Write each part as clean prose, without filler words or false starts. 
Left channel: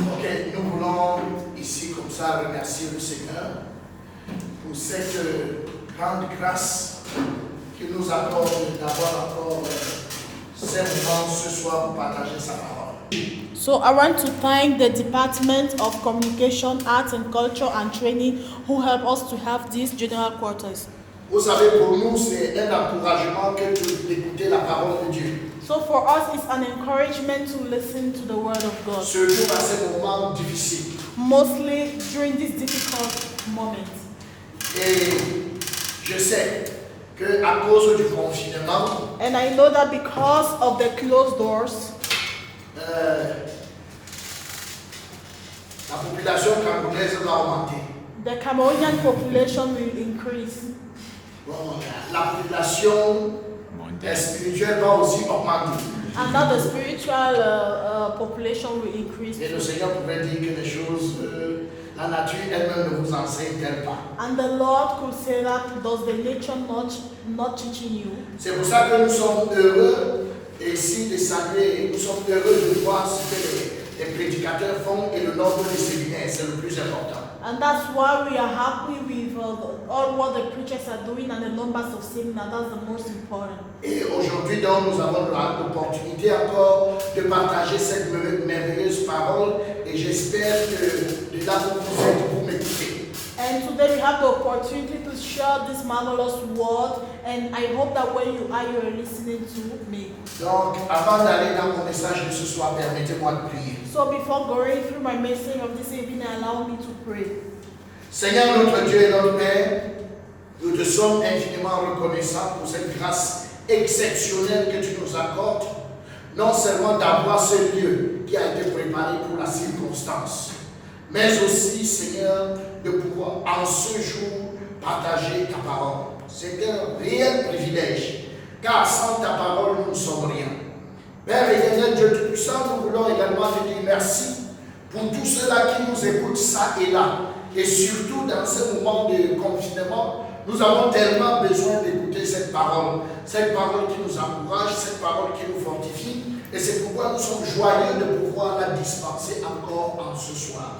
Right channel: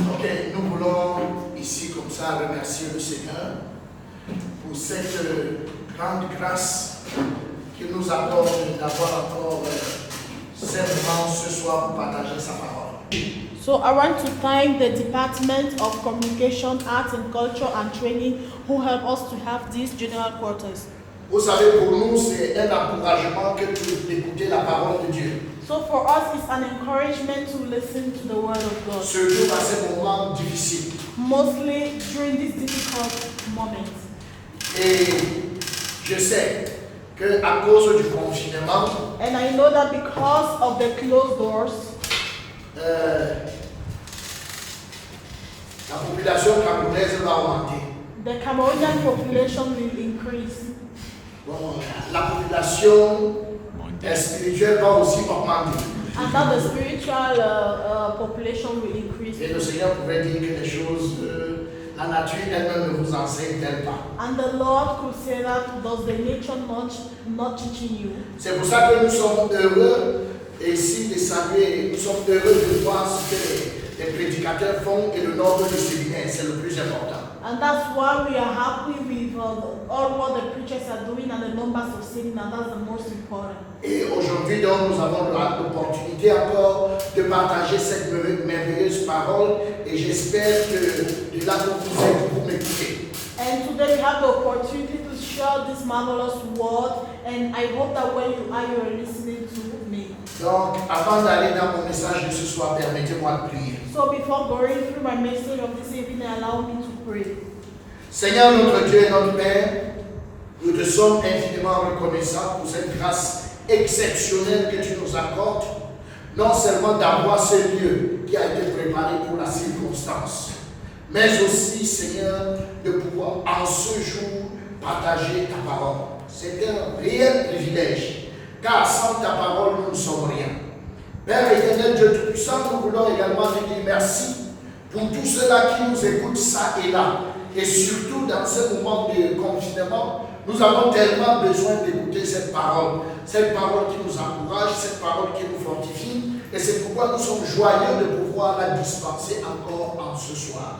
Ok, nous voulons ici comme ça remercier le Seigneur pour cette grande grâce qu'il nous accorde d'avoir encore ces moments ce soir pour partager sa parole. So I want to thank the Department of Communication, Arts and Culture and Training who help us to have these general quarters. Vous savez, pour nous, c'est un encouragement que d'écouter la parole de Dieu. So for us, it's an encouragement to listen to the word of God. Surtout à ces moments difficiles. Mostly during these difficult moments. Et je sais qu'à cause du confinement, And I know that because of the closed doors, la population camerounaise va augmenter. the Cameroonian population will increase. Bon, la population spirituelle va aussi augmenter. And that the spiritual population will increase. Et le Seigneur pouvait dire que les choses, la nature elle-même ne vous enseigne-t-elle pas. And the Lord could say that, does the nature not teaching you? C'est pour ça que nous sommes heureux ici de saluer, nous sommes heureux de voir ce que les prédicateurs font et le nombre de séminaires, c'est le plus important. And that's why we are happy with all what the preachers are doing and the numbers of seminars. That's the most important. Et aujourd'hui, donc, nous avons l'opportunité encore de partager cette merveilleuse parole et j'espère que de là où vous êtes, vous m'écoutez. And today we have the opportunity to share this marvelous word, and I hope that when you are listening to me. Donc, avant d'aller dans mon message de ce soir, permettez-moi de prier. So before going through my message of this evening, allow me to pray. Seigneur notre Dieu et notre Père, nous te sommes infiniment reconnaissants pour cette grâce exceptionnelle que tu nous accordes, non seulement d'avoir ce lieu qui a été préparé pour la circonstance, mais aussi, Seigneur, de pouvoir en ce jour partager ta parole. C'est un réel privilège, car sans ta parole, nous ne sommes rien. Père éternel, Dieu Tout-Puissant, nous voulons également te dire merci pour tous ceux-là qui nous écoutent ça et là. Et surtout dans ce moment de confinement, nous avons tellement besoin d'écouter cette parole qui nous encourage, cette parole qui nous fortifie. Et c'est pourquoi nous sommes joyeux de pouvoir la dispenser encore en ce soir.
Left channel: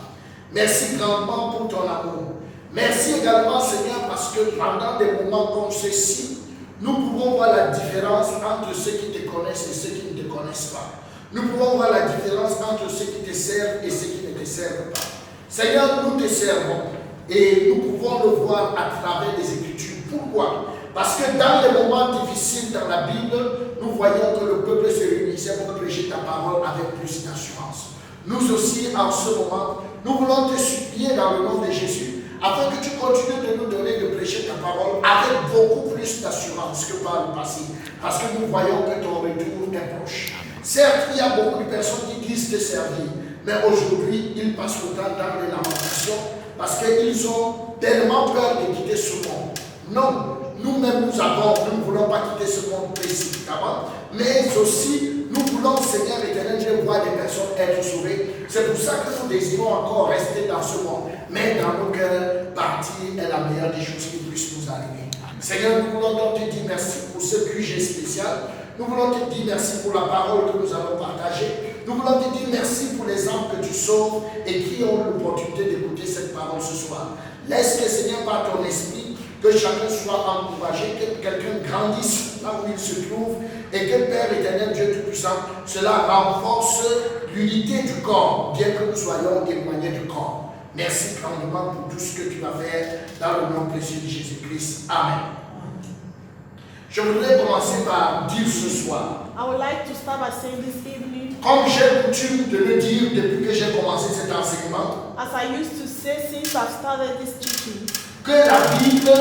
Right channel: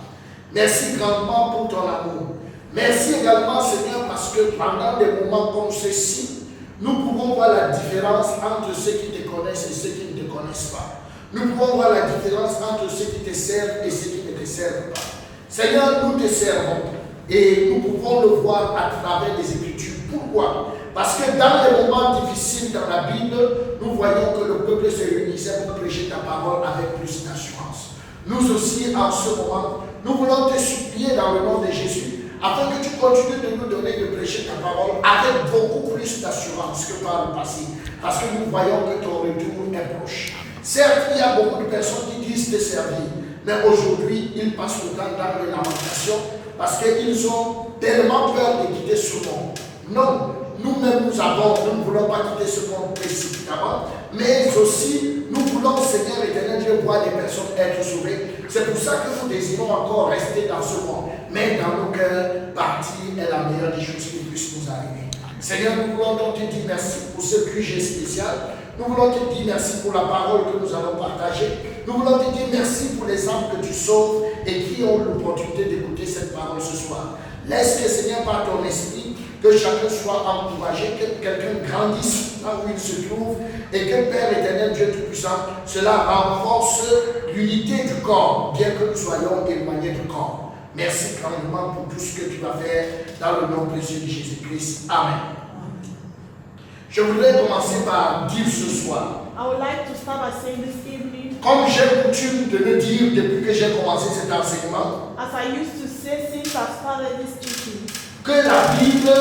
Merci grandement pour ton amour. Merci également, Seigneur, parce que pendant des moments comme ceux-ci, nous pouvons voir la différence entre ceux qui te connaissent et ceux qui ne te connaissent pas. Nous pouvons voir la différence entre ceux qui te servent et ceux qui ne te servent pas. Seigneur, nous te servons et nous pouvons le voir à travers les Écritures. Pourquoi? Parce que dans les moments difficiles dans la Bible, nous voyons que le peuple se réunissait pour prêcher ta parole avec plus d'assurance. Nous aussi, en ce moment, nous voulons te supplier dans le nom de Jésus, afin que tu continues de nous donner de prêcher ta parole avec beaucoup plus d'assurance que par le passé. Parce que nous voyons que ton retour est proche. Certes, il y a beaucoup de personnes qui disent te servir, mais aujourd'hui, ils passent le temps dans les lamentations parce qu'ils ont tellement peur de quitter ce monde. Non, nous-mêmes nous ne voulons pas quitter ce monde précipitamment, mais aussi nous voulons, Seigneur éternel Dieu, voir des personnes être sauvées. C'est pour ça que nous désirons encore rester dans ce monde. Mais dans nos cœurs, partir est la meilleure des choses qui puissent nous arriver. Seigneur, nous voulons donc te dire merci pour ce QG spécial. Nous voulons te dire merci pour la parole que nous allons partager. Nous voulons te dire merci pour les âmes que tu sauves et qui ont l'opportunité d'écouter cette parole ce soir. Laisse que, Seigneur, par ton esprit, que chacun soit encouragé, que quelqu'un grandisse là où il se trouve et que, Père éternel, Dieu Tout-Puissant, cela renforce l'unité du corps, bien que nous soyons éloignés du corps. Merci grandement pour tout ce que tu vas faire dans le nom précieux de Jésus-Christ. Amen. Je voudrais commencer par dire ce soir, I would like to start by saying this evening, comme j'ai coutume de le dire depuis que j'ai commencé cet enseignement, as I used to say since I've started this teaching, que la Bible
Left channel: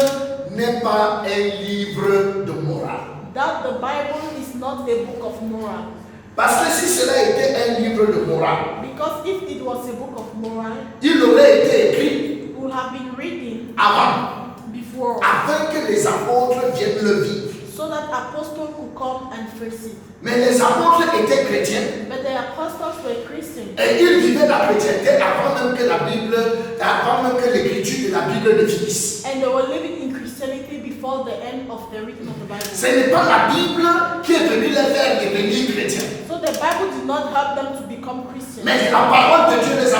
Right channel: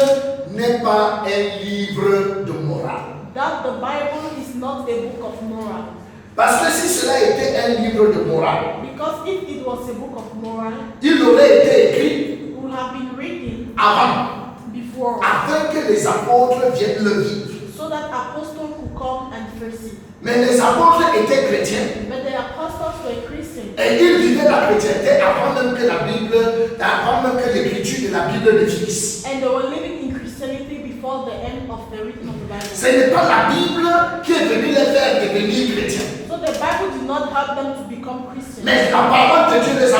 n'est pas un livre de morale. that the Bible is not a book of moral. Parce que si cela était un livre de morale, Because if it was a book of moral, il aurait été écrit it would have been written avant, before, afin que les apôtres viennent le vivre. so that apostles could come and face it. Mais les apôtres étaient chrétiens But the apostles were Christians, et ils vivaient la chrétienté avant même que la Bible, avant même que l'écriture de la Bible ne finisse. and they were living in Christianity before the end of the written of the Bible. Ce n'est pas la Bible qui est venue les faire devenir chrétiens. So the Bible did not help them to become Christians. Mais la parole de Dieu les a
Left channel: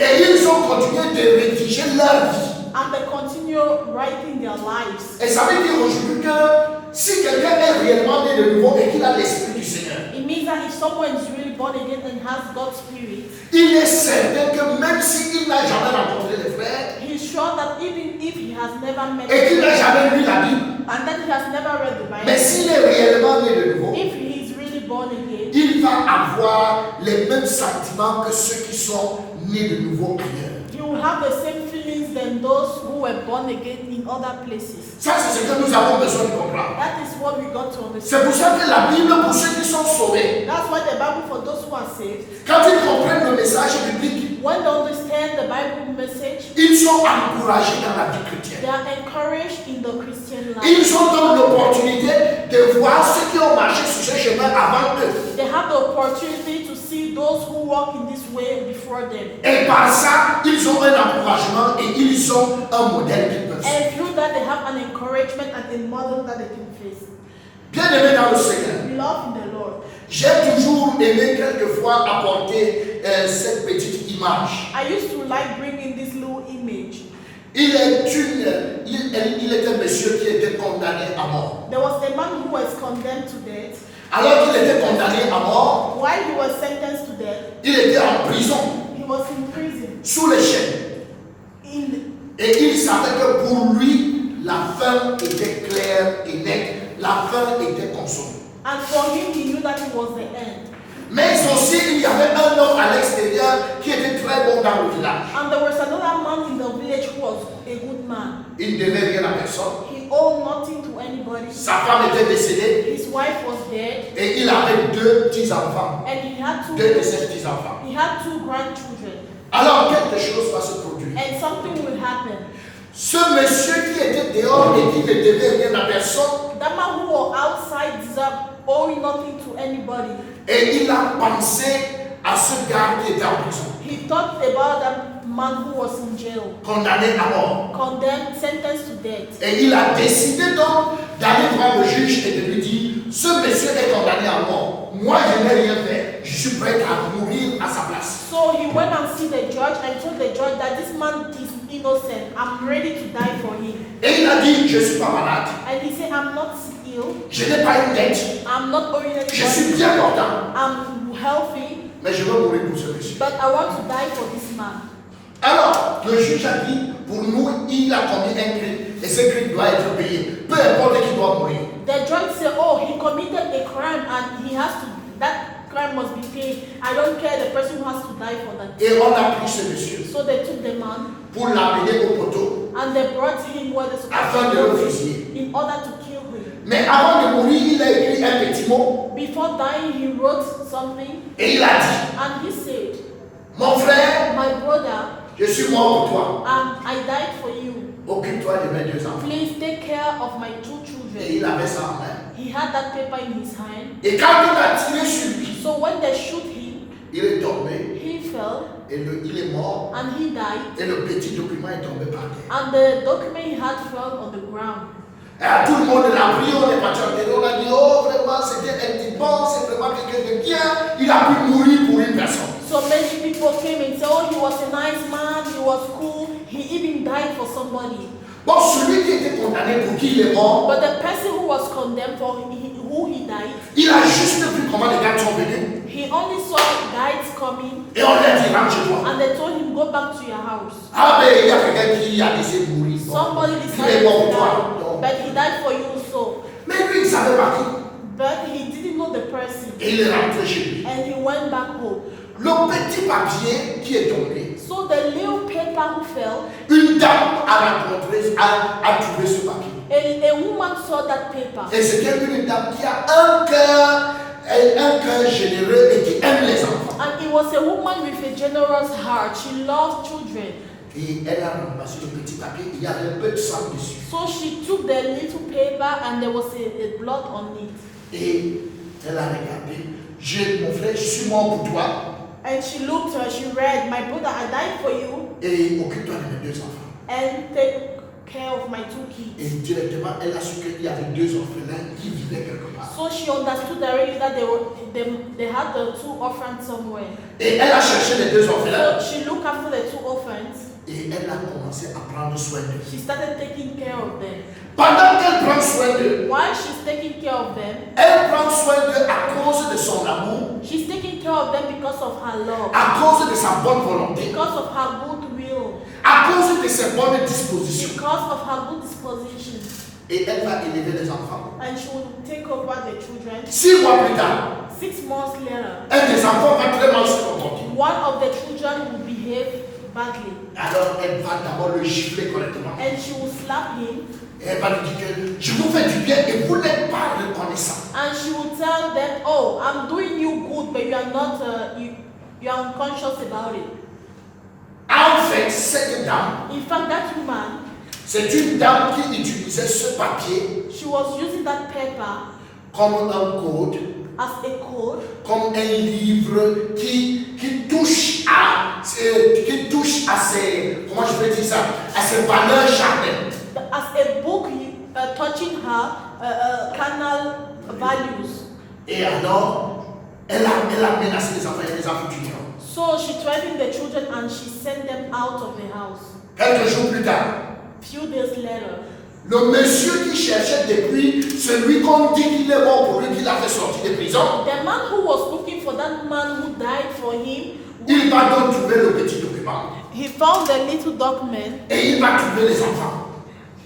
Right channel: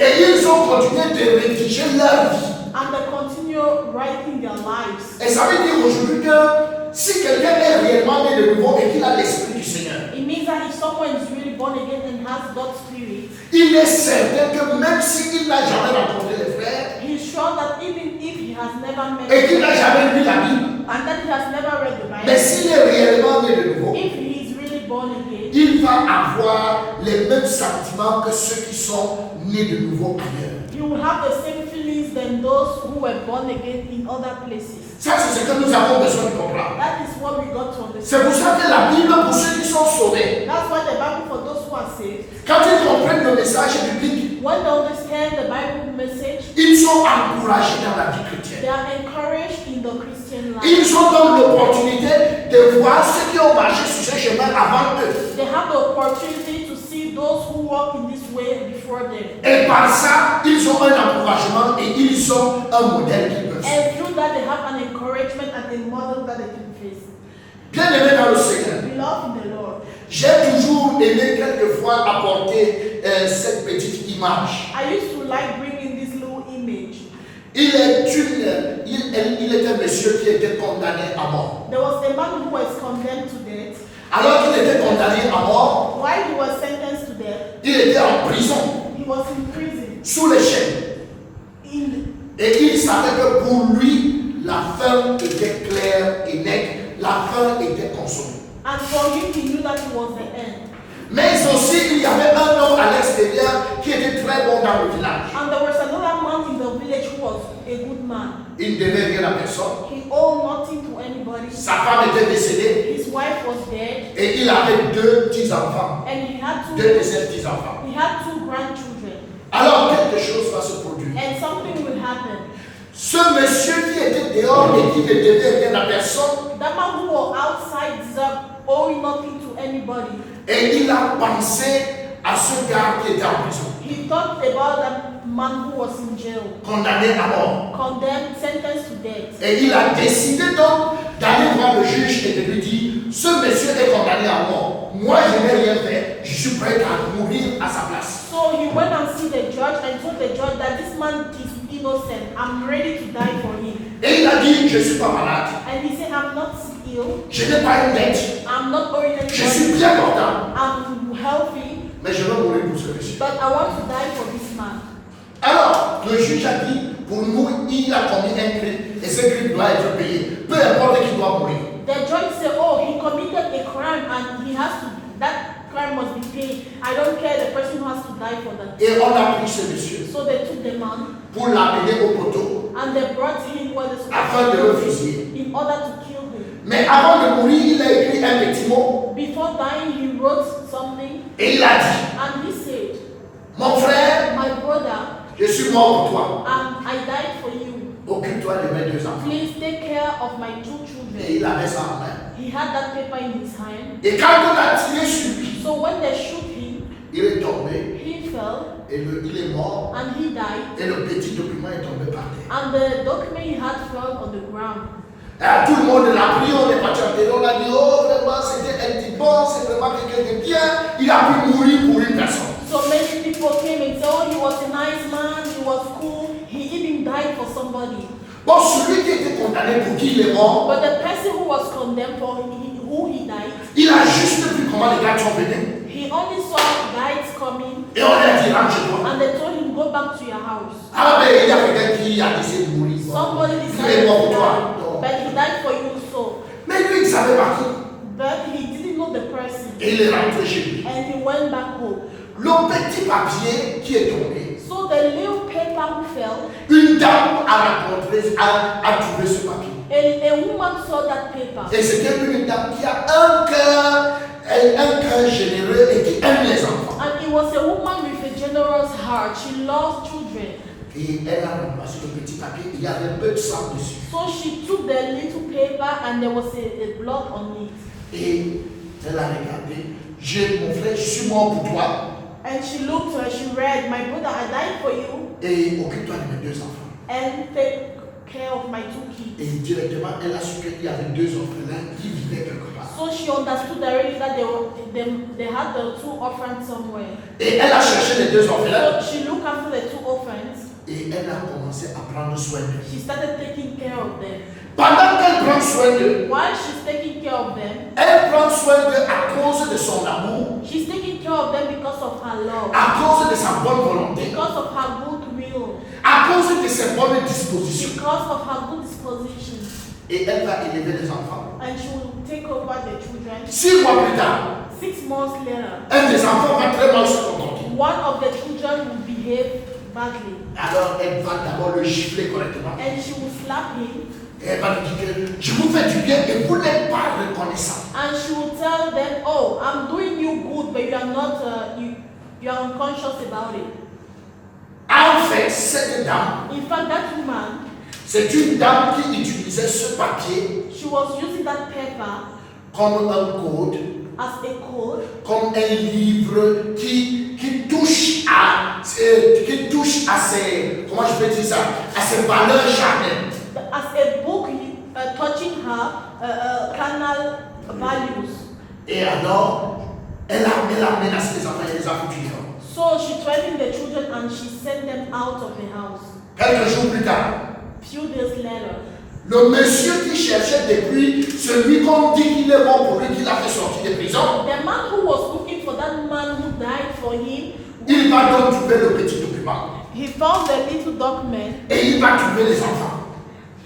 Et ils ont continué de rédiger leur vie. And they continue writing their lives. Et ça veut dire aujourd'hui que si quelqu'un est réellement né de nouveau et qu'il a l'Esprit du Seigneur, It means that if someone is really born again and has God's Spirit, il est certain que même s'il n'a jamais rencontré les frères he's sure that even if he has never met et qu'il n'a jamais lu la Bible, and that he has never read the mais Bible, s'il est réellement né de nouveau, if he is really born again, il va avoir les mêmes sentiments que ceux qui sont nés de nouveau ailleurs. he will have the same feelings than those who were born again in other places. Ça, c'est ce que nous avons besoin de comprendre. That is what we got to C'est understand. pour ça que la Bible, pour ceux qui sont sauvés, That's why the Bible, for those who are saved, quand ils comprennent le message biblique, when they understand the Bible message, ils sont encouragés dans la vie chrétienne. they are encouraged in the Christian life. Ils ont donc l'opportunité de voir ceux qui ont marché sur ce chemin avant eux. They have the opportunity to see those who walk in this way before them. Et par ça, ils ont un encouragement et ils ont un modèle qu'ils peuvent suivre. And through that, they have an encouragement and a model that they can face. Bien aimé dans le Seigneur, Beloved in the Lord, j'ai toujours aimé quelquefois apporter cette petite image. I used to like bringing this little image. Il est un monsieur qui était condamné à mort. There was a man who was condemned to death. Alors qu'il était condamné à mort, While he was sentenced to death, il était en prison, he was in prison. sous les chaînes. Et il savait que pour lui, la fin était claire et nette. La fin était consommée. And for him, he knew that it was the end. Mais aussi, il y avait un homme à l'extérieur qui était très bon dans le village. And there was another man in the village who was a good man. Il ne devait rien à personne. He owed nothing to anybody. Sa femme était décédée His wife was dead, et il avait 2 petits-enfants. and he had 2 de ses petits-enfants. two grandchildren. Alors, quelque chose va se produire. And something will happen. Ce monsieur qui était dehors et qui ne devait rien à personne, That man who was outside owing nothing to anybody. et il a pensé à ce gars qui était en prison, He thought about that man who was in jail, condamné à mort. condemned, sentenced to death. Et il a décidé donc d'aller voir le juge et de lui dire, ce monsieur est condamné à mort. Moi, je n'ai rien fait. Je suis prêt à mourir à sa place. So he went and see the judge and told the judge that this man is innocent. I'm ready to die for him. Et il a dit, je ne suis pas malade. And he said, I'm not ill. Je n'ai pas une dette. I'm not owing Je anything. suis bien portant. I'm healthy, Mais je vais mourir pour ce monsieur. but I want to die for this man. Alors, le juge a dit, pour nous, il a commis un crime. Et ce crime doit être payé. Peu importe qui doit mourir. The judge said, oh, he committed a crime and he has to, that crime must be paid. I don't care, the person has to die for that. Et on a pris ce monsieur So they took the man pour l'amener au poteau and they brought him where the afin de le fusiller. in order to kill him. Mais avant de mourir, il a écrit un petit mot Before dying, he wrote something et il a dit, and he said, mon frère, my brother, je suis mort pour toi. I died for you. Occupe-toi de mes 2 enfants. Please take care of my 2 Et children. il avait ça en main. He had that paper in his hand. Et quand on a tiré sur lui, So when they shoot him, il est tombé he fell et il est mort. and he died. Et le petit document est tombé par terre. And the document he had fell on the ground. Et tout le monde l'a pris, on est parti en terre, on a dit, oh vraiment, c'était un petit bon, c'est vraiment quelqu'un de bien. Il a pu mourir pour une personne. So many people came and said, oh, he was a nice man, he was cool, he even died for somebody. Bon, celui qui était condamné pour qui il est mort, But the person who was condemned for who he died, il a juste vu comment les gars sont venus. he only saw guides coming Et on lui a dit, rentre-toi. and they told him, go back to your house. Ah ben, il y a quelqu'un qui a décidé de mourir. Somebody Il decided est mort to pour toi. die, Non. but he died for you so. Mais lui, il savait pas qui. But he didn't know the person. Et il est rentré chez lui. And he went back home. Le petit papier qui est tombé, So the little paper who fell, une dame a trouvé ce papier. a woman saw that paper. Et c'était une dame qui a un cœur généreux et qui aime les enfants. And it was a woman with a generous heart. She loved children. Et elle a ramassé le petit papier, il y avait un peu de sang dessus. So she took the little paper and there was a blood on it. Et elle a regardé, mon frère, je suis mort pour toi. And she looked and she read, my brother, I died for you. Et occupe-toi de mes 2 enfants. And take care of my 2 kids. Et directement, elle a su qu'il y avait 2 orphelins qui vivaient quelque part. So she understood already that they had the 2 orphans somewhere. Et elle a cherché les 2 orphelins. So she looked after the 2 orphans. Et elle a commencé à prendre soin d'eux. She started taking care of them. Pendant qu'elle prend soin d'eux, While she's taking care of them, elle prend soin d'eux à cause de son amour, she's taking care of them because of her love, à cause de sa bonne volonté, because of her goodwill, à cause de ses bonnes dispositions. because of her good disposition. Et elle va élever les enfants. And she will take over the children. 6 mois plus tard, 6 months later, un des enfants va très mal se comporter. one of the children will behave badly. Alors elle va d'abord le gifler correctement. And she will slap him. Et elle va lui dire que je vous fais du bien et vous n'êtes pas reconnaissant. And she will tell them, oh, I'm doing you good, but you are not, you are unconscious about it. En fait, cette dame, In fact, that woman, c'est une dame qui utilisait ce papier she was using that paper comme un code, as a code, comme un livre qui touche à ses, comment je peux dire ça, à ses valeurs charnelles. as a book touching her carnal values. Et alors, elle a menacé les enfants et les a foutus dehors. So she threatened the children and she sent them out of the house. Quelques jours plus tard, Few days later, le monsieur qui cherchait depuis celui qu'on dit qu'il est mort pour lui, qu'il a fait sortir de prison, the man who was looking for that man who died for him, il va donc trouver le petit document he found the little document et il va trouver les enfants.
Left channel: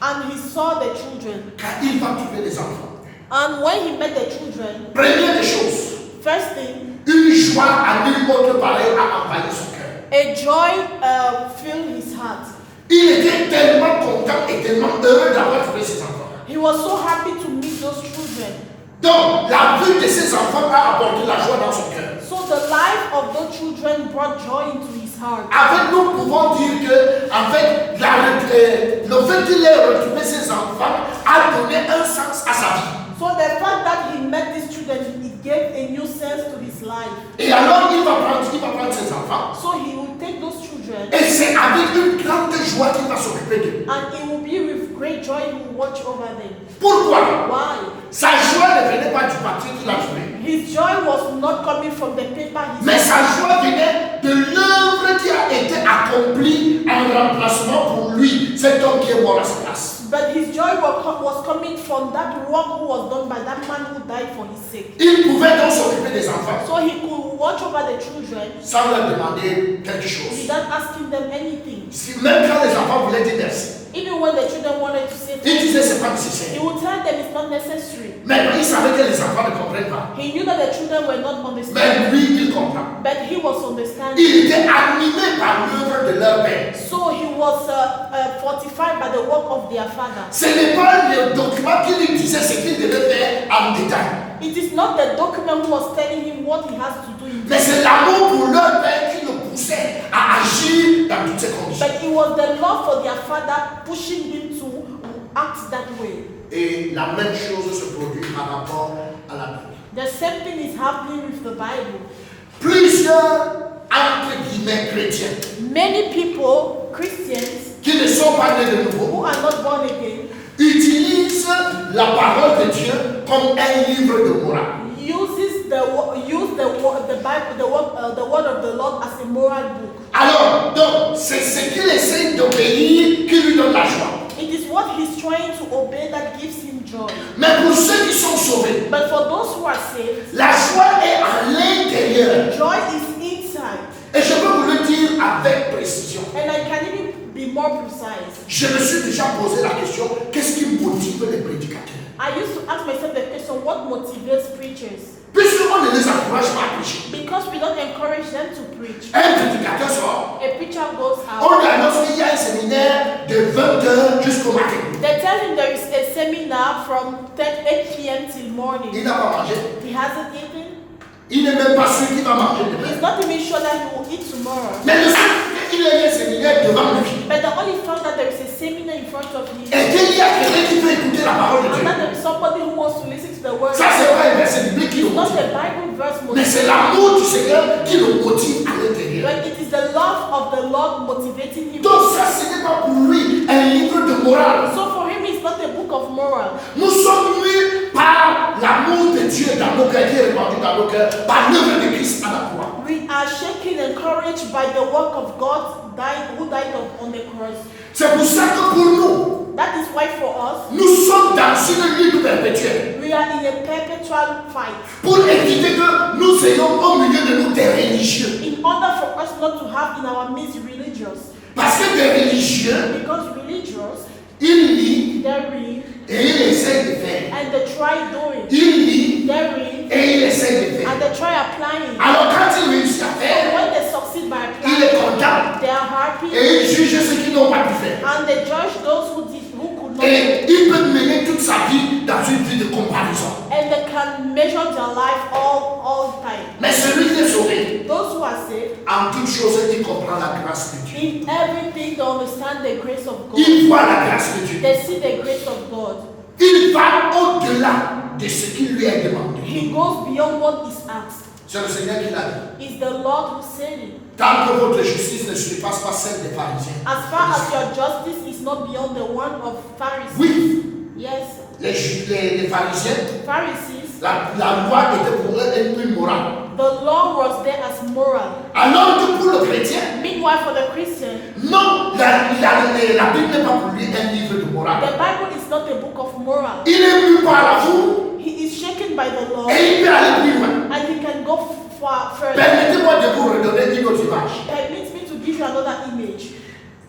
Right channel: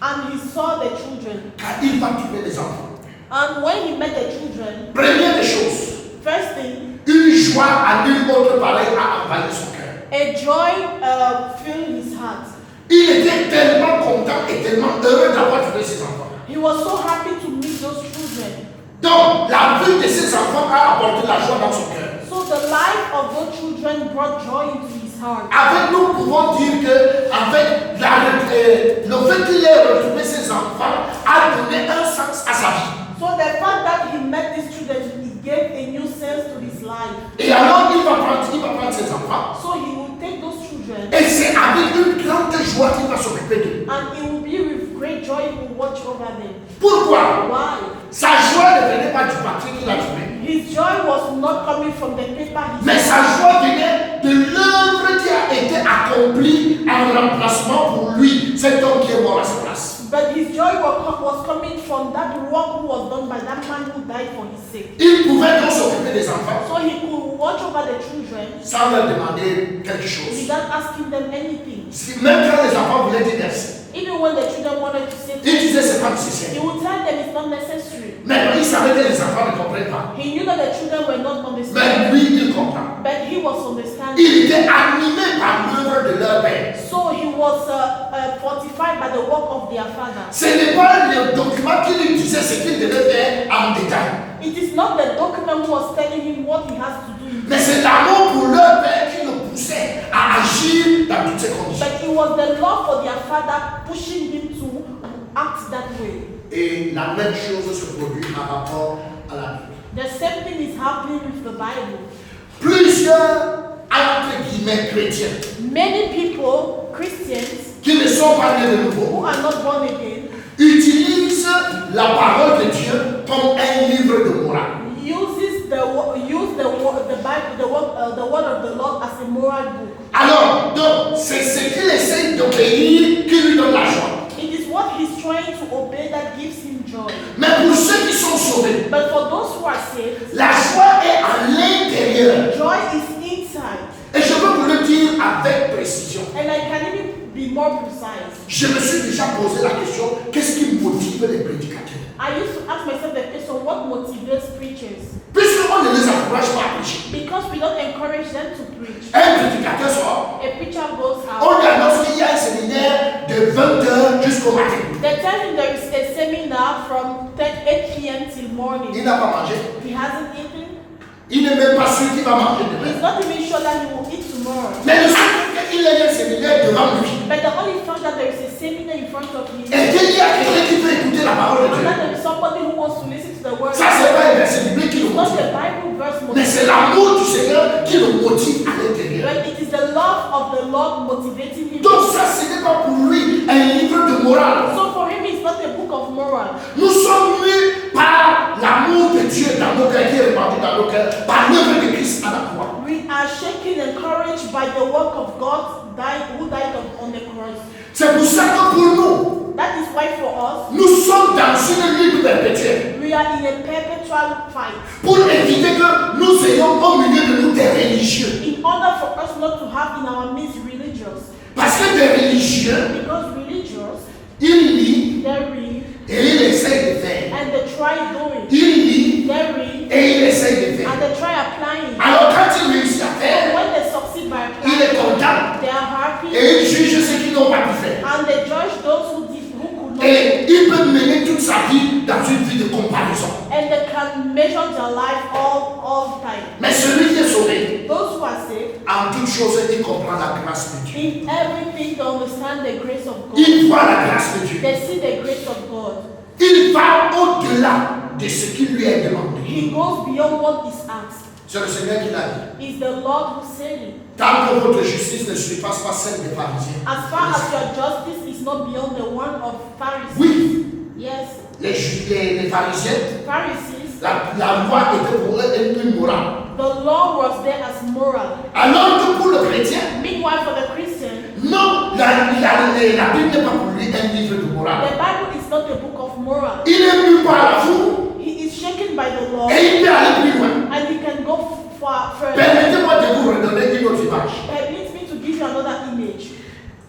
and he saw the children. Car il va trouver les enfants. And when he met the children, Première des choses, first thing, une joie à nul autre pareil a envahi son cœur. a joy filled his heart. Il était tellement content et tellement heureux d'avoir trouvé ses enfants. He was so happy to meet those children. Donc, la vue de ses enfants a apporté la joie dans son cœur. So the life of those children brought joy into his heart. Avec nous, pouvons dire que, en fait, le fait qu'il ait retrouvé ses enfants a donné un sens à sa vie. So the fact that he met these children, it gave a new sense to his life. Et alors, il va prendre ses enfants. So he will take those children Et c'est avec une grande joie qu'il va s'occuper d'eux. and it will be with great joy he will watch over them. Pourquoi? Why? Sa joie ne venait pas du papier qu'il a trouvé. His joy was not coming from the paper he Mais saw, sa joie venait de l'œuvre qui a été accomplie en remplacement pour lui, cet homme qui est mort à sa place. but his joy was coming from that work who was done by that man who died for his sake. Il pouvait donc s'occuper des enfants So he could watch over the children sans leur demander quelque chose. without asking them anything. Même quand les enfants voulaient dire merci, Even when the children wanted to say il disait things, c'est pas he nécessaire. would tell them it's not necessary. Mais il savait que les enfants ne comprennent pas. He knew that the children were not Mais understanding, lui, il comprend. but he was understanding. Il était animé par l'œuvre de leur père. So he was fortified by the work of their father. Ce n'est pas le document qui lui disait ce qu'il devait faire en détail. It is not the document who was telling him what he has to do, Mais c'est l'amour pour leur père qui le poussait à agir dans toutes ces conditions. but it was the love for their father pushing him to act that way. Et la même chose se produit par rapport à la Bible. The same thing is happening with the Bible. Plusieurs, entre guillemets, chrétiens, Many people, Christians, qui ne sont pas nés de who nouveau, are not born again, utilisent la parole de Dieu comme un livre de morale. use the Bible, the word of the Lord as a moral book. Alors, donc, c'est ce qu'il essaie d'obéir qui lui donne la joie. It is what he's trying to obey that gives him joy. Mais pour ceux qui sont sauvés, But for those who are saved, la joie est à l'intérieur. joy is inside. Et je peux vous le dire avec précision. And I can even be more precise. Je me suis déjà posé la question, qu'est-ce qui motive les prédicateurs? I used to ask myself the question, what motivates preachers? Puisqu'on ne les encourage pas à prêcher. Because we don't encourage them to preach. Un prédicateur sort, A preacher goes on out. lui annonce qu'il y a un séminaire de 20h jusqu'au matin. They tell him there is a seminar from 8 p.m. till Il morning. n'a pas mangé. He hasn't eaten. Il n'est même pas sûr qu'il va manger demain. He's not even sure that he will eat tomorrow. Mais le seul fait qu'il ait un séminaire devant lui. But the only fact that there is a seminar in front of him, Et qu'il y a quelqu'un qui peut écouter la parole de and Dieu. that there is somebody who wants to listen to the word. Ça, c'est pas un verset biblique qui le It's not motive. a Bible verse Mais c'est motivating, l'amour du Seigneur qui le motive à l'intérieur. but it is the love of the Lord motivating him. Donc ça, ce n'est pas pour lui, lui un livre de morale. So for him, it's not a book of moral. Nous sommes mués par l'amour de Dieu dans nos cœurs, qui est répandu dans nos cœurs, par l'œuvre de Christ à la croix. We are shaken and encouraged by the work of God who died on the cross. C'est pour ça que pour nous, That is why for us, nous sommes dans une lutte perpétuelle. we are in a perpetual fight. Pour éviter que nous ayons au milieu de nous des religieux. In order for us not to have in our midst religious. Parce que des religieux, Because religious, ils lient they read et ils essayent de faire. and they try doing. Ils lient They read et ils essayent de faire. and they try applying. Alors quand ils réussissent à And faire, when they succeed by il est applying, content they are happy et il juge ceux qui n'ont pas pu faire. and they judge those who could not. Et il peut mener toute sa vie dans une vie de comparaison. And they can measure their life all time. Mais celui qui est sauvé, Those who are saved, en toute chose, il comprend la grâce de Dieu. in everything they understand the grace of God. Il voit la grâce de Dieu. They see the grace of God. Il va au-delà de ce qui lui est demandé. He goes beyond what is asked. C'est le Seigneur qui l'a dit. It's the Lord who said it. Tant que votre justice ne surpasse pas celle des pharisiens. As far as your justice is not beyond the one of Pharisees. Oui, Yes. les pharisiens, Pharisees, la loi était pour eux une morale. the law was there as moral. Alors que pour le chrétien, Meanwhile, for the Christian, non, la Bible n'est pas pour lui un livre de morale. the Bible is not a book of moral. Il est mu par la foule He is shaken by the law, et il peut aller plus loin. and he can go far further. Permettez-moi de vous redonner une autre image. Permit me to give you another image.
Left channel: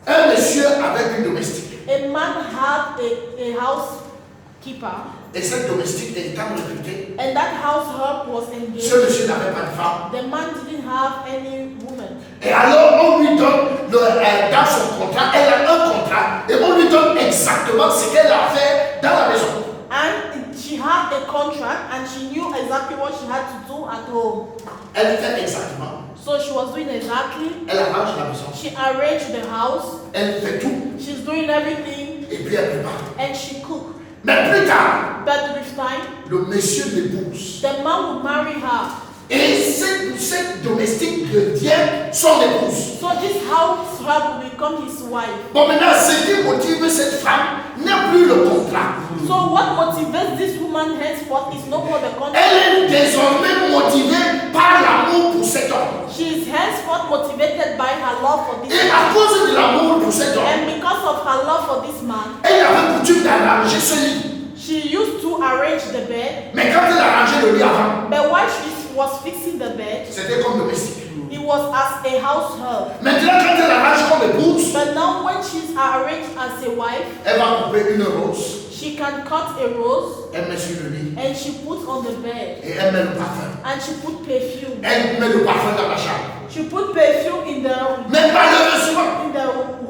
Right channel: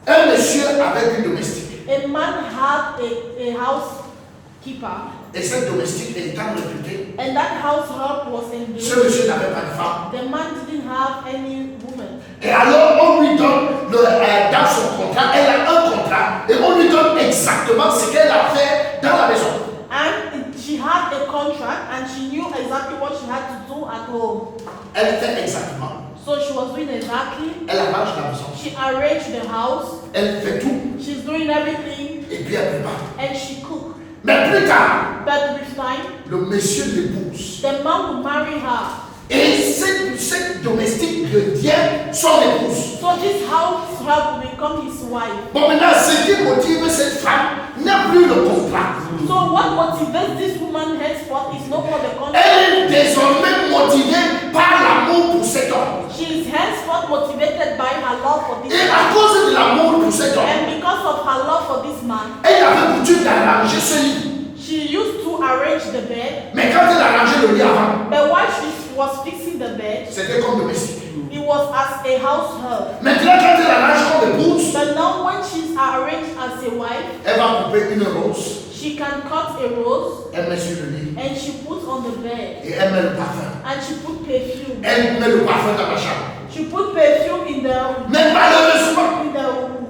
Un monsieur avec une domestique. A man had a housekeeper, Et cette domestique étant réputée, and that household was ce engaged. monsieur n'avait pas de femme. The man didn't have any woman. Et alors on lui donne, dans son contrat, elle a un contrat, et on lui donne exactement ce qu'elle a fait dans la maison. And she had a contract and she knew exactly what she had to do at home. Elle fait exactement. So she was doing exactly. Elle arrange la maison. She arranged the house. Elle fait tout. She's doing everything Et puis elle prépare. and she cooked. Mais plus tard, But with time, le monsieur l'épouse. the man would marry her. Et cette domestique devient son épouse. So this household will become his wife. Bon, maintenant, ce qui motive cette femme n'est plus le contrat. So what motivates this woman henceforth is no more the contract. Elle est désormais motivée par l'amour pour cet homme. She is henceforth motivated by her love for this Et man. à cause de l'amour pour cet homme, And because of her love for this man, elle avait coutume d'arranger ce lit. she used to arrange the bed. Mais quand elle arrangeait le lit avant, But while she was fixing the bed, c'était comme domestique. it was as a household. Maintenant, quand elle arrange comme épouse, But now when she's arranged as a wife, elle va couper une rose, she can cut a rose elle met sur le lit and she puts on the bed. et elle met le parfum. And she put perfume. Elle met le parfum dans la chambre. She put perfume in the Mais malheureusement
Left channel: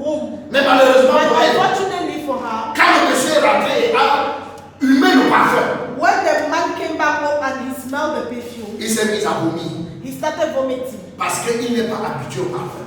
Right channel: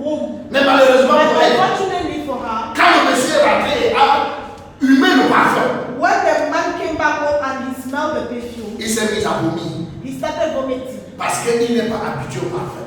room. pour But elle, unfortunately for her, quand le monsieur est rentré et a humé le parfum, when the man came back home and he smelled the perfume, il s'est mis à vomir he started vomiting. parce qu'il n'est pas habitué au parfum.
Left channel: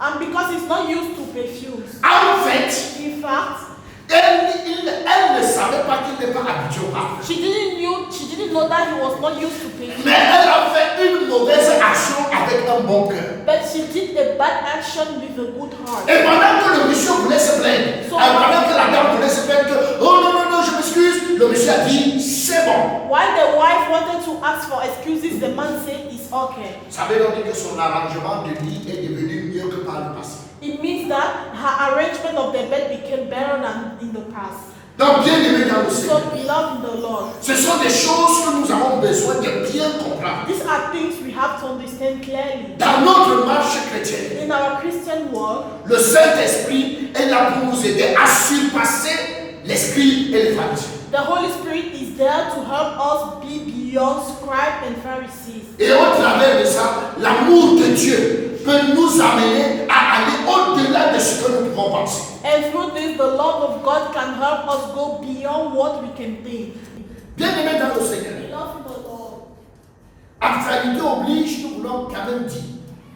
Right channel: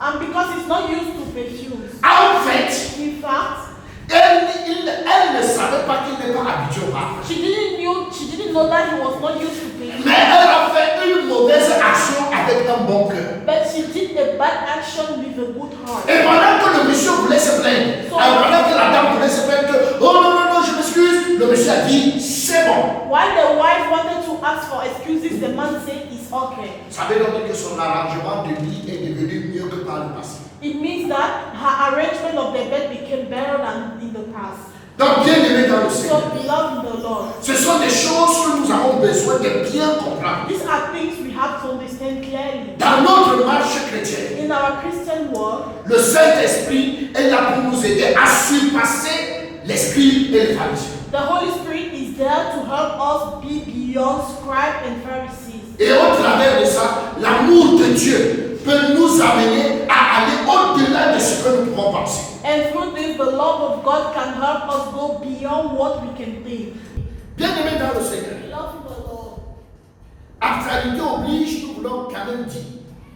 And because he's not used to perfumes, En fait, in fact, elle ne savait pas qu'il n'est pas habitué au parfum. she didn't know that he was not used to perfume. Mais elle a fait une mauvaise action avec un bon cœur. But she did a bad action with a good heart. Et pendant que le monsieur voulait se plaindre, pendant que la dame voulait se plaindre, que, oh non, non, non, je m'excuse, le monsieur a dit, c'est bon. While the wife wanted to ask for excuses, the man said it's okay. Ça veut donc dire que son arrangement de lit est devenu mieux que par le passé. It means that her arrangement of the bed became better than in the past. Donc, bien aimé dans le Seigneur, So beloved in the Lord, ce sont des choses que nous avons besoin de bien comprendre. these are things we have to understand clearly. Dans notre marche chrétienne, In our Christian world, le Saint-Esprit est là pour nous aider à surpasser l'esprit et les pharisiens. the Holy Spirit is there to help us be beyond scribes and Pharisees. Et au travers de ça, l'amour de Dieu peut nous amener à aller au-delà de ce que nous pouvons penser. And through this, the love of God can help us go beyond what we can think. Bien aimé dans le Seigneur, Beloved in the Lord, actualité oblige, nous voulons quand même dire.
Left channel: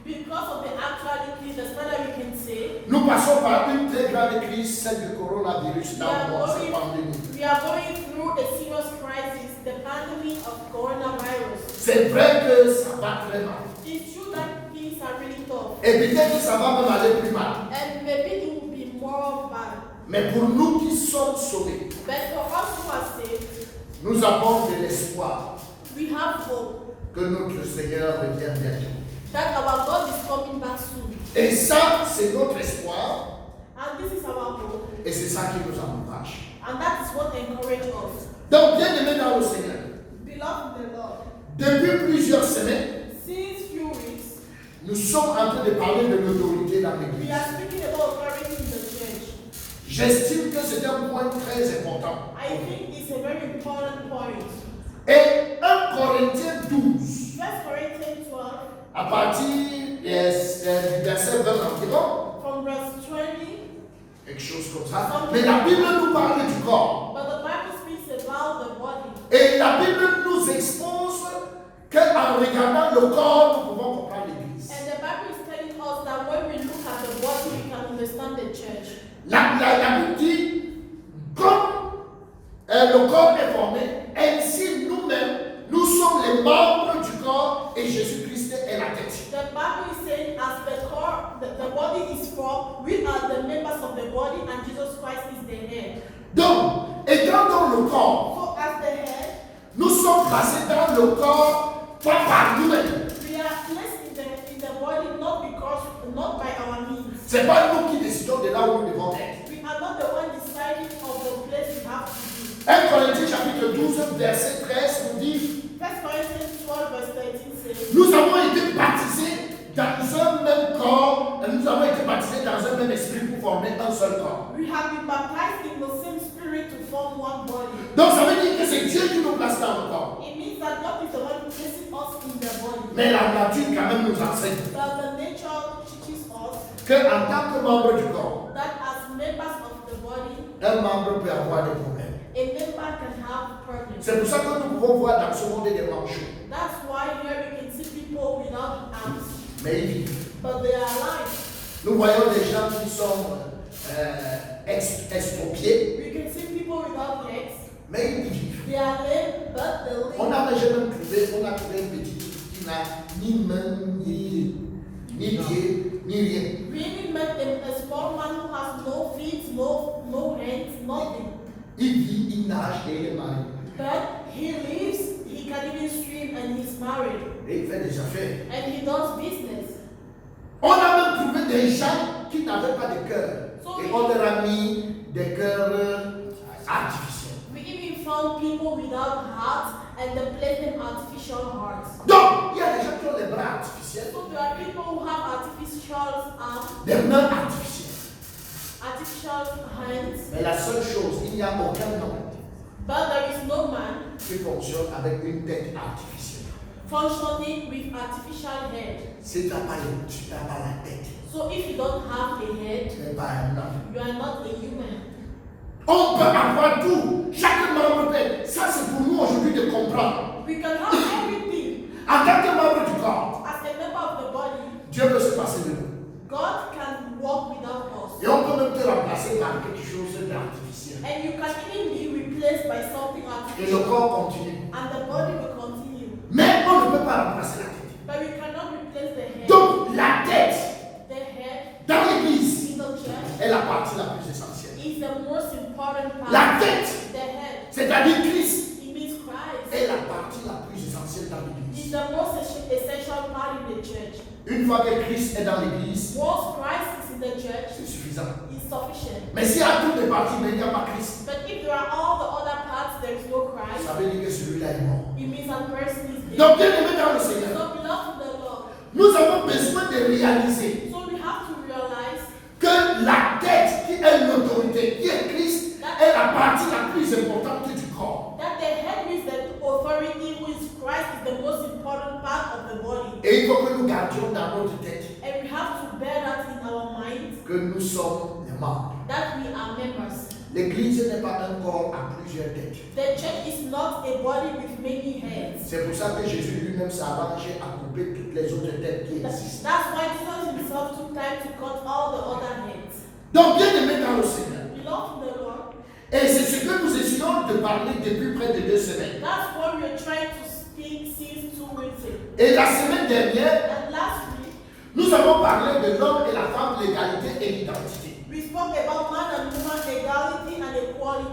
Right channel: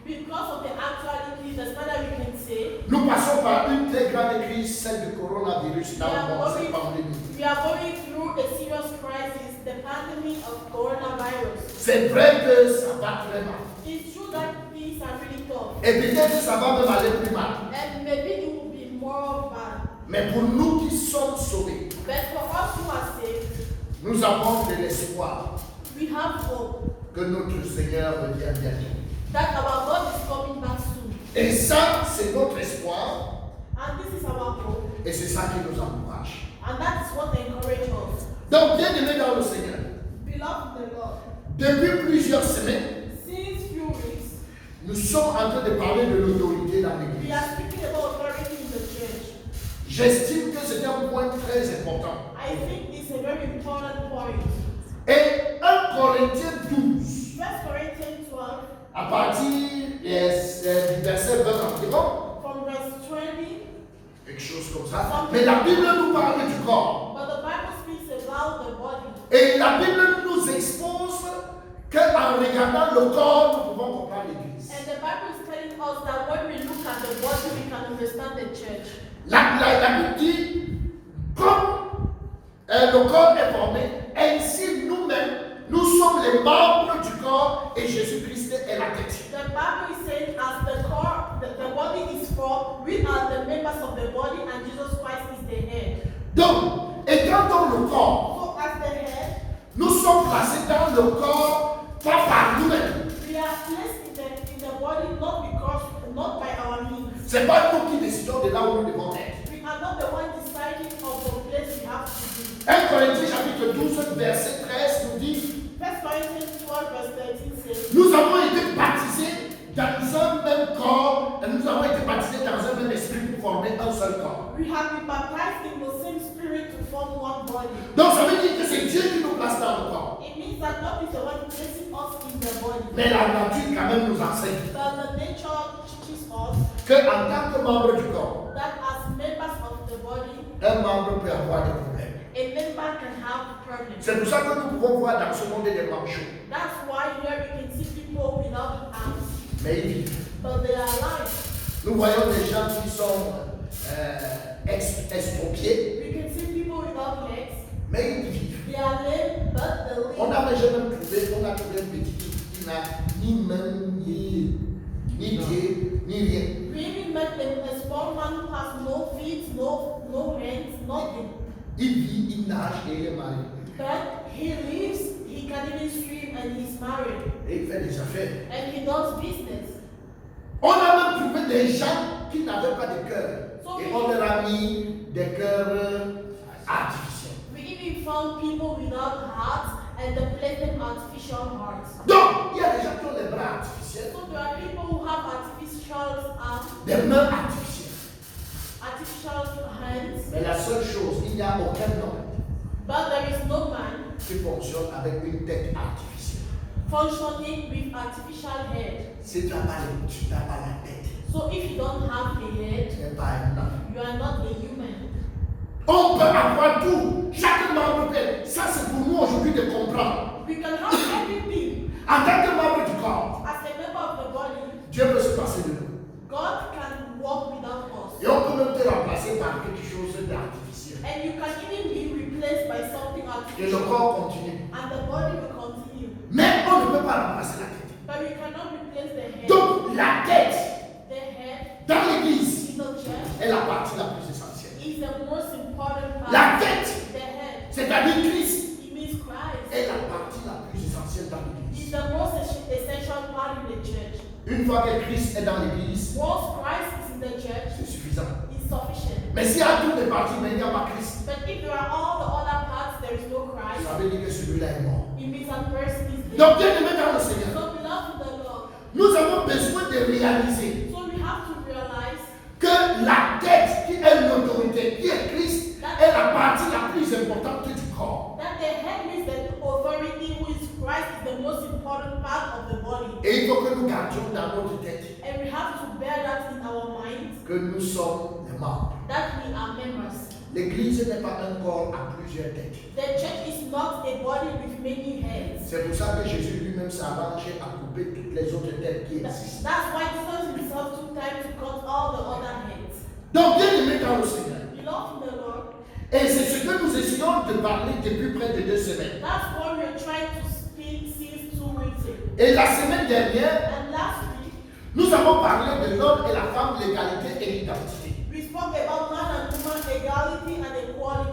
because of the actualities, the standard we can say, Nous passons par une très grande crise, celle du coronavirus dans le monde, cette pandémie. we are going through a serious crisis, the pandemic of coronavirus. C'est vrai que ça va très mal. It's true that things are really tough, Et peut-être que ça va même aller plus mal. and maybe it will be more Mais pour nous qui sommes sauvés, But for us who are saved, nous avons de l'espoir we have hope que notre Seigneur revienne bientôt. that our God is coming back soon. Et ça, c'est notre espoir And this is our hope. et c'est ça qui nous encourage. And that is what encourages us. Donc, bien aimés dans le Seigneur, Beloved in the Lord, depuis plusieurs semaines, since few weeks, nous sommes en train de parler de l'autorité dans we l'Église. are speaking about authority in the church. J'estime que c'est un point très important. I think it's a very important point. Et 1 Corinthiens 12, 1 Corinthians 12, à partir du verset 20 environ, from verse 20, quelque chose comme ça. Mais la Bible nous parle du corps. but the Bible speaks about the body. Et la Bible nous expose qu'en regardant le corps, nous pouvons comprendre l'Église. And the Bible is telling us that when we look at the body, we can understand the church. La Bible dit, comme le corps est formé, ainsi nous-mêmes, nous sommes les membres du corps et Jésus-Christ est la tête. The Bible is saying as the core, the body is formed, we are the members of the body and Jesus Christ is the head. Donc, étant dans le corps, So as the head, nous sommes placés dans le corps, pas par nous-mêmes. we are placed in the body not by our means. Ce n'est pas nous qui décidons de là où nous devons être. We are not the one deciding of the place we have to be. 1 Corinthiens chapitre 12, verset 13 nous dit, 1 Corinthians 12 verse 13 says, nous avons été baptisés dans un même corps, et nous avons été baptisés dans un même esprit pour former un seul corps. we have been baptized in the same spirit to form one body. Donc ça veut dire que c'est Dieu qui nous place dans le corps. It means that God is the one placing us in the body. Mais la nature quand même nous enseigne But the nature teaches us qu'en tant que membre du corps, that as members of the body, un membre peut avoir des problèmes. a member can have problems. C'est pour ça que nous pouvons voir dans ce monde des manchots. That's why here we can see people without arms, Mais ils vivent. but they are alive. Nous voyons des gens qui sont expropriés, We can see people without legs. mais ils vivent. They are lame, but they live. On n'avait jamais trouvé, on a trouvé un petit qui n'a ni main, ni pied, ni rien. We even met a small man who has no feet, no hands, nothing. Il vit, il nage et il est marié. But he lives, he can even swim and he's married. Et il fait des affaires. And he does business. On a même trouvé des gens qui n'avaient pas de cœur. Et on leur a mis des cœurs artificiels. We even found people without hearts and they placed them artificial hearts. Donc, il y a des gens qui ont des bras artificiels, So there are people who have artificial arms, des mains artificielles. artificial hands, Mais la seule chose, il n'y a aucun homme but there is no man qui fonctionne avec une tête artificielle. functioning with artificial head. Si tu n'as pas la tête, So if you don't have a head, tu n'es pas un homme. you are not a human. On peut avoir tout. Chaque membre peut. Ça, c'est pour nous aujourd'hui de comprendre. We can have everything. En tant que membre du corps, As a member of the body, Dieu peut se passer de nous. God can walk without us. Et on peut même te remplacer par quelque chose d'artificiel. And you can even be replaced by something Et le artificial. corps continue. And the body will continue. Mais on ne peut pas remplacer la tête. But we cannot replace the head. Donc, la tête, The head dans l'église, in the church est la partie la plus essentielle. is the most important part. La tête, The head, c'est-à-dire Christ, it means Christ, est la partie la plus essentielle dans is l'église. the most essential part in the church. Une fois que Christ est dans l'église, Once Christ is in the church, c'est suffisant. it's sufficient. Mais s'il y a toutes les parties, mais il n'y a pas Christ, But if there are all the other parts, there is no Christ, ça veut dire que celui-là est mort. it means that person is dead. Donc, bien aimé dans le Seigneur, So beloved in the Lord, nous avons besoin de réaliser so we have to realize que la tête qui est l'autorité, qui est Christ, est la partie la plus importante du corps. that the head means the authority, who is Christ, is the most important part of the body. Et il faut que nous gardions dans notre tête And we have to bear that in our minds, que nous sommes les membres. that we are members. L'église n'est pas un corps à plusieurs têtes. The church is not a body with many heads. C'est pour ça que Jésus lui-même s'est arrangé à couper toutes les autres têtes qui existent. That's why Jesus himself took time to cut all the other heads. Donc, bien aimé dans le Seigneur, Beloved in the Lord, et c'est ce que nous essayons de parler depuis près de 2 semaines. that's what we're trying to speak since 2 weeks ago. Et la semaine dernière, And last week, nous avons parlé de l'homme et la femme, l'égalité et l'identité. we spoke about man and woman equality and equality.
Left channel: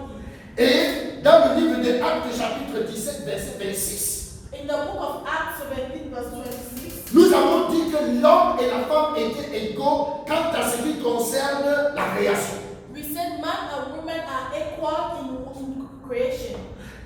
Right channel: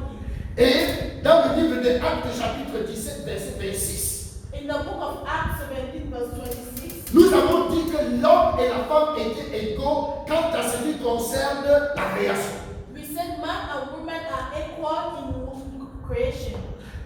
Et dans le livre des Actes, chapitre 17, verset 26, In the book of Acts 17, verse 26, nous avons dit que l'homme et la femme étaient égaux quant à ce qui concerne la création. we said man and woman are equal in creation.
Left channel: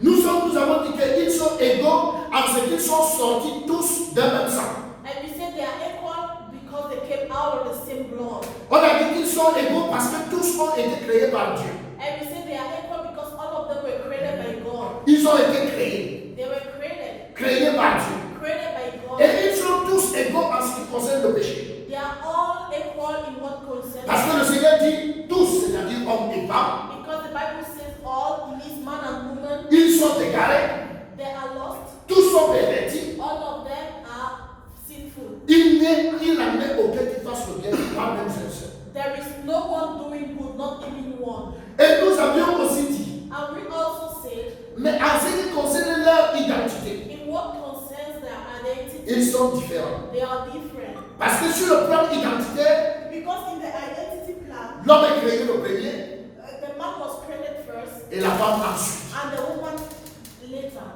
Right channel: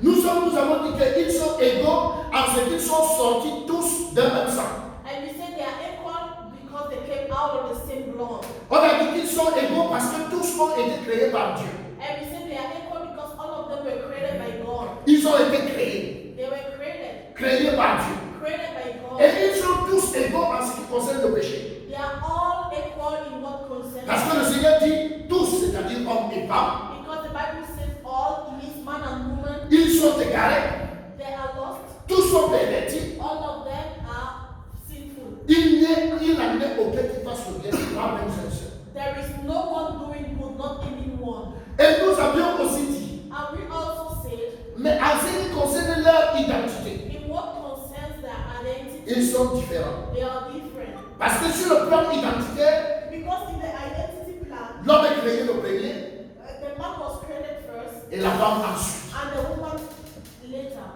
Nous avons dit qu'ils sont égaux en ce qu'ils sont sortis tous d'un même sang. And we said they are equal because they came out of the same blood. On a dit qu'ils sont égaux parce que tous ont été créés par Dieu. And we said they are equal because all of them were created by God. Ils ont été créés, They were created par Dieu. by God. Et ils sont tous égaux en ce qui concerne le péché. They are all equal in what concerns. Parce que le Seigneur dit tous, c'est-à-dire hommes et femmes, Because the Bible says all, it means man and woman, ils sont égarés, they are lost. tous sont pervertis. All of them are sinful. Il n'en est aucun qui fasse le bien, pas même un seul. There is no one doing good, not even one. Et nous avions aussi dit, And we also said, mais en ce qui concerne leur identité, in what concerns their identity, ils sont différents. they are different. Parce que sur le plan identitaire, Because in the identity plan, l'homme est créé le premier the man was created first et la femme ensuite. and the woman later.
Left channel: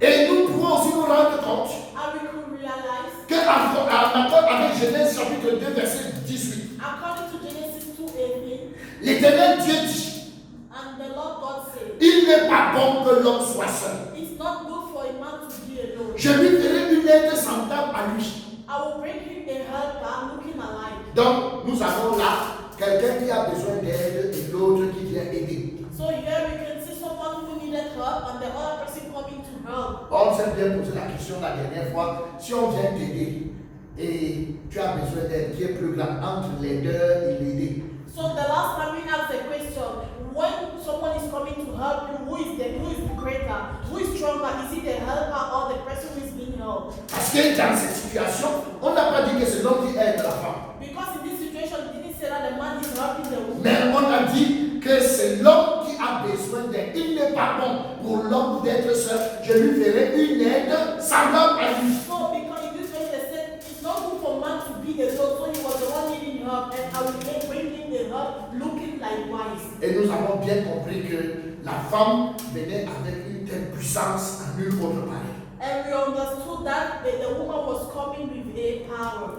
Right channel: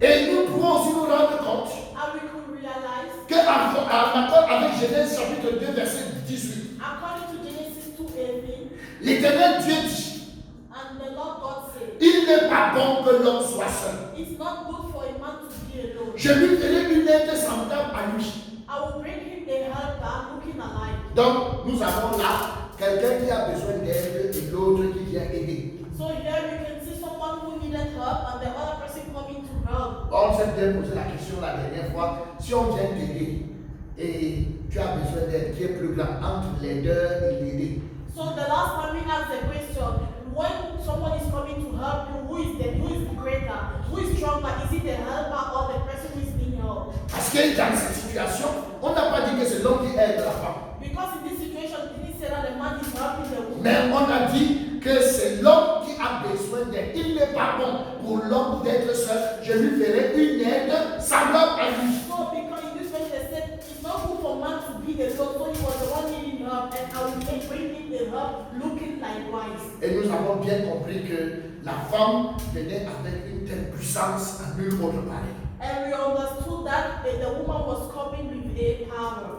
Et nous pouvons aussi nous rendre compte And we could realize, qu'en accord avec Genèse chapitre 2, verset 18, according to Genesis 2:18, l'Éternel Dieu dit, and the Lord God said, il n'est pas bon que l'homme soit seul. it's not good for a man to be alone. Je lui ferai une aide semblable à lui. I will bring him a helper looking alike. Donc, nous avons là quelqu'un qui a besoin d'aide et l'autre qui vient aider. So here we can see someone who needed help and the other person coming to help. On s'est bien posé la question la dernière fois. Si on vient t'aider et tu as besoin d'aide, qui est plus grand entre l'aideur et l'aider? So the last time we asked the question, when someone is coming to help you, who is the greater, who is stronger? Is it the helper or the person who is being helped? Parce que dans cette situation, on n'a pas dit que c'est l'homme qui aide la femme. Because in this situation, it didn't say that the man is helping the woman. Mais on a dit que c'est l'homme qui a besoin d'aide. Il n'est pas bon pour l'homme d'être seul. Je lui ferai une aide semblable à lui. So because in this way they said it's not good for man to be alone, so he was the one needing help, and I will bring him the help looking likewise. Et nous avons bien compris que la femme venait avec une telle puissance à nulle autre pareil. And we understood that the woman was coming with a power.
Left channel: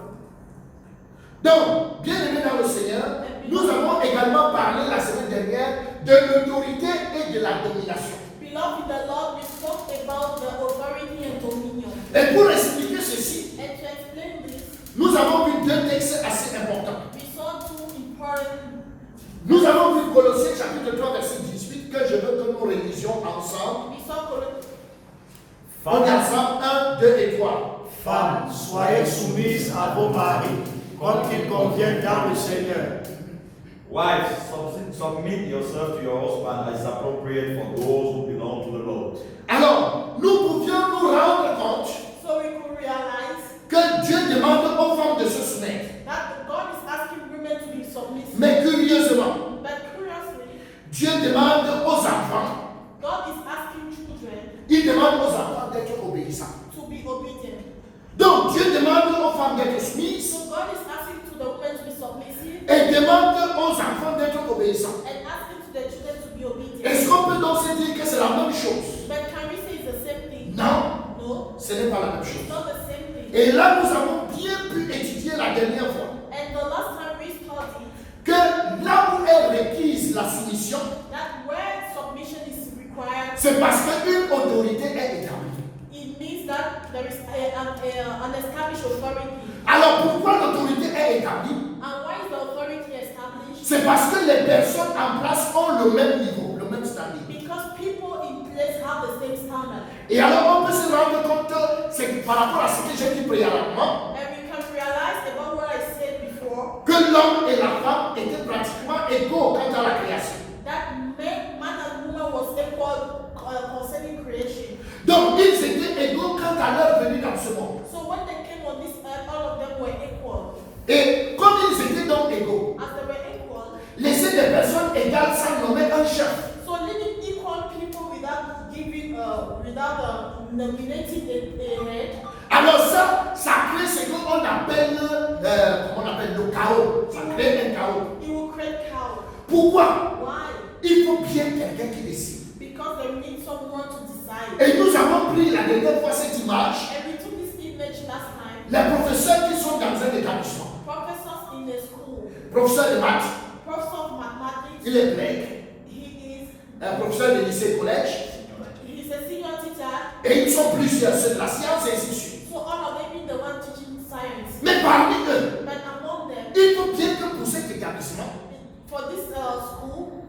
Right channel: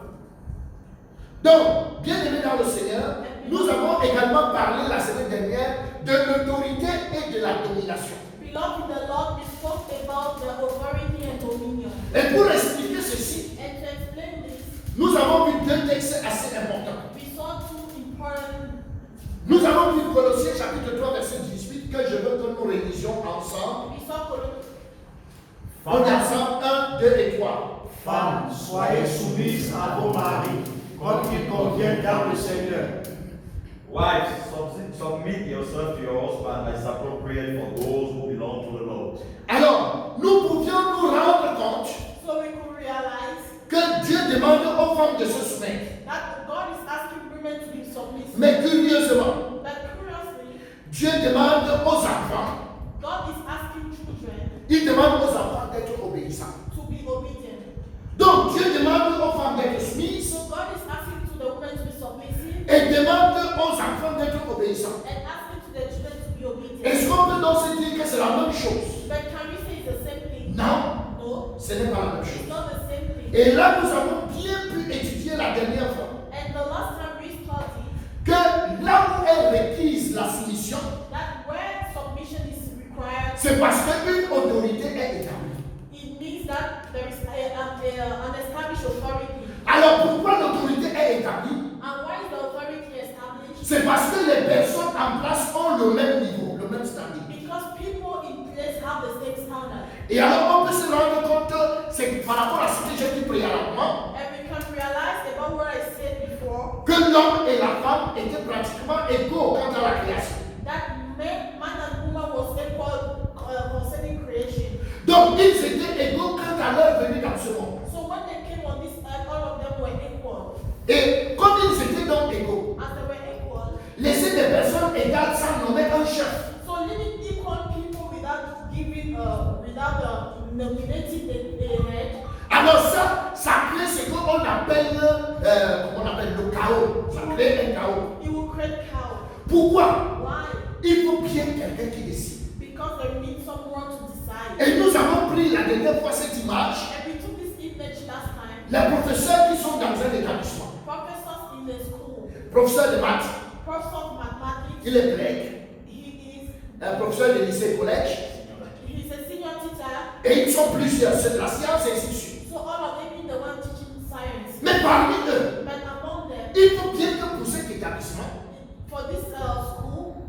Donc, bien aimés dans le Seigneur, nous avons également parlé la semaine dernière de l'autorité et de la domination. Beloved in the Lord, we spoke about the authority and dominion. Et pour expliquer ceci, And to explain this, nous avons vu deux textes assez importants. we saw two important. Nous avons vu Colossiens chapitre 3 verset 18 que je veux que nous révisions ensemble. We saw Colossians. On est ensemble 1, 2 et 3. Femmes, soyez soumises à vos maris, comme il convient dans le Seigneur. Wives, submit yourself to your husband as appropriate for those who belong to the Lord. Alors, nous pouvions nous rendre compte So we could realize que Dieu demande aux femmes de se soumettre. that God is asking women to be submissive. Mais curieusement, But curiously, Dieu demande aux enfants, God is asking children il demande aux enfants d'être obéissants. to be obedient. Donc, Dieu demande aux femmes d'être soumises So God is asking to the women to be submissive et demande aux enfants d'être obéissants. and asking to the children to be obedient. Est-ce qu'on peut donc se dire que c'est la même chose? But can we say it's the same thing? Non, No, ce n'est pas la même it's chose. not the same thing. Et là, nous avons bien pu étudier la dernière fois And the last time we studied que là où est requise la soumission, that where submission is required, c'est parce qu'une autorité est établie. it means that there is an established authority. Alors pourquoi l'autorité est établie? And why is the authority established? C'est parce que les personnes en place ont le même niveau, le même standing. Because people in place have the same standard. Et alors on peut se rendre compte que c'est par rapport à ce que j'ai dit préalablement, And we can realize about what I said before, que l'homme et la femme étaient pratiquement égaux quant à la création. that man and woman was equal concerning creation. Donc ils étaient égaux quant à leur venue dans ce monde. So when they came on this earth, all of them were equal. Et comme ils étaient donc égaux, As they were equal, laisser des personnes égales sans nommer un chef. so leaving equal people without giving, nominating a head, Alors ça crée ce qu'on appelle, comment on appelle le chaos. Ça crée un chaos. it will create chaos. Pourquoi? Why? quelqu'un qui décide. Because they need someone to decide. Et nous avons pris la dernière fois cette image. And we took this image last time. Les professeurs qui sont dans un établissement. Professors in the school. Professeur de maths, Professor of mathematics. il est collègue. He Un professeur de lycée et collège. is a senior teacher. Et ils sont plusieurs, c'est de la science et ainsi de suite. So all of them being the one teaching science. Mais parmi eux, But among them, il faut bien que pour cet établissement, for this school,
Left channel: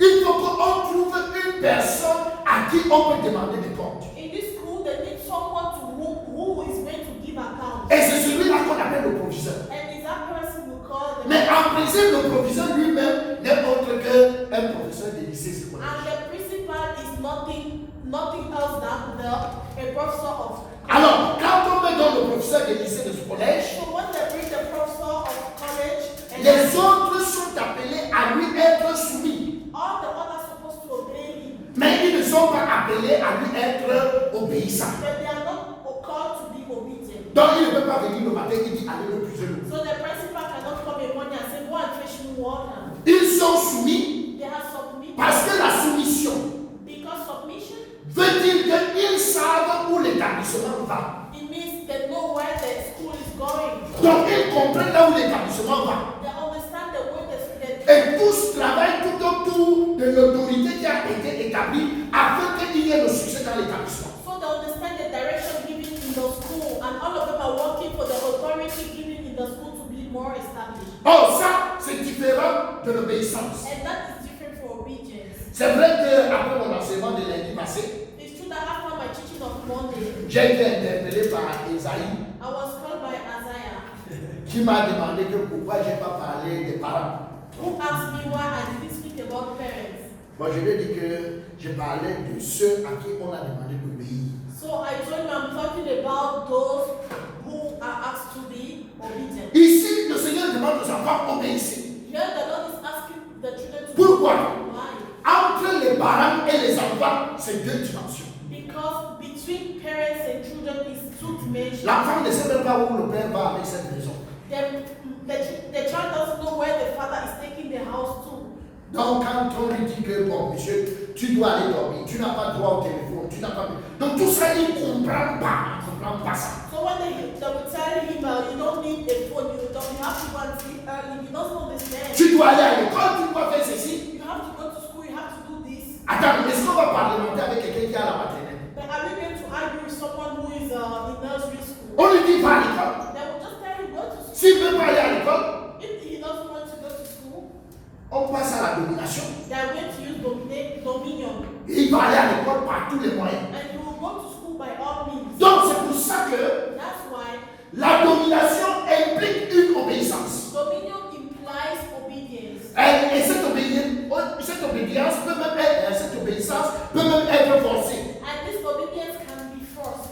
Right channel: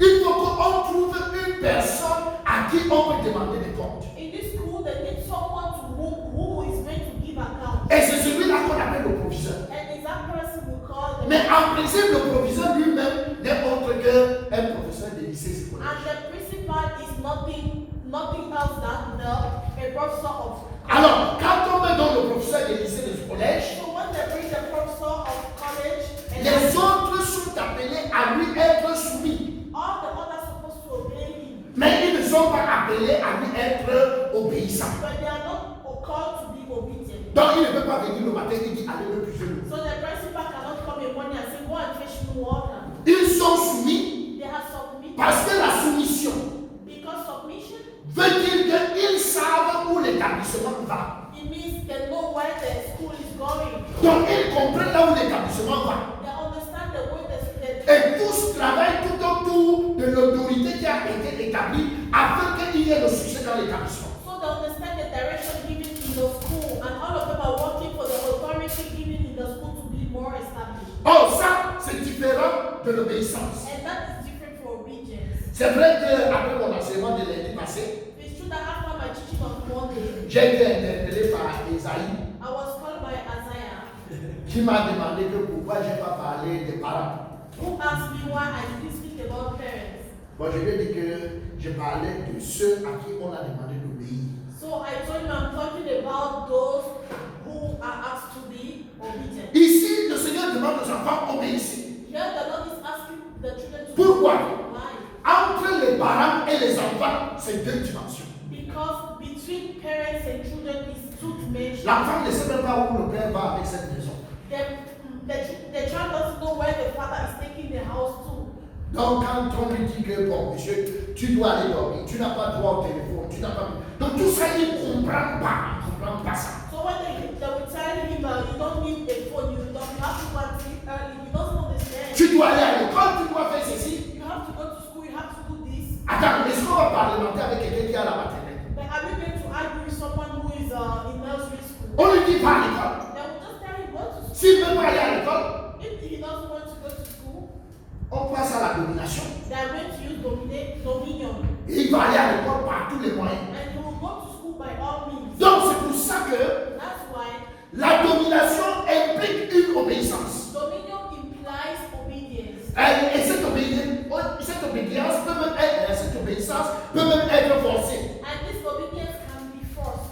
il faut qu'on trouve une personne à qui on peut demander des comptes. in this school, they need someone to who is going to give account. Et c'est celui-là qu'on appelle le proviseur. And is that person we call the Mais en principe, le proviseur lui-même n'est autre qu'un professeur de lycée et collège. and the principal is nothing else than a professor of. Alors, quand on me donne le professeur de lycée et de collège, So when they bring the professor of college, and les autres sont appelés à lui être soumis. all the others supposed to obey him, Mais ils ne sont pas appelés à lui être obéissants. but they are not called to be obedient. Donc, il ne peut pas venir le matin et dire allez me puiser l'eau. So the principal cannot come in morning and say, go and fetch me water. Ils sont soumis They have submitted. parce que la soumission Because submission, veut dire qu'ils savent où l'établissement va. it means they know where the school is going. Donc, ils comprennent là où l'établissement va. They understand the way the Et tous travaillent tout autour de l'autorité qui a été établie afin qu'il y ait le succès dans l'établissement. so they understand the direction given in the school, and all of them are working for the authority given in the school to be more established. Or, ça, c'est différent de l'obéissance. And that is different from obedience. C'est vrai qu'après mon enseignement de lundi passé, It's true that after my teaching of Monday, j'ai été interpellé par Esaïe I was called by Isaiah, qui m'a demandé que pourquoi je n'ai pas parlé des parents. who asked me why I didn't speak about parents. Moi, je lui ai dit que je parlais de ceux à qui on a demandé d'obéir. So I told him I'm talking about those who are asked to be obedient. Ici, le Seigneur demande aux enfants obéissez. Here the Lord is asking the children to Pourquoi? why? Entre les parents et les enfants, c'est deux dimensions. Because between parents and children is two dimensions. L'enfant ne sait même pas où le père va avec cette maison. The child doesn't know where the father is taking the house to. Donc, quand on lui dit que, bon, monsieur, tu dois aller dormir, tu n'as pas droit au téléphone, tu n'as pas. Donc, tout ça, il ne comprend pas ça. So when they will tell him you don't need a phone, you have to go and sleep early, he doesn't understand. Tu dois aller à l'école, tu dois faire ceci. You have to go to school, you have to do this. Attends, est-ce qu'on va parlementer avec quelqu'un qui est à la maternelle? But are you going to argue with someone who is in nursery school? On lui dit pas à l'école. They will just tell him go to school. S'il ne veut pas aller à l'école, If he doesn't want to go to school, on passe à la domination. they are going to use dominion. Il va aller à l'école par tous les moyens. And he will go to school by all means. Donc, c'est pour ça que That's why la domination implique une obéissance. dominion implies obedience. Et cette obéissance peut même être, cette obéissance peut même être forcée. And this obedience can be forced.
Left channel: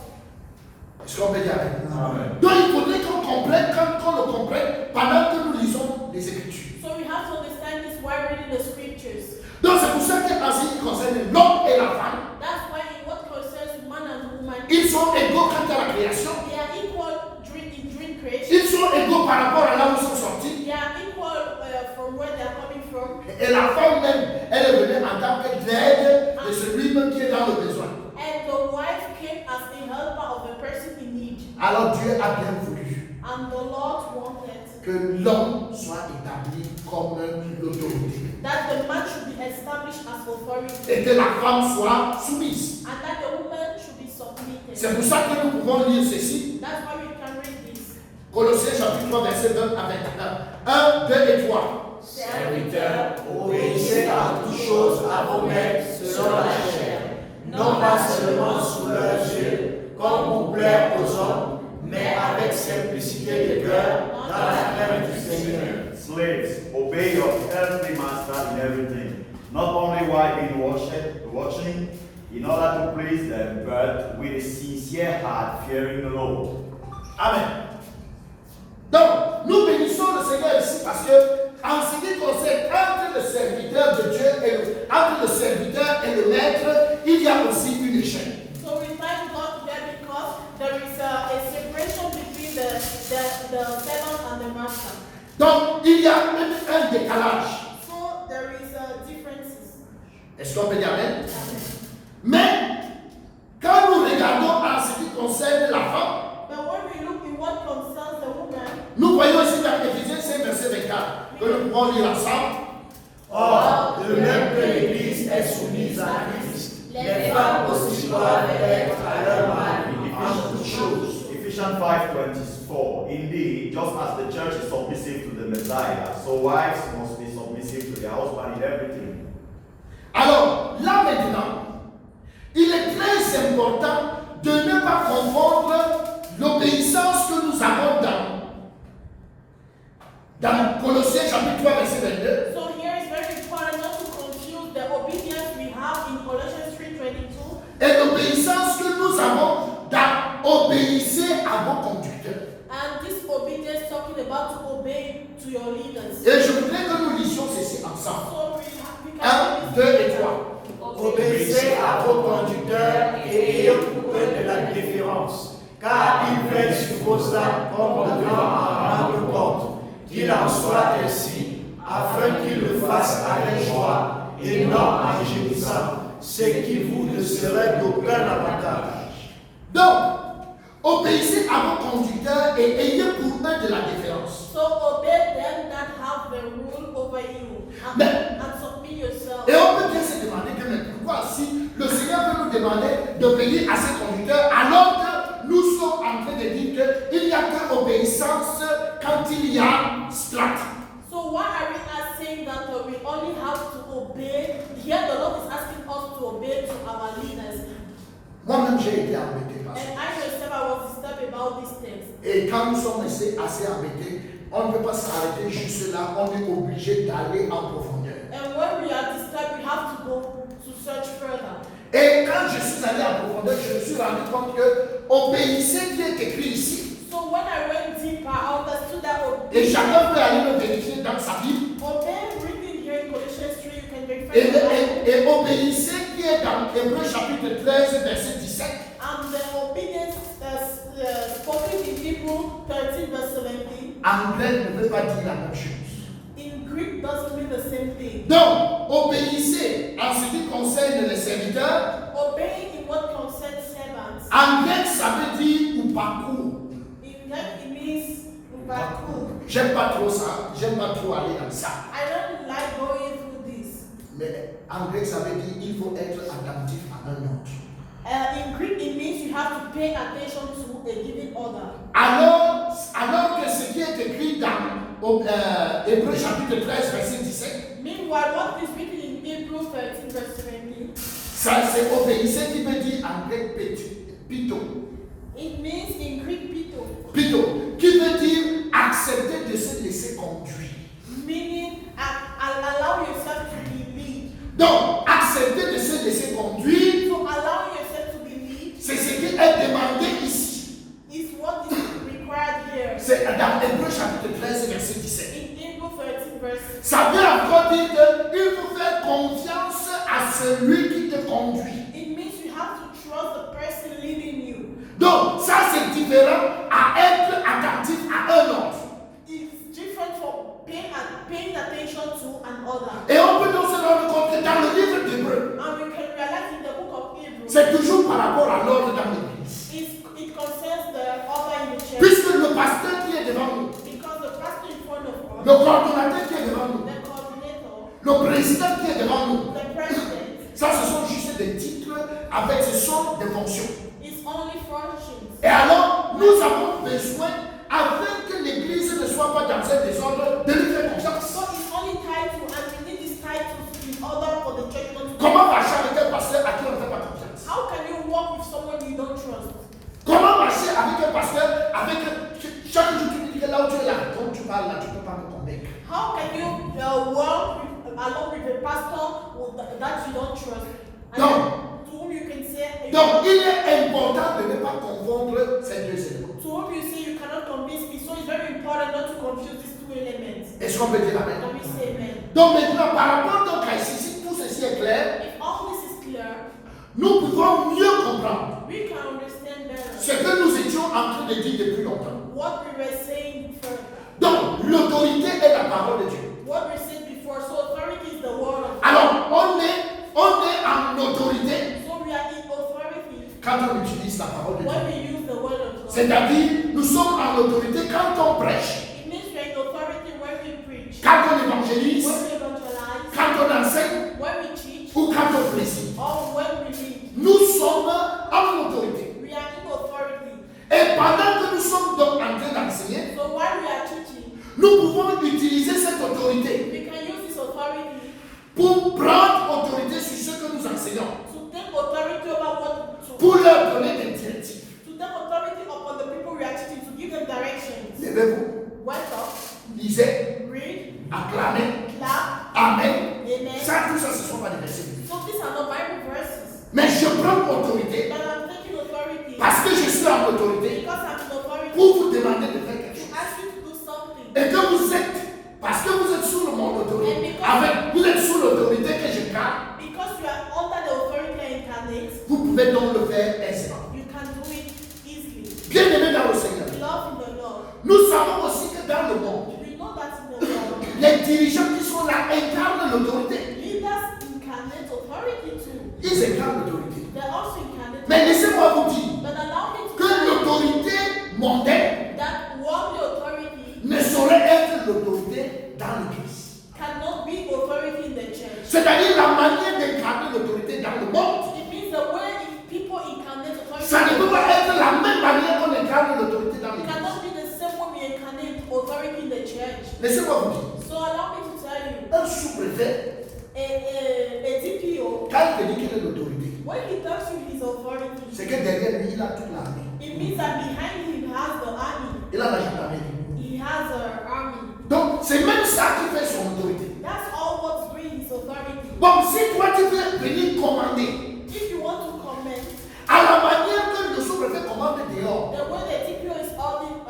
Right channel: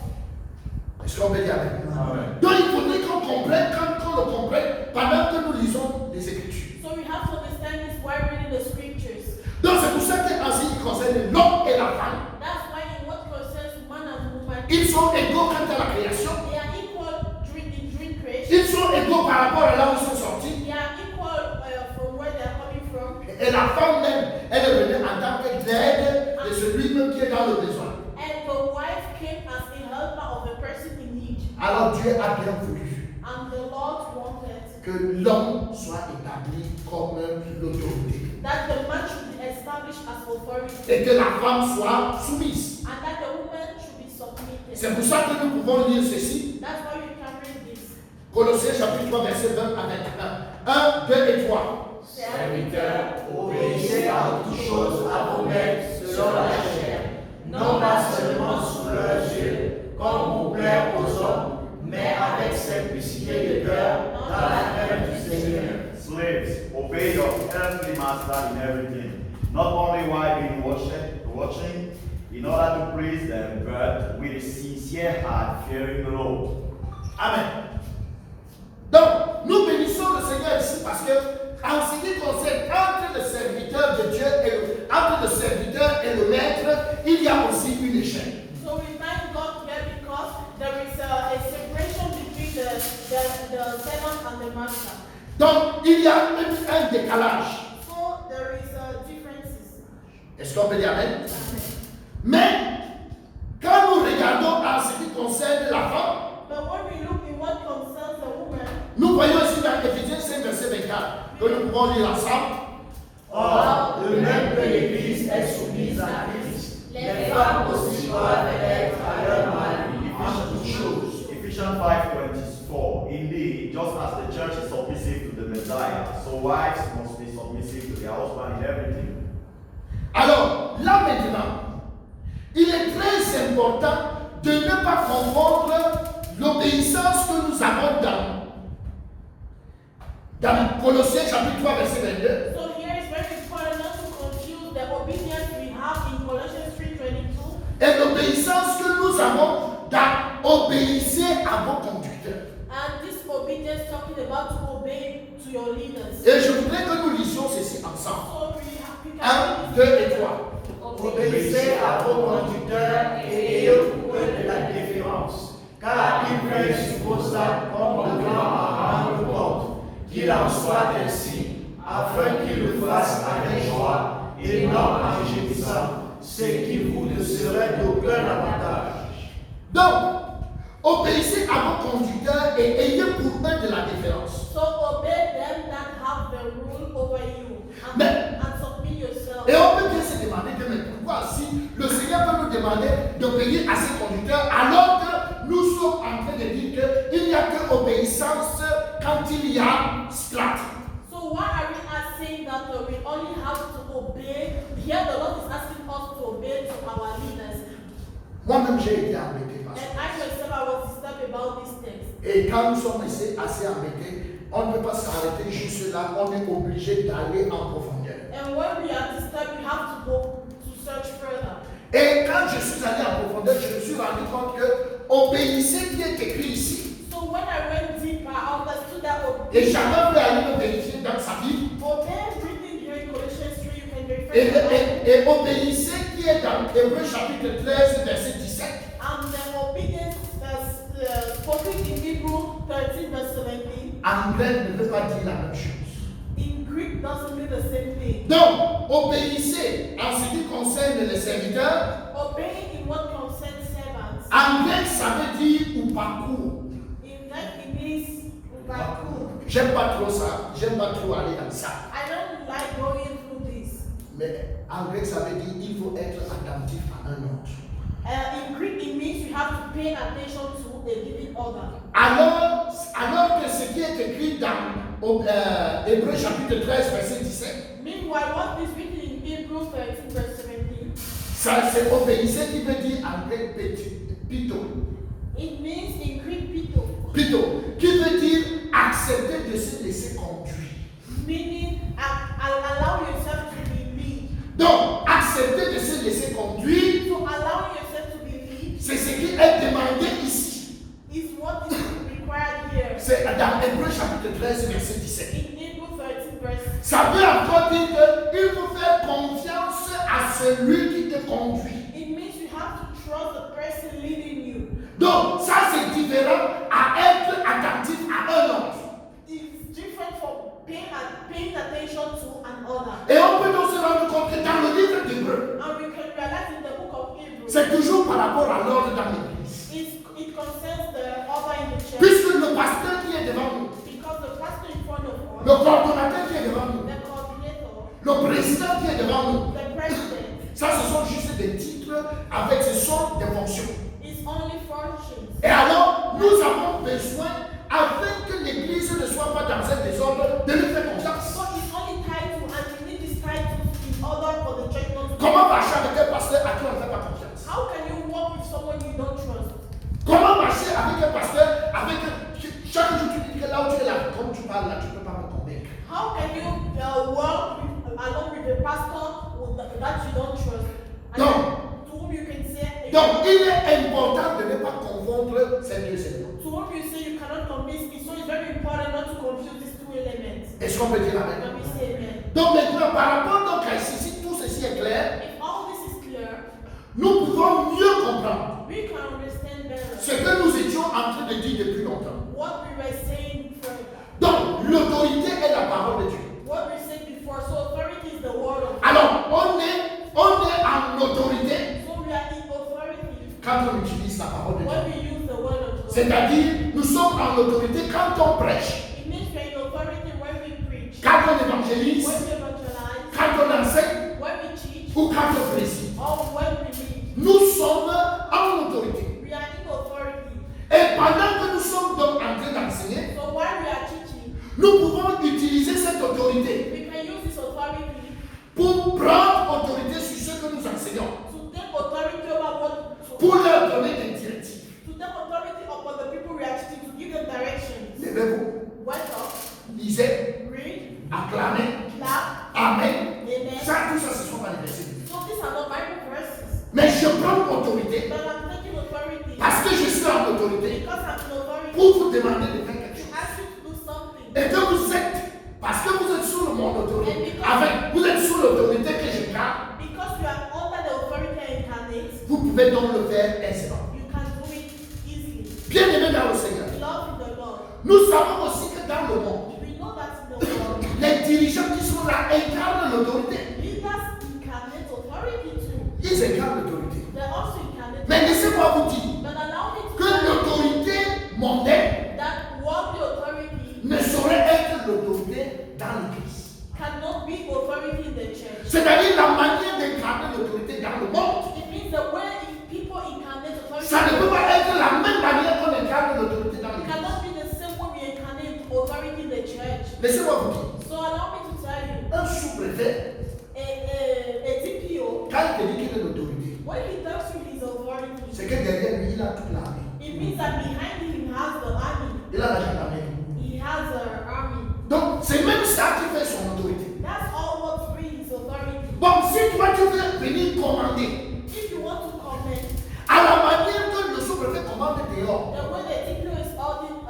Est-ce qu'on peut dire amen? Amen. Donc il faudrait qu'on comprenne, qu'on le comprenne pendant que nous lisons les Écritures. So we have to understand this while reading the scriptures. Donc c'est pour ça qu'en ce qui concerne l'homme et la femme, That's why in what concerns man and woman, ils sont égaux quant à la création. they are equal in dream creation. Ils sont égaux par rapport à là où ils sont sortis. They are equal from where they are coming from. Et la femme même, elle est venue en tant que l'aide de celui-même qui est dans le besoin. And the wife came as a helper of a person in need. Alors Dieu a bien voulu And the Lord wanted que l'homme soit établi comme l'autorité that the man should be established as authority. et que la femme soit soumise. And that the woman should be submitted. C'est pour ça que nous pouvons lire ceci. That's why we can read this. Colossiens chapitre 3 verset 20 à 21. 1, 2 et 3. Serviteurs, obéissez en toutes choses à vos maîtres selon la chair, non pas seulement sous leurs yeux, comme pour plaire aux hommes, mais avec simplicité de cœur, dans la crainte du Seigneur. Slaves, obey your earthly master in everything, not only while being watching, in order to please them, but with a sincere heart, fearing the Lord. Amen. Donc, nous bénissons le Seigneur ici parce que, en ce qui concerne entre le serviteur de Dieu et entre le serviteur et le maître, il y a aussi une échelle. So we thank God there because there is a separation between the servant and the master. Donc, il y a un décalage. So there is differences. Est-ce qu'on peut dire Amen? Mais, quand nous regardons à ce qui concerne la femme, But when we look in what concerns the woman, nous voyons ici dans Éphésiens 5, verset 24, que nous pouvons lire ensemble. Or, de même que l'Église est soumise à Christ, les femmes aussi doivent être à leur mari en toutes choses. Ephesians 5:24. Indeed, just as the church is submissive to the Messiah, so wives must be submissive to their husband in everything. Alors, là maintenant, il est très important de ne pas confondre l'obéissance que nous avons dans Colossiens chapitre 3, verset 22, so here it's very important not to confuse the obedience we have in Colossians 3:22 et l'obéissance que nous avons dans obéissez à vos conducteurs. and this obedience talking about to obey to your leaders. Et je voudrais que nous lisions ceci ensemble. So we 1, 2 et 3. Obéissez à vos conducteurs et ayez pour eux de la déférence, car ils veillent sur vos âmes comme de grands en rendre compte. Qu'il en soit ainsi, afin qu'ils le fassent avec joie et non en réjouissant, ce qui vous ne serait d'aucun avantage. Donc, obéissez à vos conducteurs et ayez pour eux de la déférence. So obey them that have the rule over you and submit yourself. Et on peut bien se demander que mais pourquoi si le Seigneur peut nous demander d'obéir à ses conducteurs alors que nous sommes en train de dire qu'il n'y a que obéissance quand il y a strat. So why are we not saying that we only have to obey? Here the Lord is asking us to obey to our leaders. Moi-même j'ai été embêté par ça. And I myself I was disturbed about these things. Et quand nous sommes assez embêtés, on ne peut pas s'arrêter juste là, on est obligé d'aller en profondeur. And when we are disturbed, we have to go to search further. Et quand je suis allé en profondeur, je me suis rendu compte que obéissez qui est écrit ici. So when I went deeper, I understood that Et chacun peut aller le vérifier dans sa Bible. obey written here in Colossians 3, you can refer to that. Et obéissez qui est dans Hébreux chapitre 13, verset 17. And the obedience spoken in Hebrew 13 verse 17. Anglais ne veut pas dire la même chose. In Greek doesn't mean the same thing. Donc, obéissez en ce qui concerne les serviteurs. Obeying in what concerns servants. Anglais, ça veut dire ou parcours. In that it means ubaku. J'aime pas trop ça. J'aime pas trop aller dans ça. I don't like going through this. Mais en grec, ça veut dire il faut être attentif à un autre. In Greek it means you have to pay attention to a given order. Alors que ce qui est écrit dans Hébreux chapitre 13, verset 17, Meanwhile, what is written in Hebrews 13 verse 17, ça c'est obéissez qui veut dire en grec pito. it means in Greek pito, Pito, qui veut dire accepter de se laisser conduire. meaning allow yourself to be lead. Donc, accepter de se laisser conduire, So allowing yourself to be lead c'est ce qui est demandé ici. is what is required here. C'est dans Hébreux chapitre 13, verset 17. In Hebrews 13 verse, Ça veut encore dire qu'il faut faire confiance à celui qui te conduit. it means you have to trust the person leading you. Donc, ça c'est différent à être attentif à un autre. It's different from paying attention to another. Et on peut donc se rendre compte que dans le livre d'Hébreux, And we can realize in the book of Hebrews, c'est toujours par rapport à l'ordre dans l'église. it concerns the order in the church. Puisque le pasteur qui est devant nous, Because the pastor in front of us, le coordonnateur qui est devant nous, the coordinator, le président qui est devant nous, the president, ça ce sont juste des titres avec ce sont des fonctions. is only functions. Et alors, nous avons besoin, afin que l'église ne soit pas dans un désordre, de lui faire confiance. So it's only title, and we need this title in order for the church not to. Comment marcher avec un pasteur à qui on ne fait pas confiance? How can you walk with someone you don't trust? Comment marcher avec un pasteur avec chaque jour tu dis que là où tu es là, quand tu parles là, tu ne peux pas me convaincre. How can you walk along with a pastor that you don't trust? And No. to whom you can say, Donc, il est important de ne pas confondre ces deux éléments. to whom you say you cannot convince me. So it's very important not to confuse these two elements. Est-ce qu'on peut dire amen? Can we say amen? Donc maintenant, par rapport donc à ici, si tout ceci est clair, If all this is clear, nous pouvons mieux comprendre we can understand better ce que nous étions en train de dire depuis longtemps. what we were saying before. Donc, l'autorité est la parole de Dieu. What we said before. So authority is the word of God. Alors, on quand on utilise la parole de Dieu. When we use the word of God, C'est-à-dire, nous sommes en autorité quand on prêche, it means we're in authority when we preach, quand on évangélise, when we evangelize, quand on enseigne when we teach, ou quand on préside. or when we lead. Nous sommes en autorité. We are in authority. Et pendant que nous sommes donc en train d'enseigner, So while we are teaching, nous pouvons utiliser cette autorité we can use this authority pour prendre autorité sur ce que nous enseignons, to take authority over what pour leur donner des directives. to take authority upon the people we are teaching, to give them directions. Levez-vous, Wake up, lisez, read, acclamez, clap, amen. amen. Ça, tout ça, ce sont pas des versets. So these are not Bible verses. Mais je prends autorité But I'm taking authority parce que je suis en autorité because I'm in authority pour vous demander de faire quelque to chose. ask you to do something. Et que vous êtes, parce que vous êtes sous mon autorité, vous êtes sous l'autorité que je garde, Because you are under the authority incarnate, vous pouvez donc le faire aisément. you can do it easily. Bien-aimés dans le Seigneur, Love in the Lord. nous savons aussi que dans le monde, We know that in the Lord, les dirigeants qui sont là incarnent l'autorité. leaders incarnate authority too. Ils incarnent l'autorité. They also incarnate. Mais laissez-moi vous dire But allow me to que l'autorité mondaine that worldly authority ne saurait être l'autorité dans l'Église. cannot be authority in the church. C'est-à-dire la manière d'incarner l'autorité dans le monde. It means the way people incarnate authority Ça ne peut pas être la même manière qu'on incarne l'autorité dans l'Église. cannot be the same way we incarnate authority in the church. Laissez-moi vous dire, So allow me to tell you, un sous-préfet, a DPO, quand il te dit quelle est l'autorité, when he tells you his authority, c'est que derrière lui, il a toute l'armée. it means that behind him has the army. Il a la gendarmerie. He has an army. Donc, c'est même ça qui fait son autorité. That's all what brings his authority. Bon, si toi tu veux venir commander, If you want to comment, à la manière que le sous-préfet commande dehors, the way the DPO is holding,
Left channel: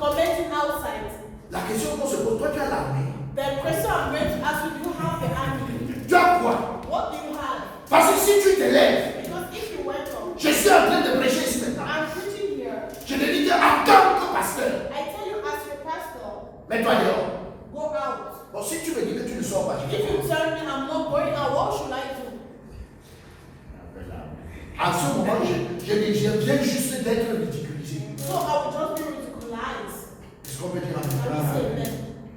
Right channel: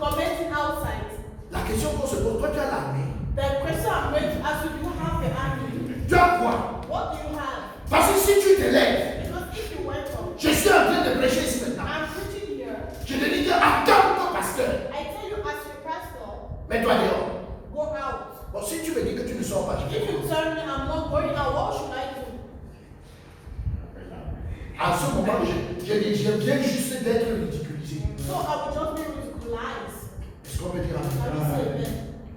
commenting outside, la question qu'on se pose, toi tu as l'armée. the question I'm going to ask you, do you have the army? Tu as quoi? What do you have? Parce que si tu te lèves, Because if you went on, je suis en train de prêcher ici maintenant. I'm preaching here. Je te dis que attends que pasteur, I tell you as your pastor, mets-toi dehors. go out. Bon, si tu me dis que tu ne sors pas, je vais If you commencer. tell me I'm not going out, what should I do? En ce moment, je viens juste d'être ridiculisé. So I will just be ridiculized. Est-ce qu'on peut dire Can we amen? say amen?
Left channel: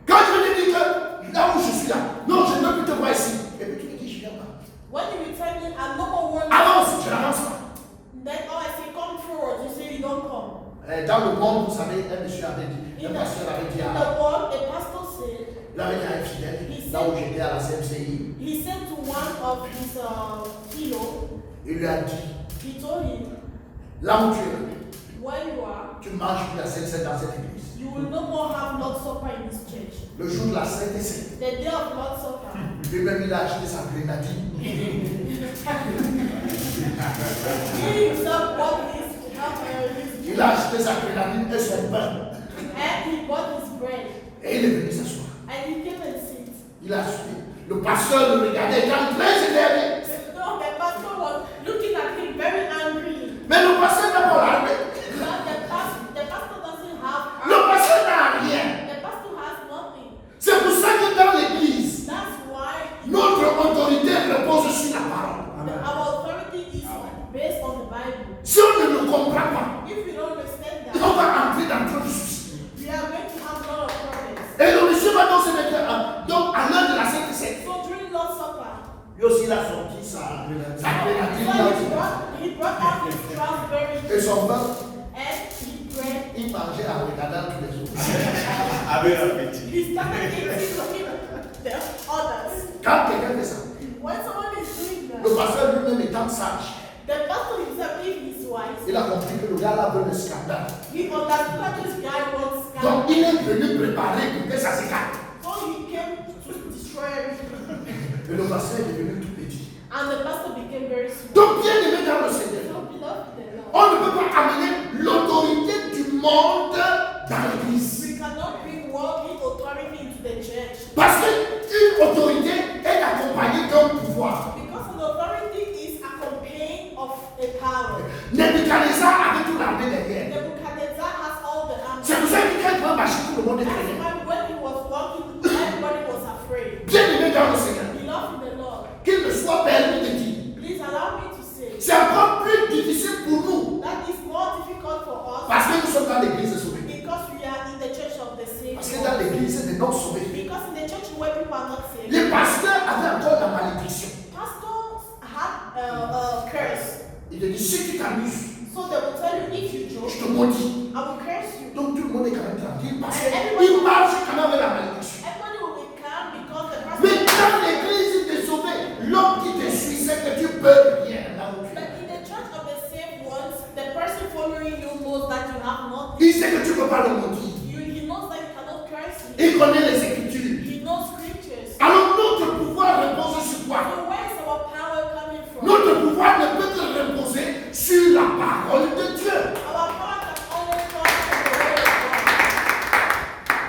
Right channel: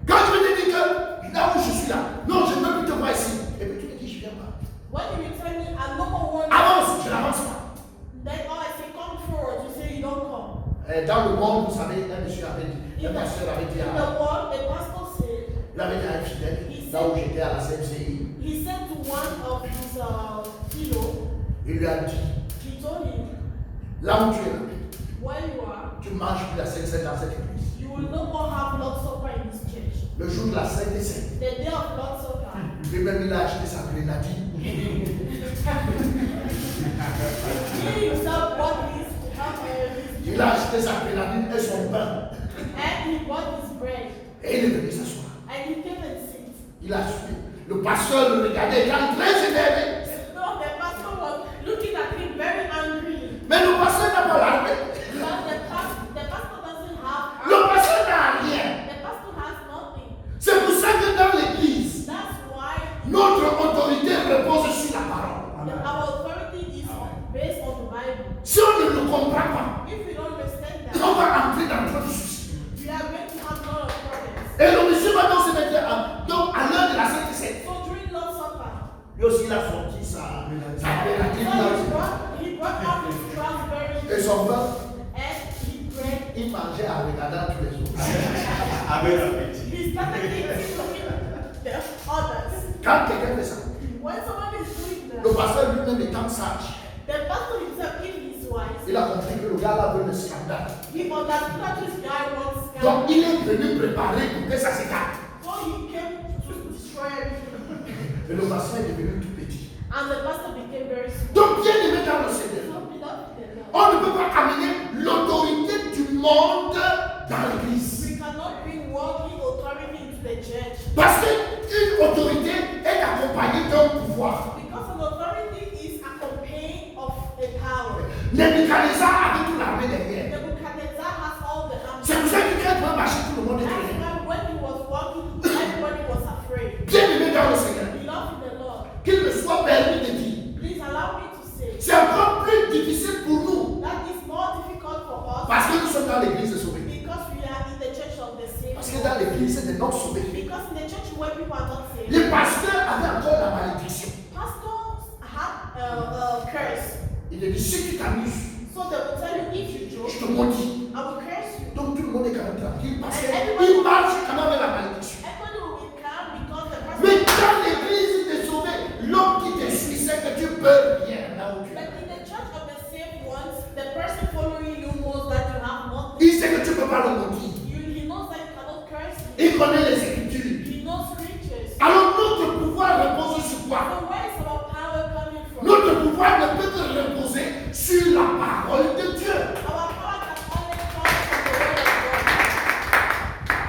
Quand je te dis que là où je suis là, non, je ne peux plus te voir ici. Et puis tu me dis, je viens pas. When you tell me I'm not going to work, Avance, je n'avance pas. then I say come forward. You say you don't come. Dans le monde, vous savez, un monsieur avait dit, un pasteur avait dit In à, the world, a pastor said, il avait dit à un fidèle, là où j'étais à la CMCI, he said to one of his fellow, il lui a dit, he told him, là où tu es là, where you are, tu ne manges plus la Sainte Seine dans cette église. you will no more have Lord's Supper in this church. Le jour de la Sainte Seine, The day of Lord's Supper, lui-même il a acheté sa grenadine. he himself bought his Il a acheté sa grenadine et son pain. and he bought his bread, Et il est venu s'asseoir. and he came and sit. Il a suivi. Le pasteur le regardait, il était très énervé. No, the pastor was looking at him very angry. Mais le pasteur n'a pas l'armée. But the pastor doesn't have Le pasteur n'a rien. The pastor has nothing. C'est pour ça que dans l'église, That's why notre autorité repose sur la parole. our authority is based on the Bible. Si on ne le comprend pas, If we don't understand on that, va entrer dans trop de soucis. we are going to have a lot of problems. Et le monsieur va donc se mettre donc à l'heure de la Sainte Seine. So during Lord's Supper, Lui aussi, il a sorti sa grenadine. he brought out his raspberry Et son pain, and he bread. il mangeait en regardant tous les autres. Avec appétit. He started eating the others. Quand quelqu'un fait ça, When someone is doing le that, pasteur lui-même étant sage, the pastor himself, if he's wise, il a compris que le gars là veut le scandale. he understood that this guy wants Donc scandal. il est venu préparer pour que ça s'écarte. So he came to destroy everything. Et le pasteur est devenu tout petit. And the pastor became very small. Donc bien aimé dans le Seigneur, So beloved, the Lord, on ne peut pas amener l'autorité du monde dans l'église. we cannot bring worldly authority into the church Parce qu'une autorité est accompagnée d'un pouvoir. because an authority is accompanied of a power. Nebuchadnezzar avait toute l'armée derrière. Nebuchadnezzar has all the arms. C'est pour ça qu'il pouvait marcher, tout le monde est That's traîné. why when he was walking, everybody was afraid. Bien aimé dans le Seigneur, Beloved in the Lord, qu'il me soit permis de dire Parce que nous sommes dans l'église sauvée. Because we are in the church of the Parce que saved. dans l'église des non sauvés, Because in the church where people are not saved. les pasteurs avaient encore la malédiction. Pastors have a curse. Il te dit, si tu t'amuses, So they will tell you if you je joke, te maudis. I will curse you. Donc tout le monde est quand même tranquille parce qu'il marche quand même avec la malédiction. Everybody will be calm because the person. Mais dans l'église des sauvés, l'homme qui te suit sait que tu peux rien là où tu But es. in the church of the saved ones, the person following you knows that you have nothing. Il sait que tu ne peux pas le maudire. He knows that you cannot curse him. Il connaît les Écritures. He knows scriptures. Alors notre pouvoir repose sur quoi? So where is our power coming from? Notre pouvoir ne peut que reposer sur la parole de Dieu. Our power can only come from the word of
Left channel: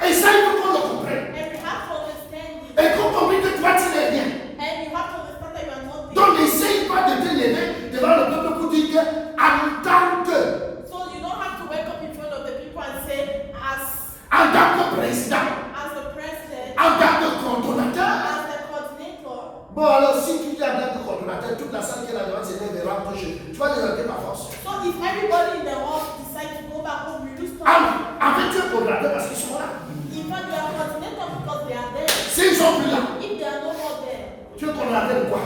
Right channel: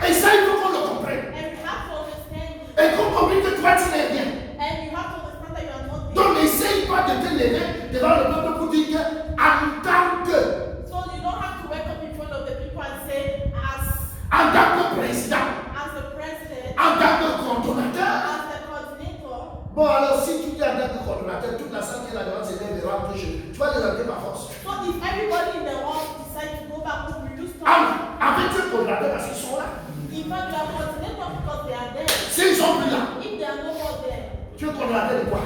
God. Et ça, il faut qu'on le comprenne. And we have to understand it. Et qu'on comprenne que toi, tu n'es rien. And you have to understand that you are not Donc there. n'essaye pas de te lever devant le peuple pour dire que en tant que, So you don't have to wake up in front of the people and say, en tant que président, as the president, en tant que coordonnateur. as the coordinator. Bon alors si tu dis en tant que coordonnateur, toute la salle qui est là devant se lève et rentre chez eux. Tu vas les lever par force. So if everybody in the world decide to go back home, you lose Ah, time. en fait tu es coordonnateur parce qu'ils sont là. In fact, you are coordinator because they are there. S'ils sont plus là, If they are no more there, tu es coordonnateur de quoi?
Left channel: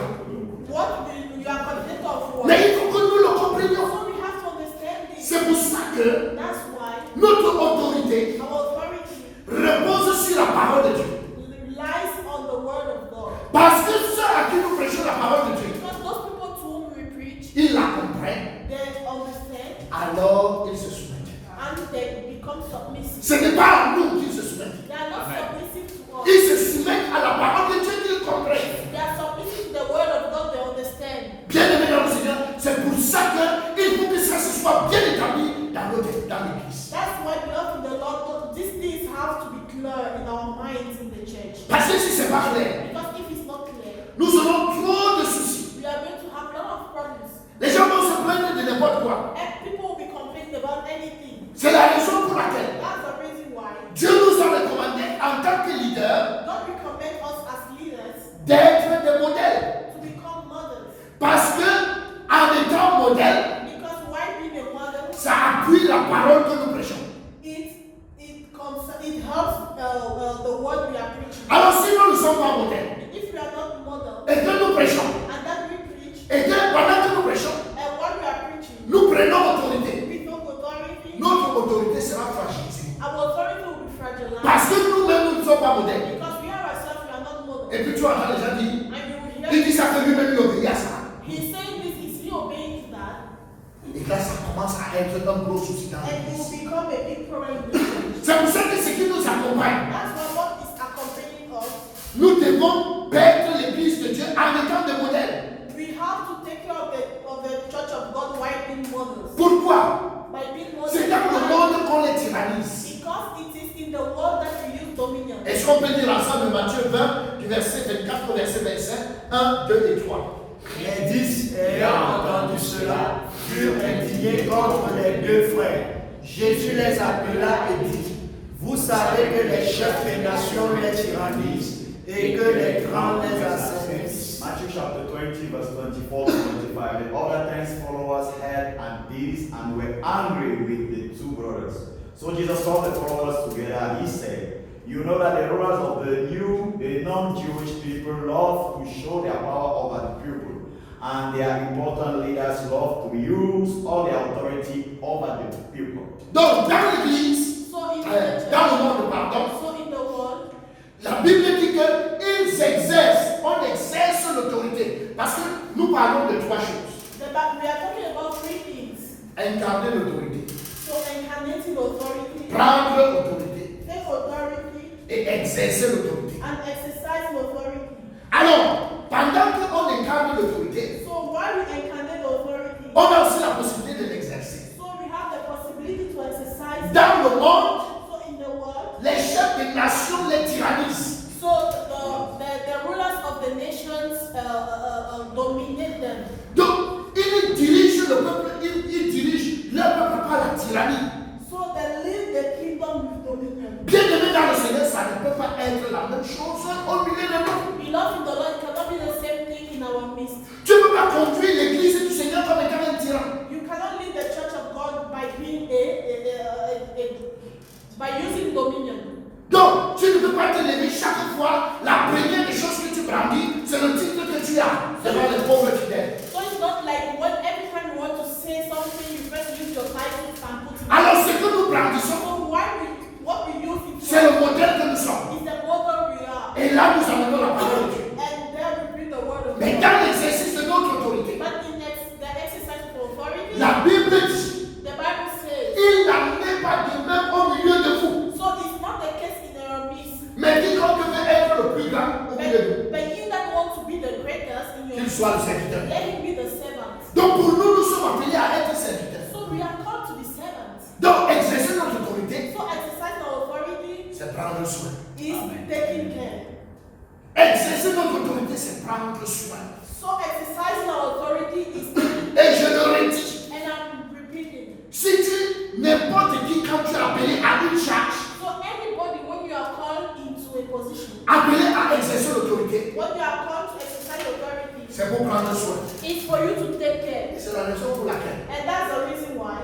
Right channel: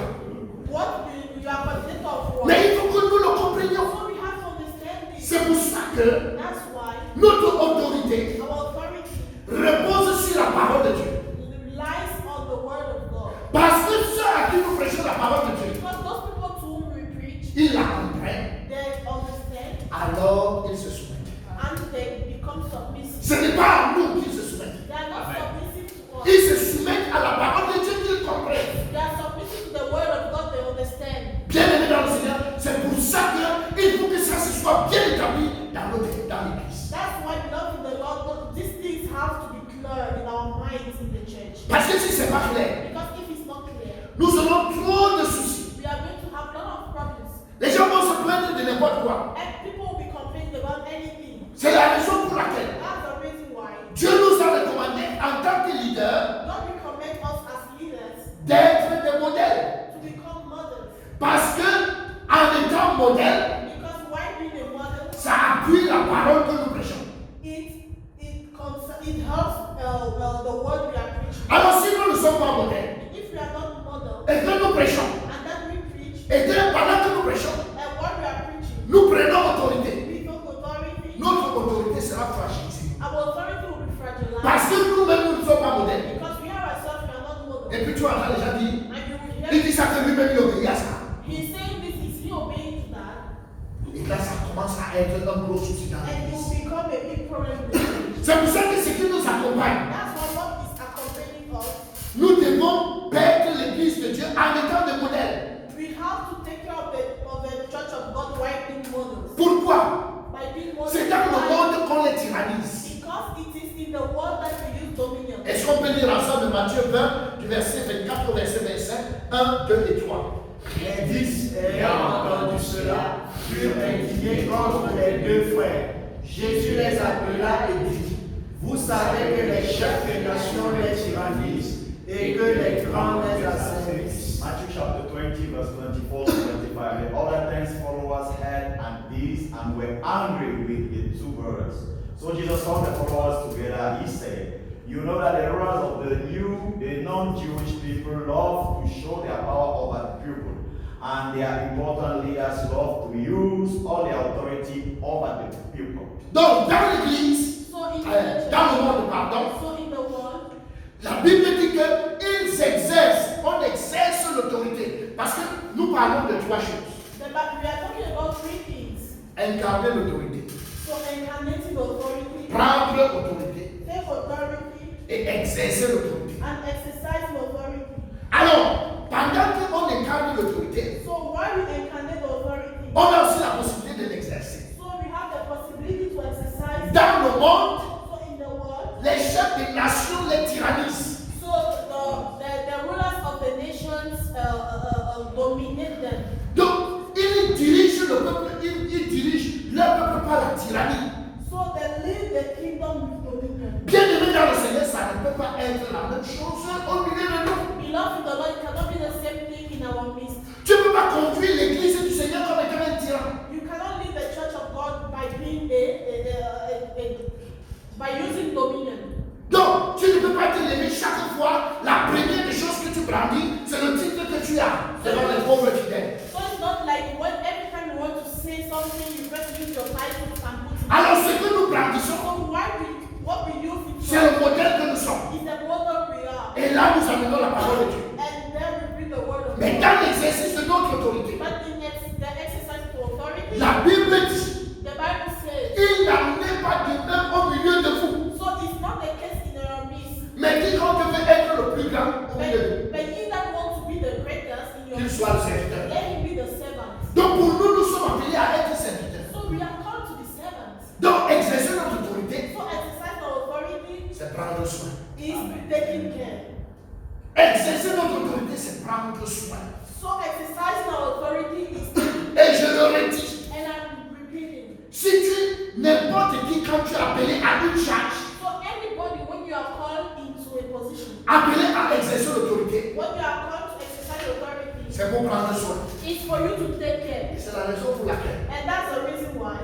what do you are coordinator of what? Mais il faut que nous le comprenions. So we have to understand this. C'est pour ça que That's why notre autorité our authority repose sur la parole de Dieu. lies on the word of God. Parce que ceux à qui nous prêchons la parole de Dieu, Because those people to whom we preach, ils la comprennent, they understand alors ils se soumettent. and they become submissive. Ce n'est pas à nous qu'ils se soumettent. They are not submissive to us. Ils se soumettent à la parole de Dieu qu'ils comprennent. They are submissive to the word of God. They understand. Bien aimé dans le Seigneur, c'est pour ça qu'il faut que ça se soit bien établi dans l'église. That's why, beloved in the Lord, these things have to be clear in our minds in the church. Parce que si ce n'est pas clair, Because if it's not clear, nous aurons trop de soucis. we are going to have a lot of problems. Les gens vont se plaindre de n'importe quoi. And people will be complaining about anything. C'est la raison pour laquelle That's the reason why Dieu nous a recommandé en tant que leader God recommends us as leaders d'être des modèles. to become mothers. Parce que en étant modèle, Because why being a mother, ça appuie la parole que nous prêchons. it helps the word we are preaching. Alors si nous ne sommes pas modèles If we are not model et que nous prêchons, and that we preach et que pendant que nous prêchons, and what we are preaching, nous prenons autorité, we don't authority, notre autorité sera fragilisée. our authority will be fragilized. Parce que nous-mêmes, nous ne sommes pas modèles. Because we are ourselves, we are not model. Et puis tu entends les gens dire, And you will il hear dit ça que lui-même il obéit à ça. he's saying this, is he obeying to that? Et là, ça commence à être un gros souci dans And it l'église. will become a big problem in the church. C'est pour ça que ce qui nous accompagne, That's why what is accompanying us. nous devons perdre l'église de Dieu en étant des modèles. We have to take care of the church of God while being models. Pourquoi? By being models. C'est dans le monde qu'on les tyrannise. Because it is in the world that we use dominion. Est-ce qu'on peut dire ensemble Matthieu 20, du verset 24 au verset 25, 1, 2 et 3. Les 10 ayant entendu cela furent indignés contre les deux frères. Jésus les appela et dit, vous savez que les chefs des nations les tyrannisent et que les grands les asservissent. Matthew chapter 20, verse 24 to 25. The other 10 followers heard and this and were angry with the two brothers. So Jesus called the followers together and he said, you know that the rulers of the non-Jewish people love to show their power over the people, and their important leaders love to use all their authority over the people. Donc, dans l'église, So in the church, dans le monde, pardon, so in the world, la Bible dit qu'ils exercent, on exerce l'autorité. Parce que nous parlons de trois choses. we are talking about three things. Incarner l'autorité, So incarnating authority, prendre l'autorité take authority, et exercer l'autorité. and exercising authority. Alors, pendant qu'on incarne l'autorité, So while we incarnate authority, on a aussi la possibilité de l'exercer. so we have the possibility to exercise. Dans le monde, So in the world, les chefs des nations les tyrannisent. so the rulers of the nations dominate them. Donc, ils dirigent le peuple, ils dirigent leur peuple par la tyrannie. So they lead the kingdom with dominion. Bien aimé dans le Seigneur, ça ne peut pas être la même chose au milieu de nous. Beloved in the Lord, it cannot be the same thing in our midst. Tu ne peux pas conduire l'église du Seigneur comme étant un tyran. You cannot lead the church of God by being a first use your titles and put it. Alors ce que nous brandissons, So what we use in c'est le modèle que nous sommes. is the model we are. Et là, nous amenons la parole de Dieu. And there we bring the word of Mais God. dans l'exercice de notre autorité, But in the exercise of authority, la Bible dit, the Bible says, il n'en est pas de même au milieu de vous. so it's not the case in our midst. Mais quiconque veut être le plus grand au milieu de vous, But you that want to be the greatest in your qu'il soit le serviteur. let him be the servant. Donc pour nous, nous sommes appelés à être serviteurs. So we are called to be servants. Donc exercer notre autorité, So exercise our authority c'est prendre soin. is taking care. Exercer notre autorité, c'est prendre soin. So exercising our authority is Et je le redis, and I'm repeating. si tu, n'importe qui, quand tu es appelé à une charge, So anybody when you are called into a position, appelé à exercer l'autorité, when you are called to exercise authority, c'est pour prendre soin. it's for you to take Et care. c'est la raison pour laquelle, And that's the reason why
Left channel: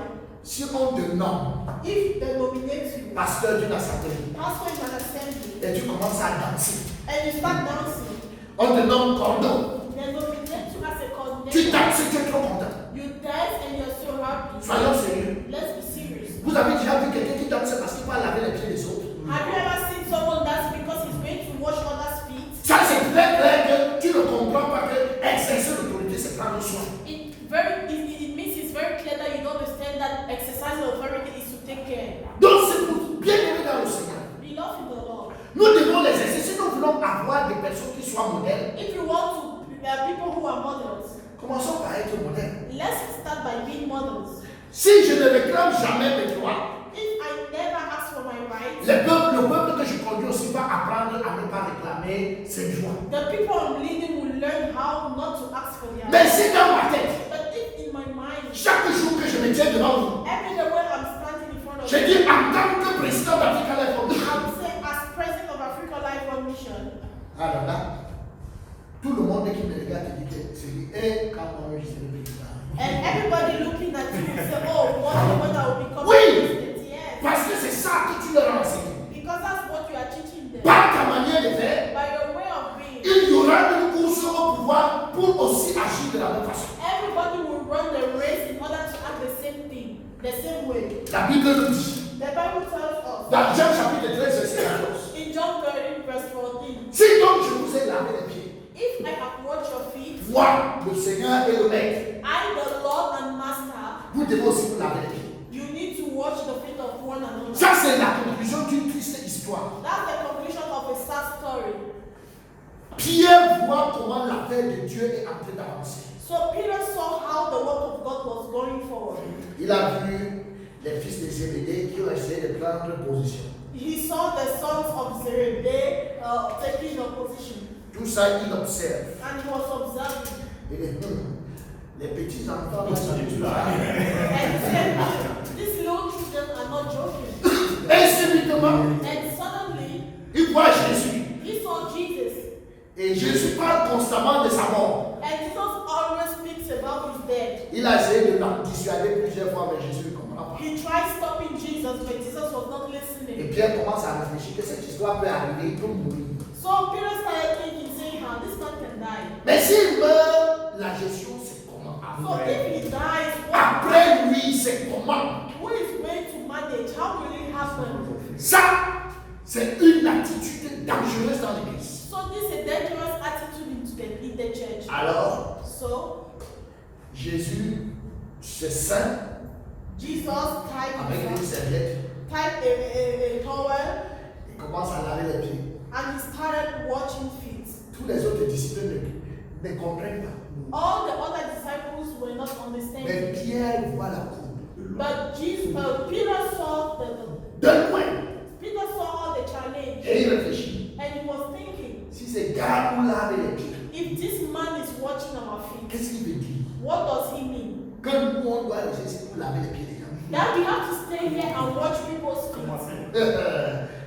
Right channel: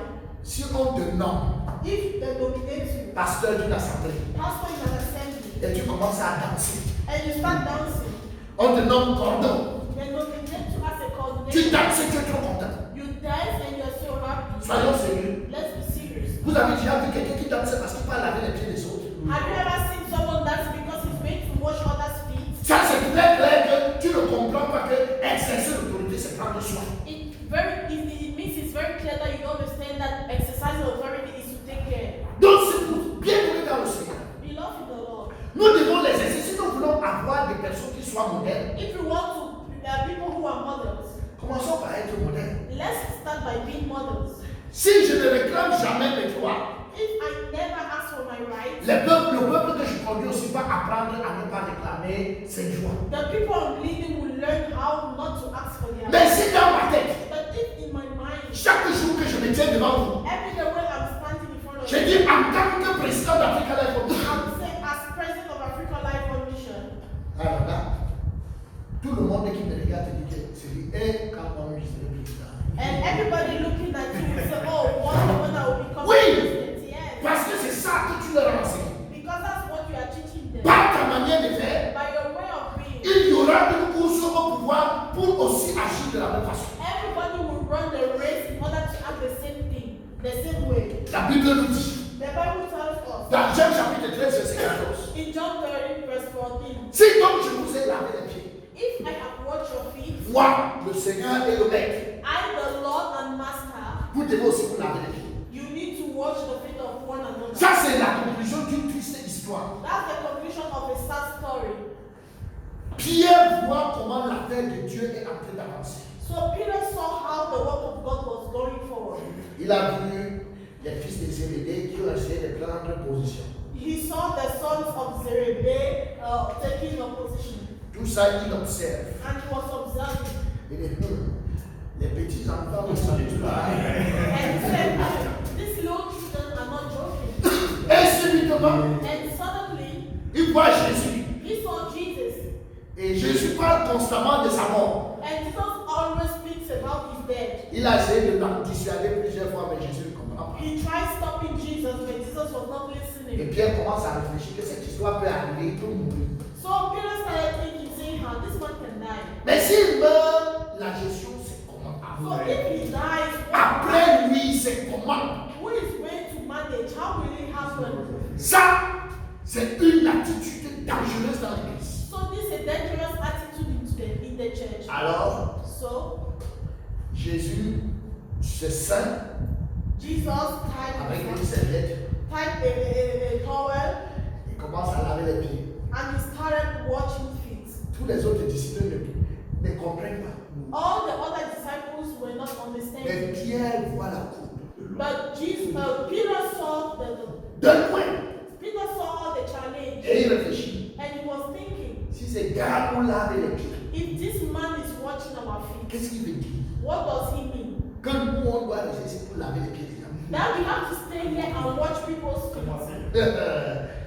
si on te nomme if they nominate you, pasteur d'une assemblée pastor in an assembly, et tu commences à danser, and you start dancing, on te nomme cordon, they nominate you as a tu coordinator. danses et tu es trop content. You dance and you're so happy. Soyons sérieux. Let's be serious. Vous avez déjà vu quelqu'un qui danse parce qu'il va laver les pieds des autres? Have you ever seen someone dance because he's going to wash others' feet? Ça, c'est très clair que tu ne comprends pas que exercer l'autorité, c'est prendre soin. It means it's very clear that you don't understand that exercising authority is to take care. Donc, c'est pour bien aimer dans le Seigneur. Beloved in the Lord. Nous devons l'exercer. Si nous voulons avoir des personnes qui soient modèles, If you want to, there are people who are models. commençons par être modèles. Let's start by being models. Si je ne réclame jamais mes droits, If I never ask for my rights, le peuple que je conduis aussi va apprendre à ne pas réclamer ses droits. the people I'm leading will learn how not to ask for their Mais rights. si dans ma tête, But if in my mind, chaque jour que je me tiens devant vous, every day when I'm standing in front of je you, dis en tant que président d'Africa Life Foundation, I'm saying as president of Africa Life Foundation, alors là, tout le monde qui me regarde dit que c'est lui, et quand on est le président. and everybody looking at you will say, oh, what the one that will become Oui. president? Yes. Parce que c'est ça que tu leur enseignes. Because that's what you are teaching them. Par ta manière de faire, By your way of being, il y aura une course au pouvoir pour aussi agir de la même façon. everybody will run the race in order to have the same thing, the same way. La Bible nous dit, The Bible tells us dans Jean chapitre 13, verset 14, in John 13, verse 14, si donc je vous ai lavé les pieds, if I have washed your feet, moi, le Seigneur et le Maître, I, the Lord and Master, vous devez aussi vous laver les pieds. you need to wash the feet of one another. Ça, c'est la conclusion d'une triste histoire. That's the conclusion of a sad story. Pierre voit comment l'affaire de Dieu est en train d'avancer. So Peter saw how the work of God was going forward. Il a vu les fils de Zébédée qui ont essayé de prendre position. He saw the sons of Zebedee taking a position, Tout ça, il observe. and he was observing. Il dit, les petits enfants ne sont pas. And he said, these little children are not joking. Et subitement, And suddenly, il voit Jésus. he saw Jesus. Et Jésus parle constamment de sa mort. And Jesus always speaks about his death. Il a essayé de l'en dissuader plusieurs fois, mais Jésus ne comprend pas. He tried stopping Jesus, but Jesus was not Et listening. Pierre commence à réfléchir que cette histoire peut arriver, il peut mourir. So Peter started thinking, saying, how this man can die. Mais s'il meurt, la gestion c'est comment? So if he dies, Après lui, c'est comment? who is going to manage? How will it happen? Ça, c'est une attitude dangereuse dans l'église. So this is a dangerous attitude in the church. Alors, So Jésus se ceint Jesus tied avec une serviette a towel et commence à laver les pieds. and he started washing feet. Tous les autres disciples ne comprennent pas. All the other disciples were not Mais understanding. Pierre voit la courbe. But Peter saw De loin. Peter saw all the challenge, Et il réfléchit. and he was thinking, Si ces gars nous lavent les pieds, if this man is watching our feet, qu'est-ce qu'il veut dire? what does he mean? Que nous, on doit rester pour laver les pieds des gens. That we have to stay here and watch people's feet.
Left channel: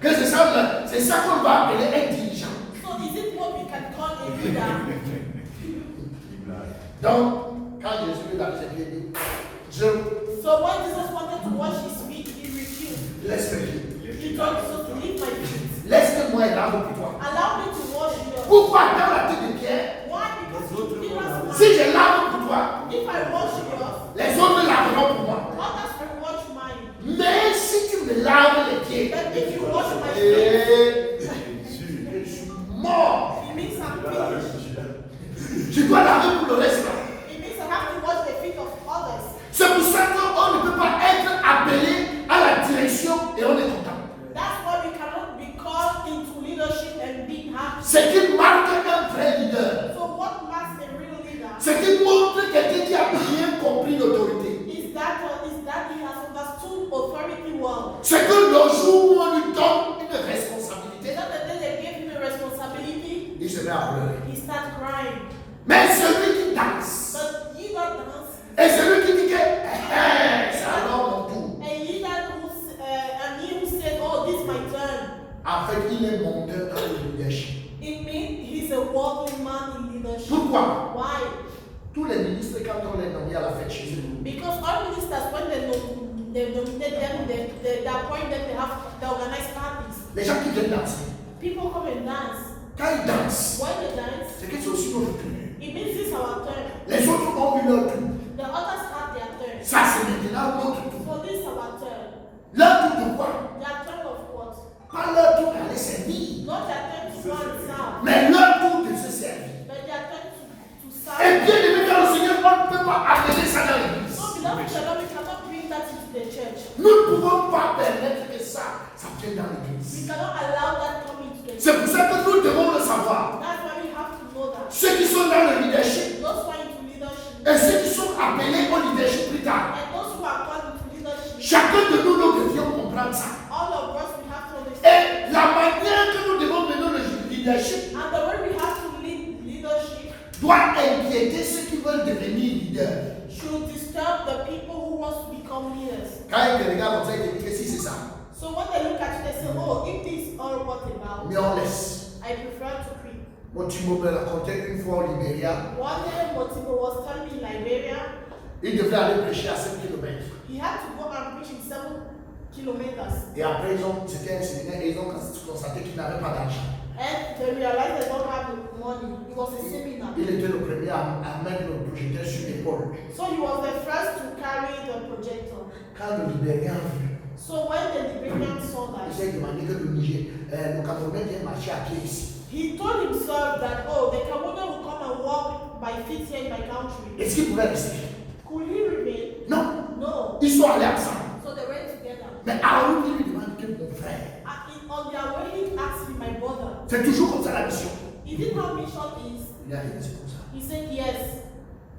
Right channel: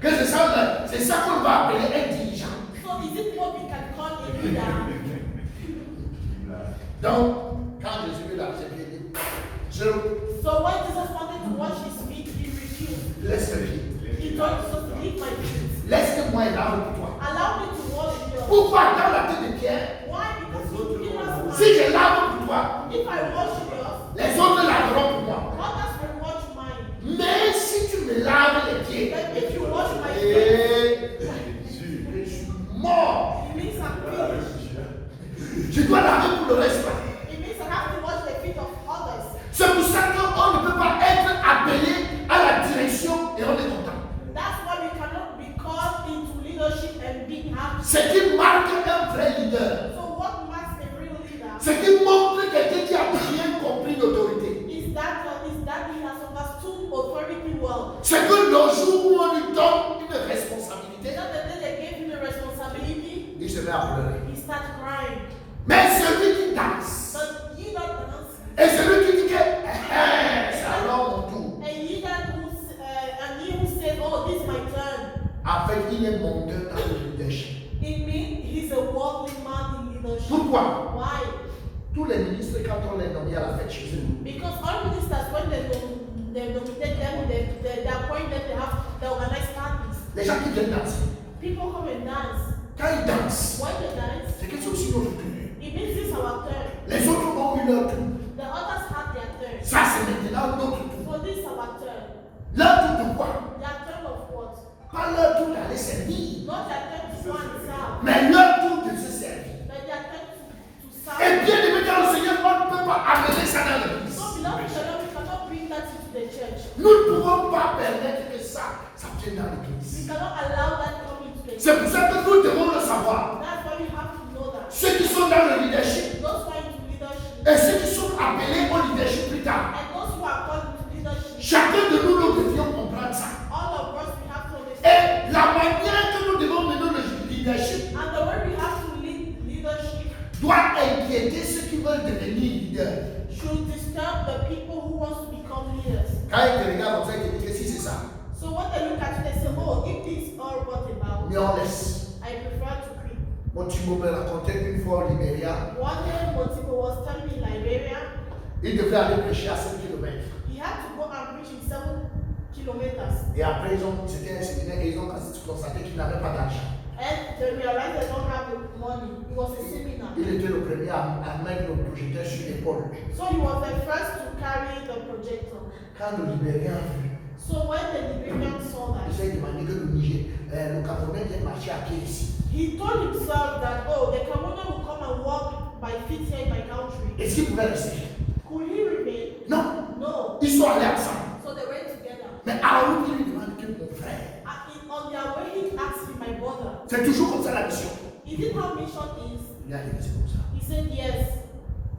Que c'est ça qu'on va appeler un dirigeant. So is it what we can call a leader? Donc, quand Jésus lui lave ses pieds, il dit, je So when Jesus wanted to wash his feet, he refused. laisse mes pieds. He told Jesus to leave my feet. Laisse-moi et lave pour toi. Allow me to wash yours. Pourquoi dans la tête de Pierre, Why? Because Peter's si je lave pour toi, if I wash yours, les autres laveront pour moi. authority well. C'est que le jour où on lui donne une responsabilité, Not the day they gave him the responsibility, il se met à pleurer. he started crying. Mais celui qui danse, But you not dance. et celui qui dit que c'est alors mon tour, And he that who said, oh, this is my turn. en fait, il est monteur dans le leadership. It means he's a worldly man in leadership. Pourquoi? Why? Tous les ministres, quand on les nomme à la fête chez eux, Because all ministers, when they nominate them, they appoint them, they organize parties. les gens qui viennent danser, People come and dance. quand ils dansent, When they dance, c'est que c'est aussi notre tour. it means this is our turn. Les autres ont eu leur tour. The others have their turn. Ça, c'est maintenant notre tour. So this is our turn. Leur tour de quoi? Their turn of what? Pas leur tour d'aller servir, Not their turn to go and serve, mais leur tour de se servir. but their turn to Et serve. bien aimé dans le Seigneur, on ne peut pas amener ça dans l'église. So beloved, we cannot bring that into the church. Nous ne pouvons pas permettre que ça vienne dans We l'église. cannot allow that to come into the C'est church. pour ça que nous devons le savoir. That's why we have to know that. Ceux qui sont dans le leadership Those who are into leadership et ceux qui sont appelés au leadership plus tard. and those who are called into leadership, Chacun de nous, nous devions comprendre ça. all of us, we have to understand. Et la manière que nous devons mener le leadership And the way we have to lead leadership doit inquiéter ceux qui veulent devenir leaders. should disturb the people who want to become leaders. Quand ils te regardent comme ça, ils te disent que si c'est ça, So when they look at you, they say, oh, if this is all what about, mais on laisse. I prefer to quit. Mon Timo me racontait une fois au Libéria, One day, Motibo was telling me in Liberia, il devait aller prêcher à 7 km. he had to go and preach in 7 kilometers. Et après, c'était un séminaire et ils ont constaté qu'il n'avait pas d'argent. And they realized they don't have the money. It was a seminar. Il était le premier à mettre le projecteur sur l'épaule. So he was the first to carry the projector. Quand le Libérien a vu, So when the Liberian saw il that, s'est demandé que le Camerounais vient marcher à pied ici. he told himself that, oh, the Cameroonian will come and walk by feet here in my country. Est-ce qu'il pouvait rester? Could he remain? Non. No. Ils sont allés ensemble. So they went together. Mais alors, il lui demande que mon frère. On their way, he asked me, my brother, C'est toujours comme ça la mission. is it how mission is? Il a dit, c'est comme ça. He said, yes.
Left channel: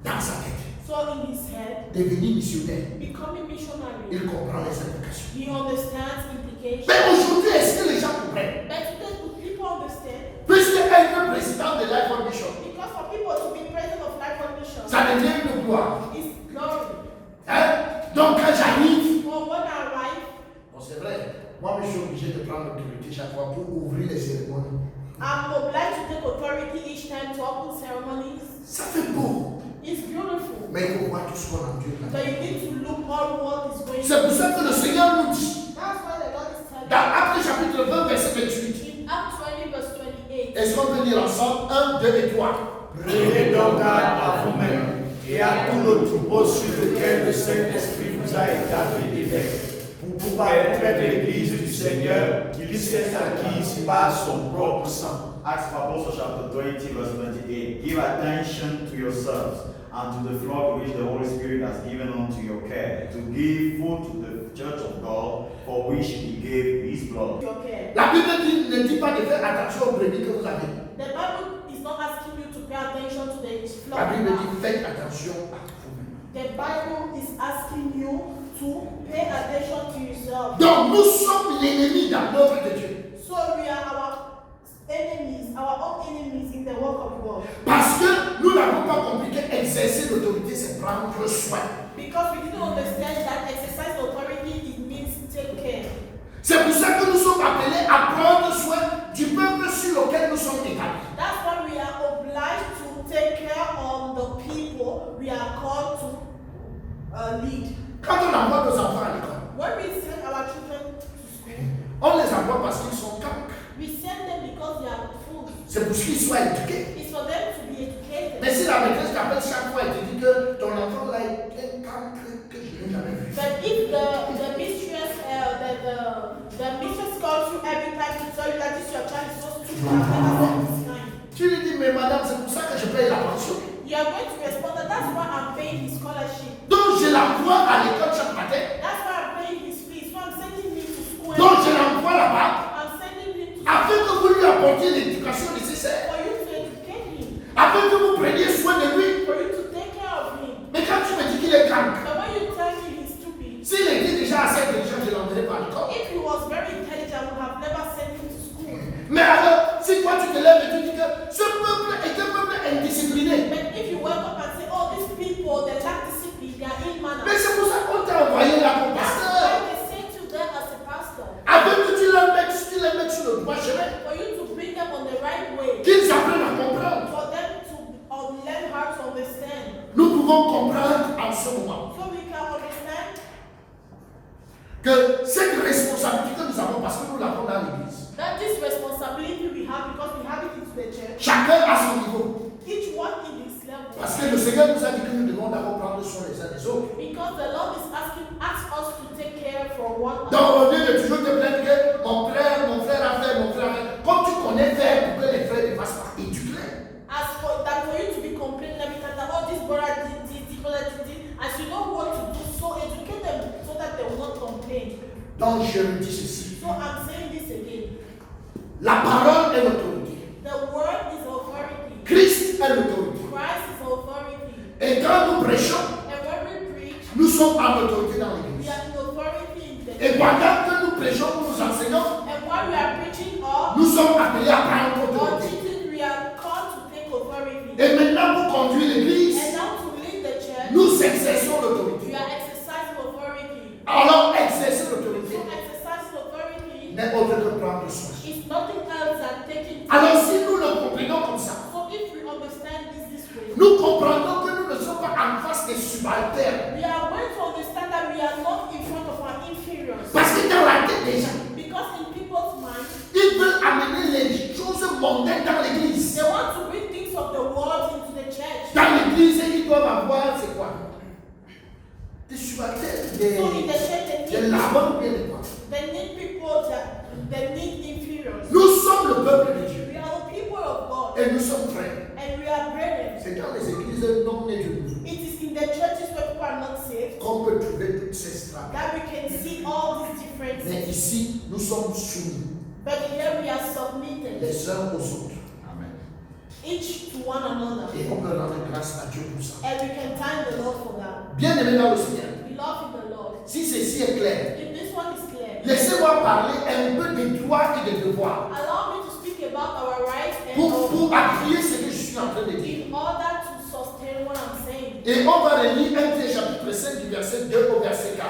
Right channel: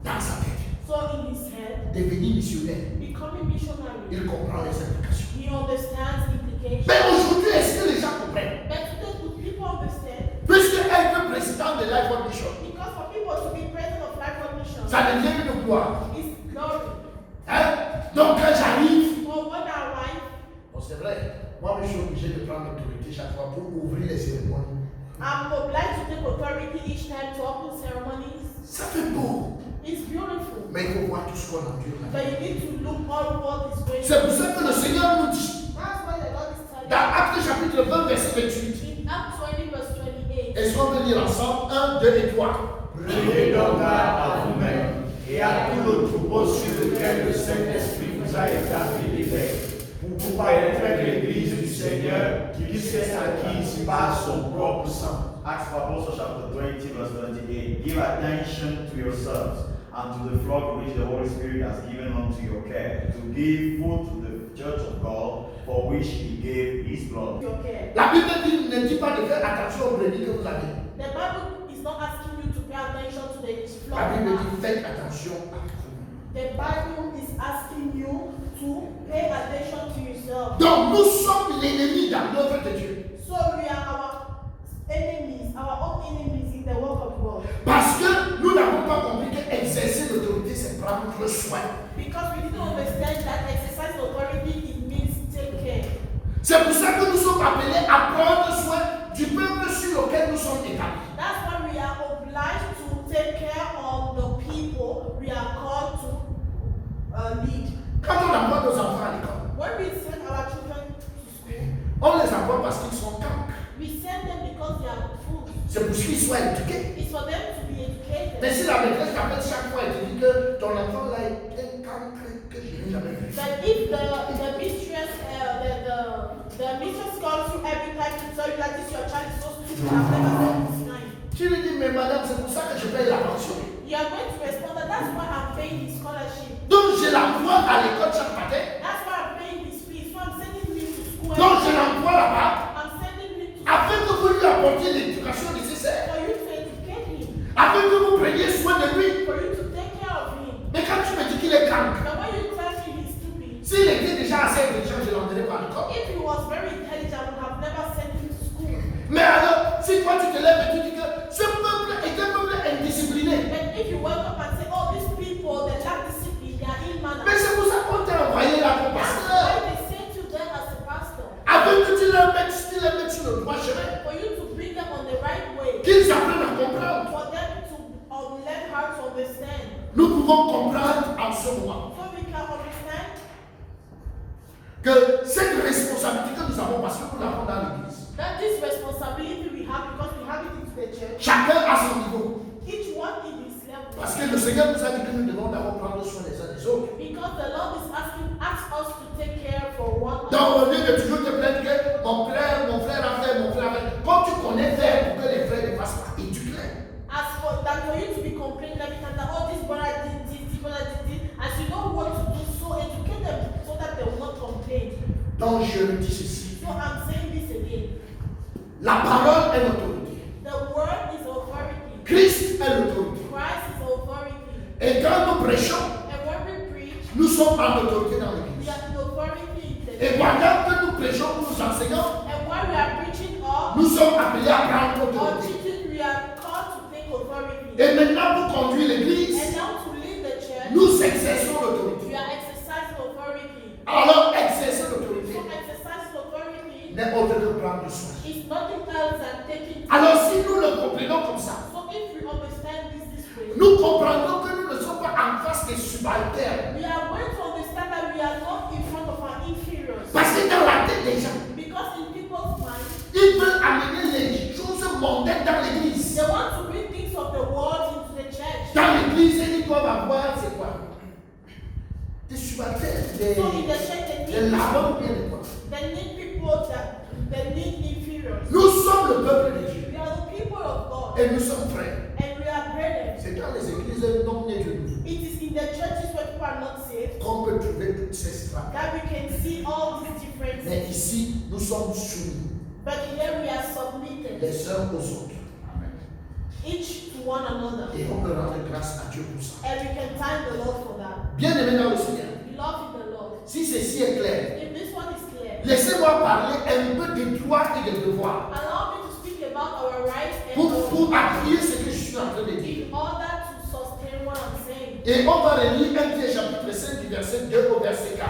Dans sa tête, So in his head, devenir missionnaire, becoming missionary, il comprend les implications. he understands implications. Mais aujourd'hui, est-ce que les gens comprennent? But today, do people understand? Puisque être président de Life on Mission, Because for people to be president of Life on Mission, ça devient une gloire. is glory. Hein? Donc quand j'arrive, So when I arrive, bon, c'est vrai, moi je suis obligé de prendre l'autorité chaque fois pour ouvrir les cérémonies. I'm obliged to take authority each time to open ceremonies. Ça fait beau, It's beautiful. mais il faut voir tout ce qu'on endure But là. you need to look all what is going C'est pour ça que le Seigneur nous dit, That's why the Lord is telling dans Actes chapitre 20, verset 28, in Acts 20 verse 28. est-ce qu'on peut lire ensemble 1, 2 et 3? Prenez donc garde à vous-même et à tout le troupeau sur lequel le Saint-Esprit vous a établi évêque, pour pouvoir être près de l'Église du Seigneur, qui s'est acquis ici par son propre sang. Acts of Apostles chapter 20 verse 28. Give attention to yourselves and to the flock which the Holy Spirit has given unto your care, to give food to the church of God, for which he gave his blood. Okay. La Bible ne dit pas de faire attention aux brebis que vous avez. The Bible is not asking you to pay attention to the La flock. Bible dit faites attention à vous. The Bible is asking you to pay attention to yourself. Donc nous sommes l'ennemi dans l'œuvre de Dieu. So we are our enemies, our own enemies in the work of God. Parce que nous n'avons pas compris qu'exercer l'autorité, c'est prendre soin. Because we didn't understand that exercise authority, it means take care. C'est pour ça que nous sommes appelés à prendre soin du peuple sur lequel nous sommes établis. That's why we are obliged to take care of the people we are called to lead. Quand on envoie nos enfants à l'école, When we send our children to school, on les envoie parce qu'ils sont cancres. we send them because they are fools. C'est pour qu'ils soient éduqués. It's for them to be educated. Mais si la maîtresse t'appelle chaque fois et te dit que ton enfant là est un cancre que je n'ai jamais vu. But if the mistress, the mistress calls you every time to tell you that this your child is so stupid, I've never said this line. Tu lui dis, mais madame, c'est pour ça que je paye la pension. You are going to respond that that's why I'm paying his scholarship. Donc je l'envoie à l'école chaque matin. That's why I'm paying his fees. So I'm sending him to school. Donc je l'envoie là-bas I'm sending him to afin que vous lui apportiez l'éducation nécessaire. for you to educate him, Afin que vous preniez soin de lui. for you to take care of him. Mais quand tu me dis qu'il est cancre, But when you tell me he's stupid, s'il était déjà assez intelligent, je l'emmènerai pas à l'école. If he was very intelligent, I would have never sent him to school. Mais alors, si toi tu te lèves et tu dis que ce peuple est un peuple indiscipliné, But if you wake up and say, oh, these people, they lack discipline, they are immodest. mais c'est pour ça qu'on t'a envoyé là pour That's pasteur. why they sent you there as a pastor. Afin que tu les mettes sur le droit chemin, For you to bring them on the right way. qu'ils apprennent à comprendre. For them to learn how to understand. Nous pouvons comprendre en ce moment So we can understand que cette responsabilité que nous avons, parce que nous l'avons dans l'église, that this responsibility we have because we have it in the church. chacun à son niveau. Each one in his level. Parce que le Seigneur nous a dit que nous devons d'abord prendre soin les uns des autres. Because the Lord is asks us to take care for one Donc another. au lieu de toujours te plaindre que mon frère a fait, comme tu connais faire pour que les frères ne fassent pas, éduque-les. As for that, for you to be complaining every time that oh this brother did this brother did this, as you know what to do, so educate them so that they will not complain. Donc je le dis ceci. So I'm saying this again. La parole est l'autorité. The word is authority. Christ est l'autorité. Christ is authority. Et quand nous prêchons, And when we preach, nous sommes en autorité dans we l'église. have the authority in the Et pendant que nous prêchons, nous enseignons, and while we are preaching up nous sommes appelés à prendre or autorité. teaching, we are called to take authority. Et maintenant, pour conduire l'église, And now to lead the church, nous exerçons we l'autorité. are exercising authority. Alors, exercer l'autorité So exercising authority n'est autre que prendre soin. is nothing else than taking. Alors, si nous le comprenons comme ça, So if we understand this way, nous comprendrons que nous ne sommes pas en face des subalternes. we are going to understand that we are not in front of our inferiors. Parce que dans la tête des gens, Because in people's minds, ils veulent amener les choses mondaines dans l'église. they want to bring things of the world into the church. Dans l'église, ils doivent avoir, c'est quoi? Des subalternes, So in the church, des lavants bien des quoi. they need people that they need inferiors. Nous sommes le peuple de Dieu We are the people of God, et nous sommes frères. and we are brethren. C'est dans les églises non nés de nous It is in the churches where people are not saved qu'on peut trouver toutes ces strates. that we can see all these Mais differences. ici, nous sommes soumis But here we are submitted, les uns aux autres. Amen. each to one another, Et on peut rendre grâce à Dieu pour ça. and we can thank the Lord for that. Bien aimé dans le Seigneur, We love in the Lord. si ceci est clair, If this one is clear, laissez-moi parler un peu des droits et des devoirs allow me to speak about our rights and pour our appuyer ce que je suis en train de dire. in order to sustain what I'm saying. Et on va relire 1 Pierre chapitre 5 du verset 2 au verset 4.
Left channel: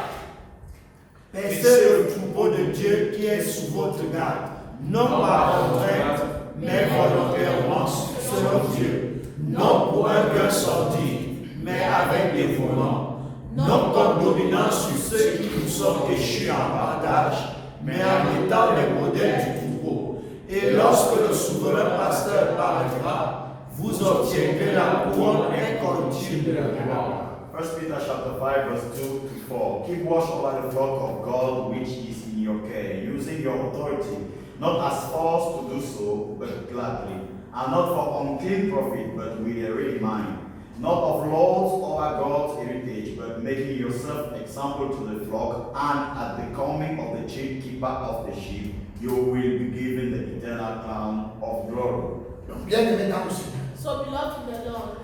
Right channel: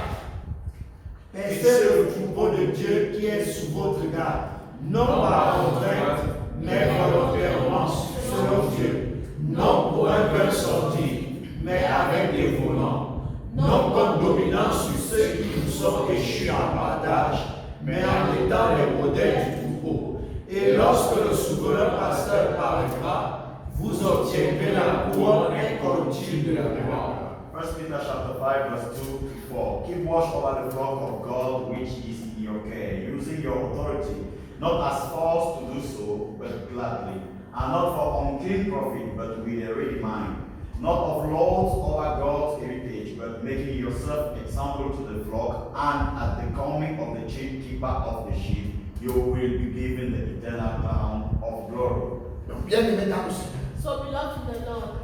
Paissez le troupeau de Dieu qui est sous votre garde, non par contrainte, mais volontairement selon Dieu, non pour un cœur sorti, mais avec dévouement, non comme dominant sur ceux qui nous sont échus en partage, mais en étant les modèles du troupeau. Et lorsque le souverain pasteur paraîtra, vous obtiendrez la couronne incorruptible de la gloire. 1 Peter chapter 5 verse 2 to 4. Keep watch over the flock of God which is in your care, using your authority, not as forced to do so, but gladly, and not for unclean profit, but with a ready mind, not of lords over God's heritage, but making yourself example to the flock, and at the coming of the chief keeper of the sheep, you will be given the eternal crown of glory. Donc, bien aimé dans le Seigneur, So beloved in the Lord,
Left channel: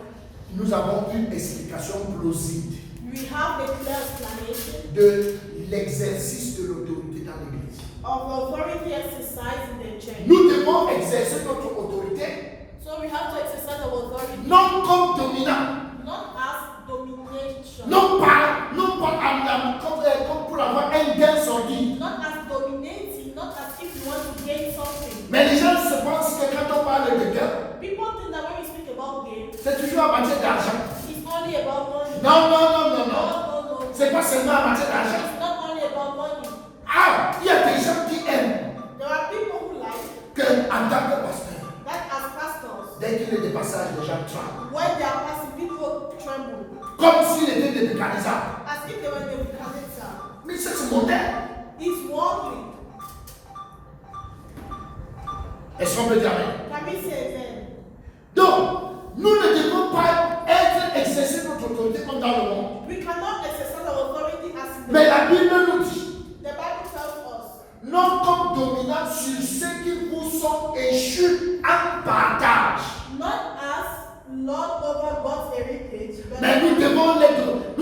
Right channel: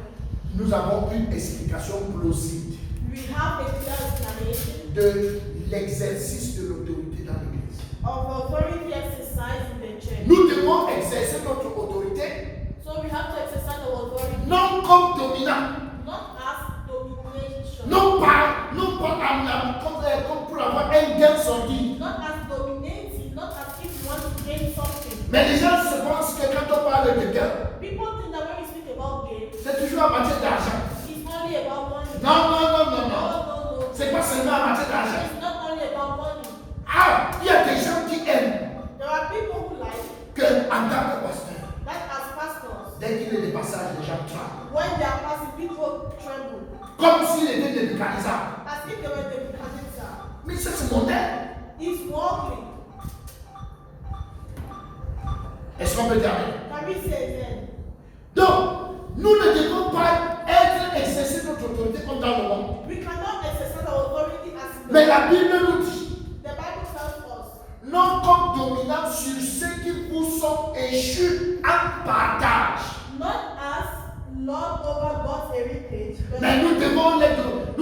nous avons une explication plausible we have a clear explanation de l'exercice de l'autorité dans l'Église. of authority exercised in the church. Nous devons exercer notre autorité So we have to exercise our authority non comme dominant, not as domination, non pas comme pour avoir un gain sordide. not as dominating, not as if you want to gain something. Mais les gens se pensent que quand on parle de gain, People think that when we speak about gain, c'est toujours en matière d'argent. it's only about money. Non, non, non, non, non. No. C'est pas seulement en matière d'argent. It's not only about money. Ah, il y a des gens qui aiment There are people who like qu'en tant que pasteur, that as pastors. dès qu'il est des passages, les gens tremblent. When they are passing, people tremble. Comme s'il était des mécanisants. As if they were the Nebuchadnezzar. Mais c'est ce modèle. It's worldly. Est-ce qu'on peut dire amen? Can we say then? Donc, nous ne devons pas exercer notre autorité comme dans le monde. We cannot exercise our authority as in the Mais la Bible nous dit, The Bible tells us, non comme dominant sur ceux qui vous sont échus en partage. not as lord over God's heritage, Mais nous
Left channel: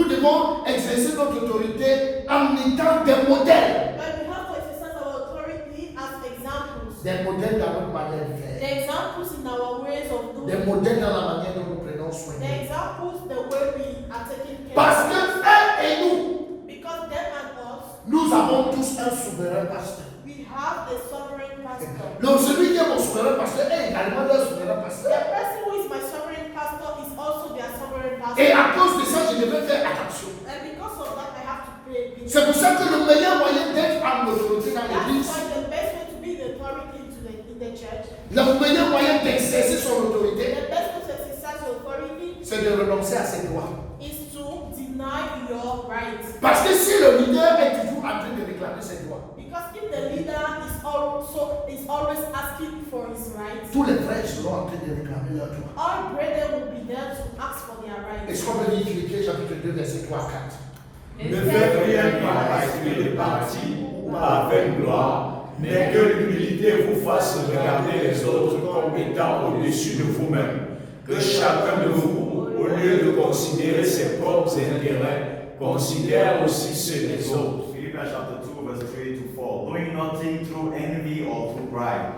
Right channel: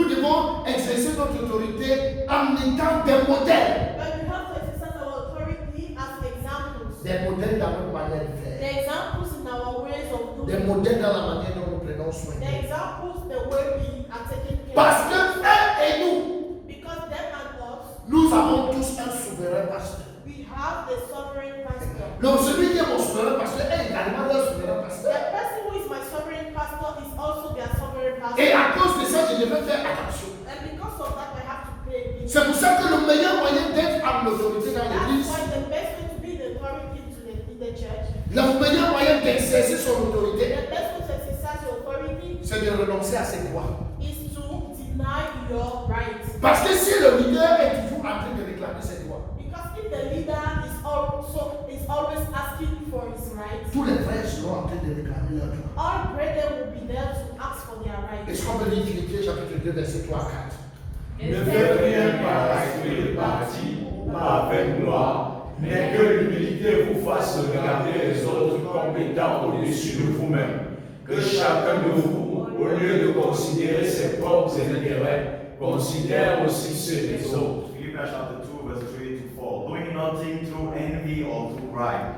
devons exercer notre autorité en étant des modèles. but we have to exercise our authority as examples. Des modèles dans notre manière de The faire. examples in our ways of Des doing. modèles dans la manière dont nous prenons soin The d'eux. examples the way we are taking care. Parce que eux et nous, Because them and us, nous avons tous un souverain pasteur. we have the sovereign pastor. Donc celui qui est mon souverain pasteur est également leur souverain The pasteur. person who is my sovereign pastor is also their sovereign pastor. Et à cause de ça, je devais faire attention. And because of that, I have to pay attention. C'est pour ça que le meilleur moyen d'être en autorité dans That's l'église, why the best way to be the authority in the church, le meilleur moyen d'exercer son autorité, the best way to exercise your authority c'est de renoncer à ses droits. is to deny your rights. Parce que si le leader est toujours en train de réclamer ses droits, Because if the leader is always asking for his rights, tous les frères seront en train de réclamer leurs droits. all brethren will be there to ask for their Et rights. ce qu'on veut dire Philippiens chapitre 2, verset 3 à 4. Ne faites rien par esprit de parti ou par vaine gloire, mais que l'humilité vous fasse regarder les autres comme étant au-dessus de vous-même. Que chacun de vous, au lieu de considérer ses propres intérêts, considère aussi ceux des autres. Philippians chapter 2, verse 3 to 4. Doing nothing through envy or through pride,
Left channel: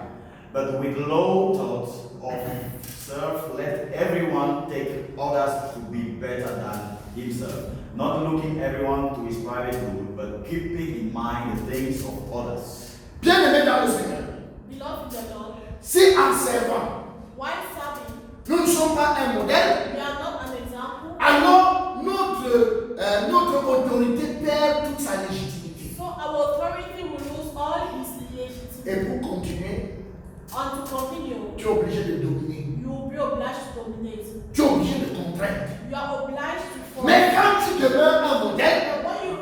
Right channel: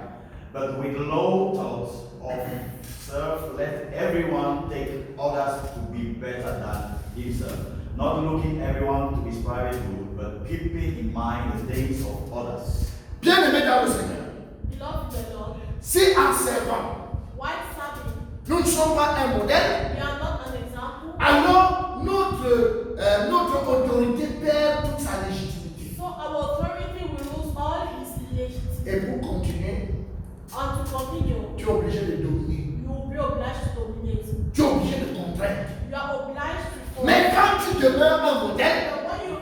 but with low thoughts of self, let everyone take others to be better than himself. Not looking everyone to his private good, but keeping in mind the things of others. Bien-aimés dans le Seigneur, Beloved in the Lord, si en servant, while serving, nous ne sommes pas un modèle, we are not an example. alors notre autorité perd toute sa légitimité. So our authority will lose all his legitimacy. Et pour continuer, And to continue, tu es obligé de dominer. you will be obliged to dominate. Tu es obligé de contraindre. You are obliged to follow. Mais quand tu demeures un modèle, But when you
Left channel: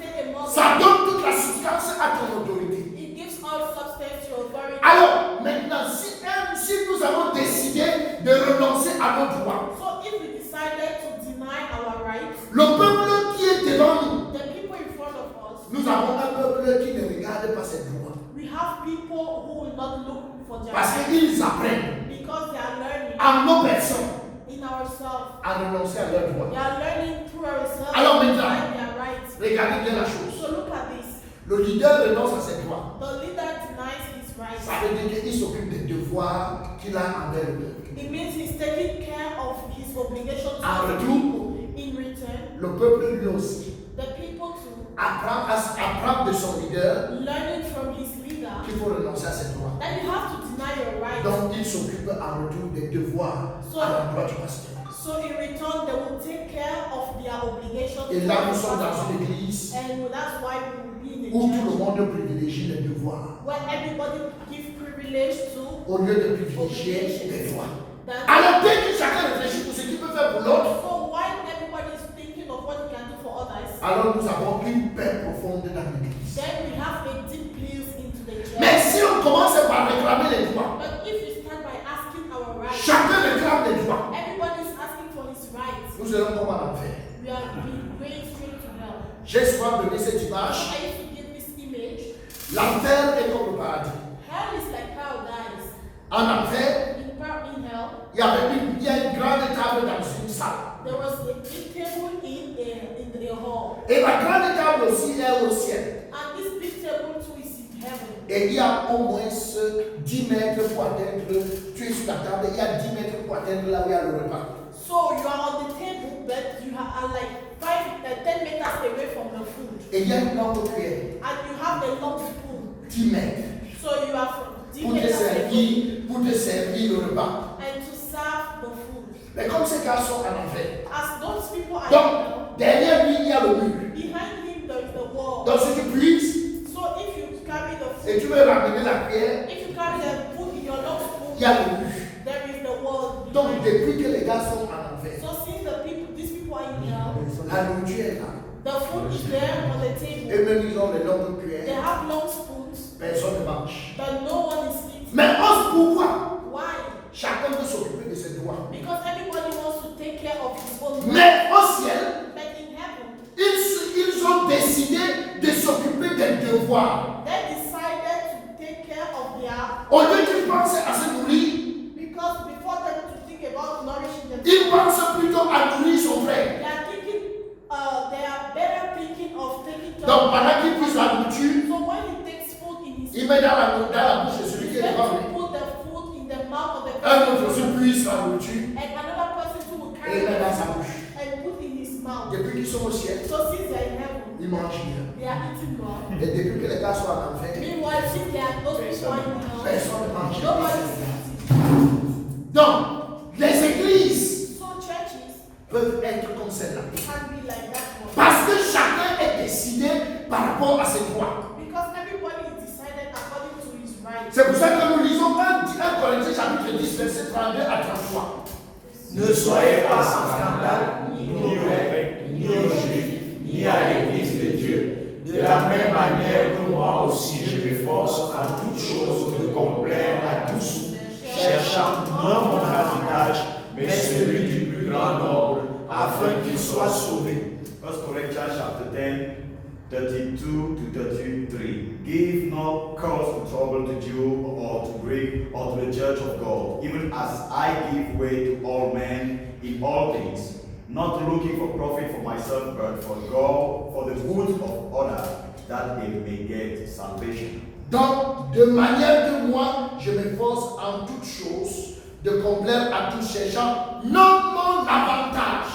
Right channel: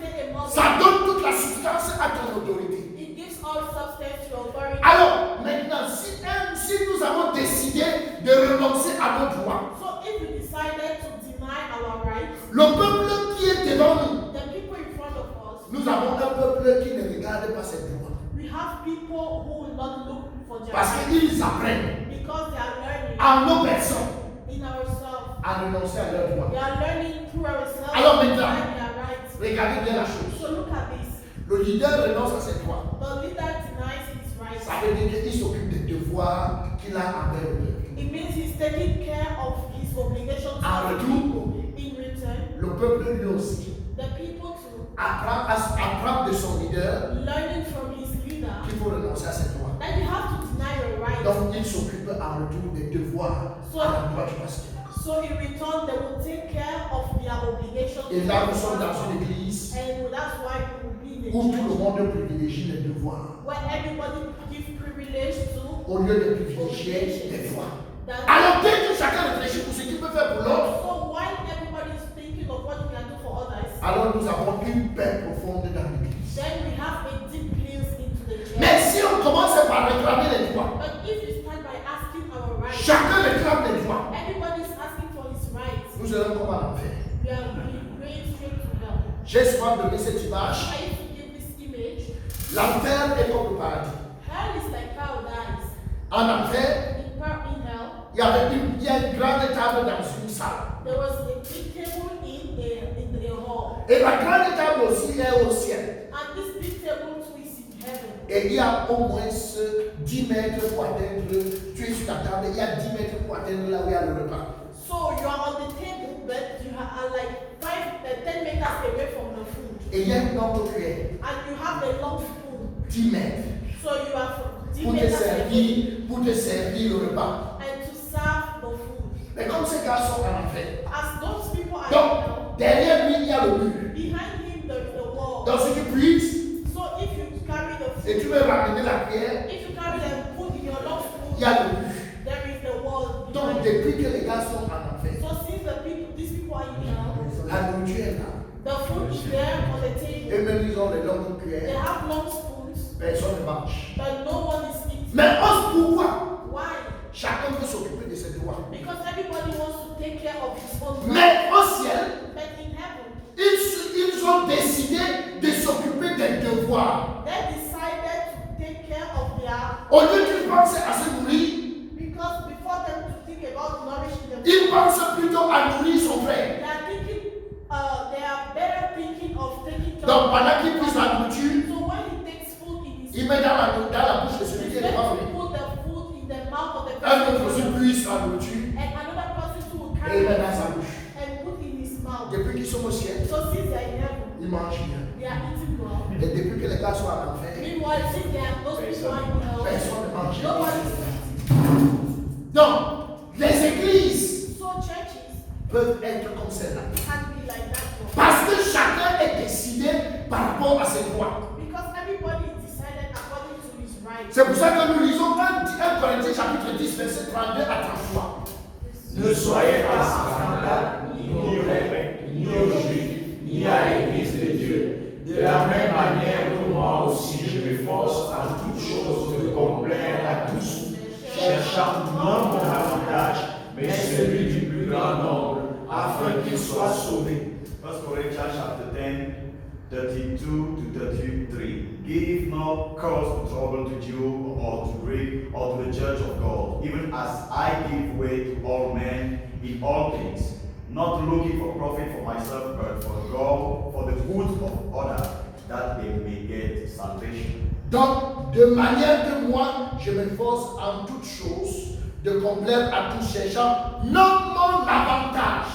stay a model, ça donne toute la substance à ton autorité. it gives all substance to your authority. Alors, maintenant, si nous avons décidé de renoncer à nos droits, So if we decided to deny our rights, le peuple qui est devant nous, the people in front of us, nous avons un peuple qui ne regarde pas ses droits. we have people who will not look for their Parce rights qu'ils apprennent because they are learning en nos personnes in ourselves. à renoncer à leurs They droits. are learning through ourselves Alors to maintenant, find their rights. regardez bien la chose. So look at this. Le leader renonce à ses droits. The leader denies his rights. Ça veut dire qu'il s'occupe des devoirs qu'il a envers le peuple. It means he's taking care of his obligations En to the retour, people. In return, le peuple lui aussi the people too, apprend de son leader learning from his leader, qu'il faut renoncer à ses droits. that you have to deny your rights. Donc il s'occupe en retour des devoirs à l'endroit du pasteur. So in return, they will take care of their obligations. Et là, nous sommes dans une église And that's why we will be in où the tout le church monde privilégie les devoirs where everybody give privilege to au lieu de privilégier les droits. that. Alors dès que chacun réfléchit pour ce qu'il peut faire pour l'autre, So while everybody is thinking of what you can do for others, alors nous avons une paix profonde dans l'église. then we have a deep peace into the church. Mais si on commence par réclamer les droits, But if you start by asking our rights, chacun réclame les droits, everybody is asking for his rights. nous allons comme en enfer. We are going straight to hell. J'ai souvent donné cette image. I used to give this image. L'enfer est comme le paradis. Hell is like paradise. En enfer, In hell, il y a une grande table dans une salle. there was a big table in the hall. Et la grande table aussi est au ciel. And this big table too is in heaven. Et il y a au moins 10 mètres pour atteindre, tu es sur la table, il y a 10 mètres pour atteindre là où il y a le repas. So you are on the table, but you are like 10 meters away from the food. Et il y a une longue cuillère, And you have a long spoon. 10 mètres, So you are 10 pour te meters away pour te servir le repas. and to serve the food. Mais comme ces gars sont en enfer, As those people are in donc hell, derrière lui il y a le mur. behind him there's the wall. Donc si tu puisses So if you carry the et food, tu veux ramener la cuillère, if you carry the food in your long spoon, il y a le mur. there is the wall Donc behind. depuis que les gars sont en enfer, So since these people are in hell, la nourriture est là. the food is there on the Et table. même ils ont les longues They cuillères, have long spoons, personne ne mange. but no one is eating. Mais pourquoi Why? chacun veut s'occuper de ses droits? Because everybody wants to take care of his own. Mais au ciel, But in heaven, ils ont décidé de s'occuper des devoirs. they decided to take care of their, Au lieu qu'ils pensent à se nourrir, because before them to think about nourishing qui met dans la bouche de celui qui est He's devant going lui. to put the food in the mouth of the Un person autre aussi puise la nourriture and another person too will et carry il met dans it sa bouche. and put in his mouth. Depuis qu'ils sont au ciel, So since they are in heaven, ils mangent bien. they are eating well. Et depuis que les gars sont en enfer, Meanwhile, since they are those people are in hell, personne ne mange. nobody is eating. Donc, les églises So churches peuvent être comme celle-là. can be like that one. Parce que chacun est décidé par rapport à ses droits. Because everybody is decided according to his rights. C'est pour ça que nous lisons 1 Corinthiens chapitre 10, verset 32 à 33. Ne soyez pas sans scandale, ni aux Grecs, ni aux Juifs, ni à l'Église de Dieu. De la même manière que moi aussi je m'efforce à toutes choses de complaire à tous, cherchant non mon avantage, mais celui du plus grand nombre, afin qu'ils soient sauvés. 1 Corinthians chapter 10, 32 to 33. Give no cause of trouble to Jew or to Greek or to the church of God, even as I give way to all men in all things, not looking for profit for myself, but for God, for the good of others, that they may get salvation. Donc, de manière que moi, je m'efforce en toutes choses de complaire à tous, cherchant non mon avantage.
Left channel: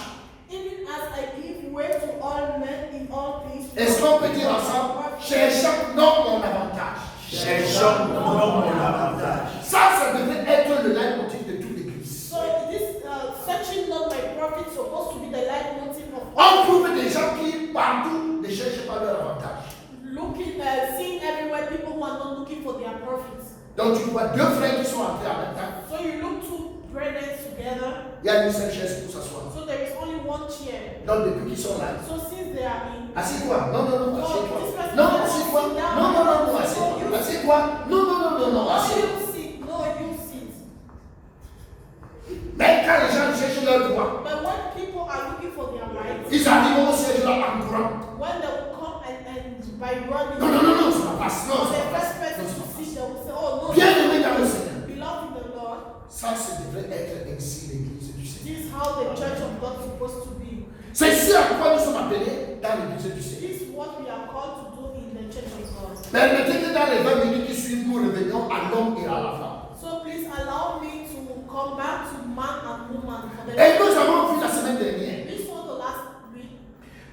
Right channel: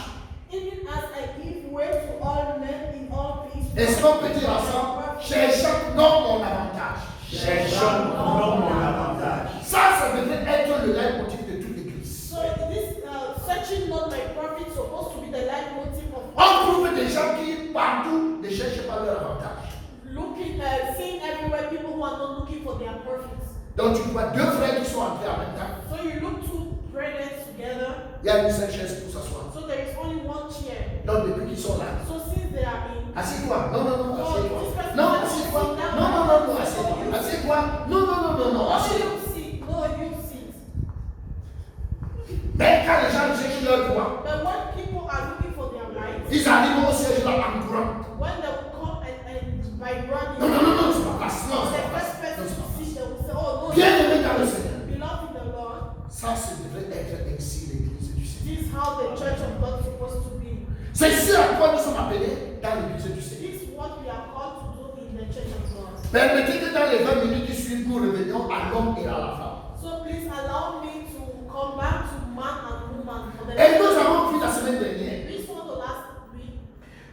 Even as I give way to all men in all things. Est-ce qu'on peut dire ensemble, cherchant non mon avantage? Cherchons non mon avantage. Ça devrait être le leitmotiv de toute l'église. So this searching not my profit supposed to be the leitmotiv of On trouve des gens qui partout ne cherchent pas leur avantage. looking, seeing everywhere people who are not looking for their profits. Donc tu vois deux frères qui sont entrés en même temps. So you look two brethren together. Il y a une seule chaise pour s'asseoir. So there is only one chair. Donc depuis qu'ils sont là, So since they are in, assieds-toi. Non, assieds-toi. Non, assieds-toi. Non, assieds-toi. Assieds-toi. Non, assieds-toi. you sit. No, you sit. Mais quand les gens cherchent leur droit, But when people are looking for their rights, ils arrivent au siège là en courant. when they will come and by running, Non, c'est ma place. Non, the c'est ma first place. person Non, c'est to ma see them will say, oh no, place. Bien-aimé dans le Seigneur. beloved in the Lord. Ça devrait être ainsi l'église du Seigneur. This is how the church of God is supposed to be. C'est ce à quoi nous sommes appelés dans l'église du Seigneur. This is what we are called to do in the church of God. Permettez que dans les 20 minutes qui suivent, nous revenions à l'homme et à la femme. So please allow me to come back to man and woman. For the Et nous avons vu la semaine dernière this was the last week.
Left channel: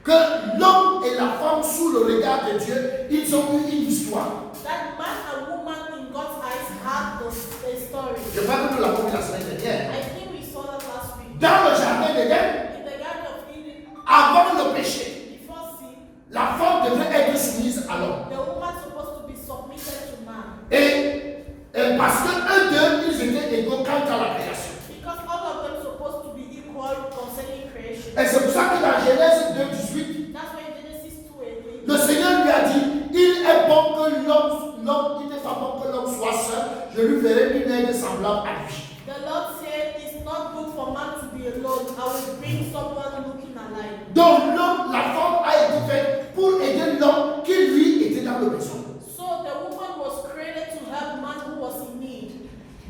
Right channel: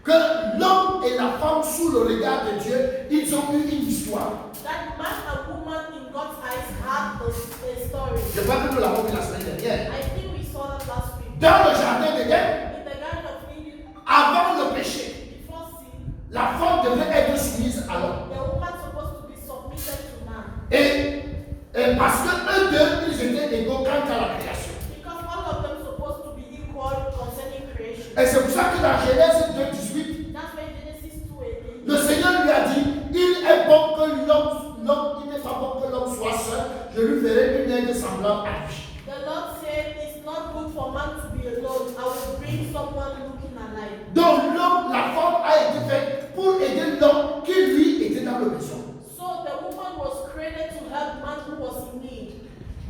que l'homme et la femme, sous le regard de Dieu, ils ont eu une histoire. That man and woman in God's eyes had a story. Je crois que nous l'avons vu la semaine dernière. I think we saw that last week. Dans le jardin d'Éden, In the Garden of Eden, avant le péché, before sin, la femme devait être soumise à l'homme. the woman supposed to be submitted to man. Et parce que eux deux, ils étaient égaux quant à la création. Because all of them supposed to be equal concerning creation. Et c'est pour ça que dans Genèse 2:18, That's why Genesis 2:18. le Seigneur lui a dit, il est bon que l'homme, il n'est pas bon que l'homme soit seul, je lui ferai une aide semblable à lui. The Lord said it's not good for man to be alone. I will bring someone looking alike. Donc l'homme, la femme a été faite pour aider l'homme qui lui était dans le besoin. So the woman was created to help man who was in need.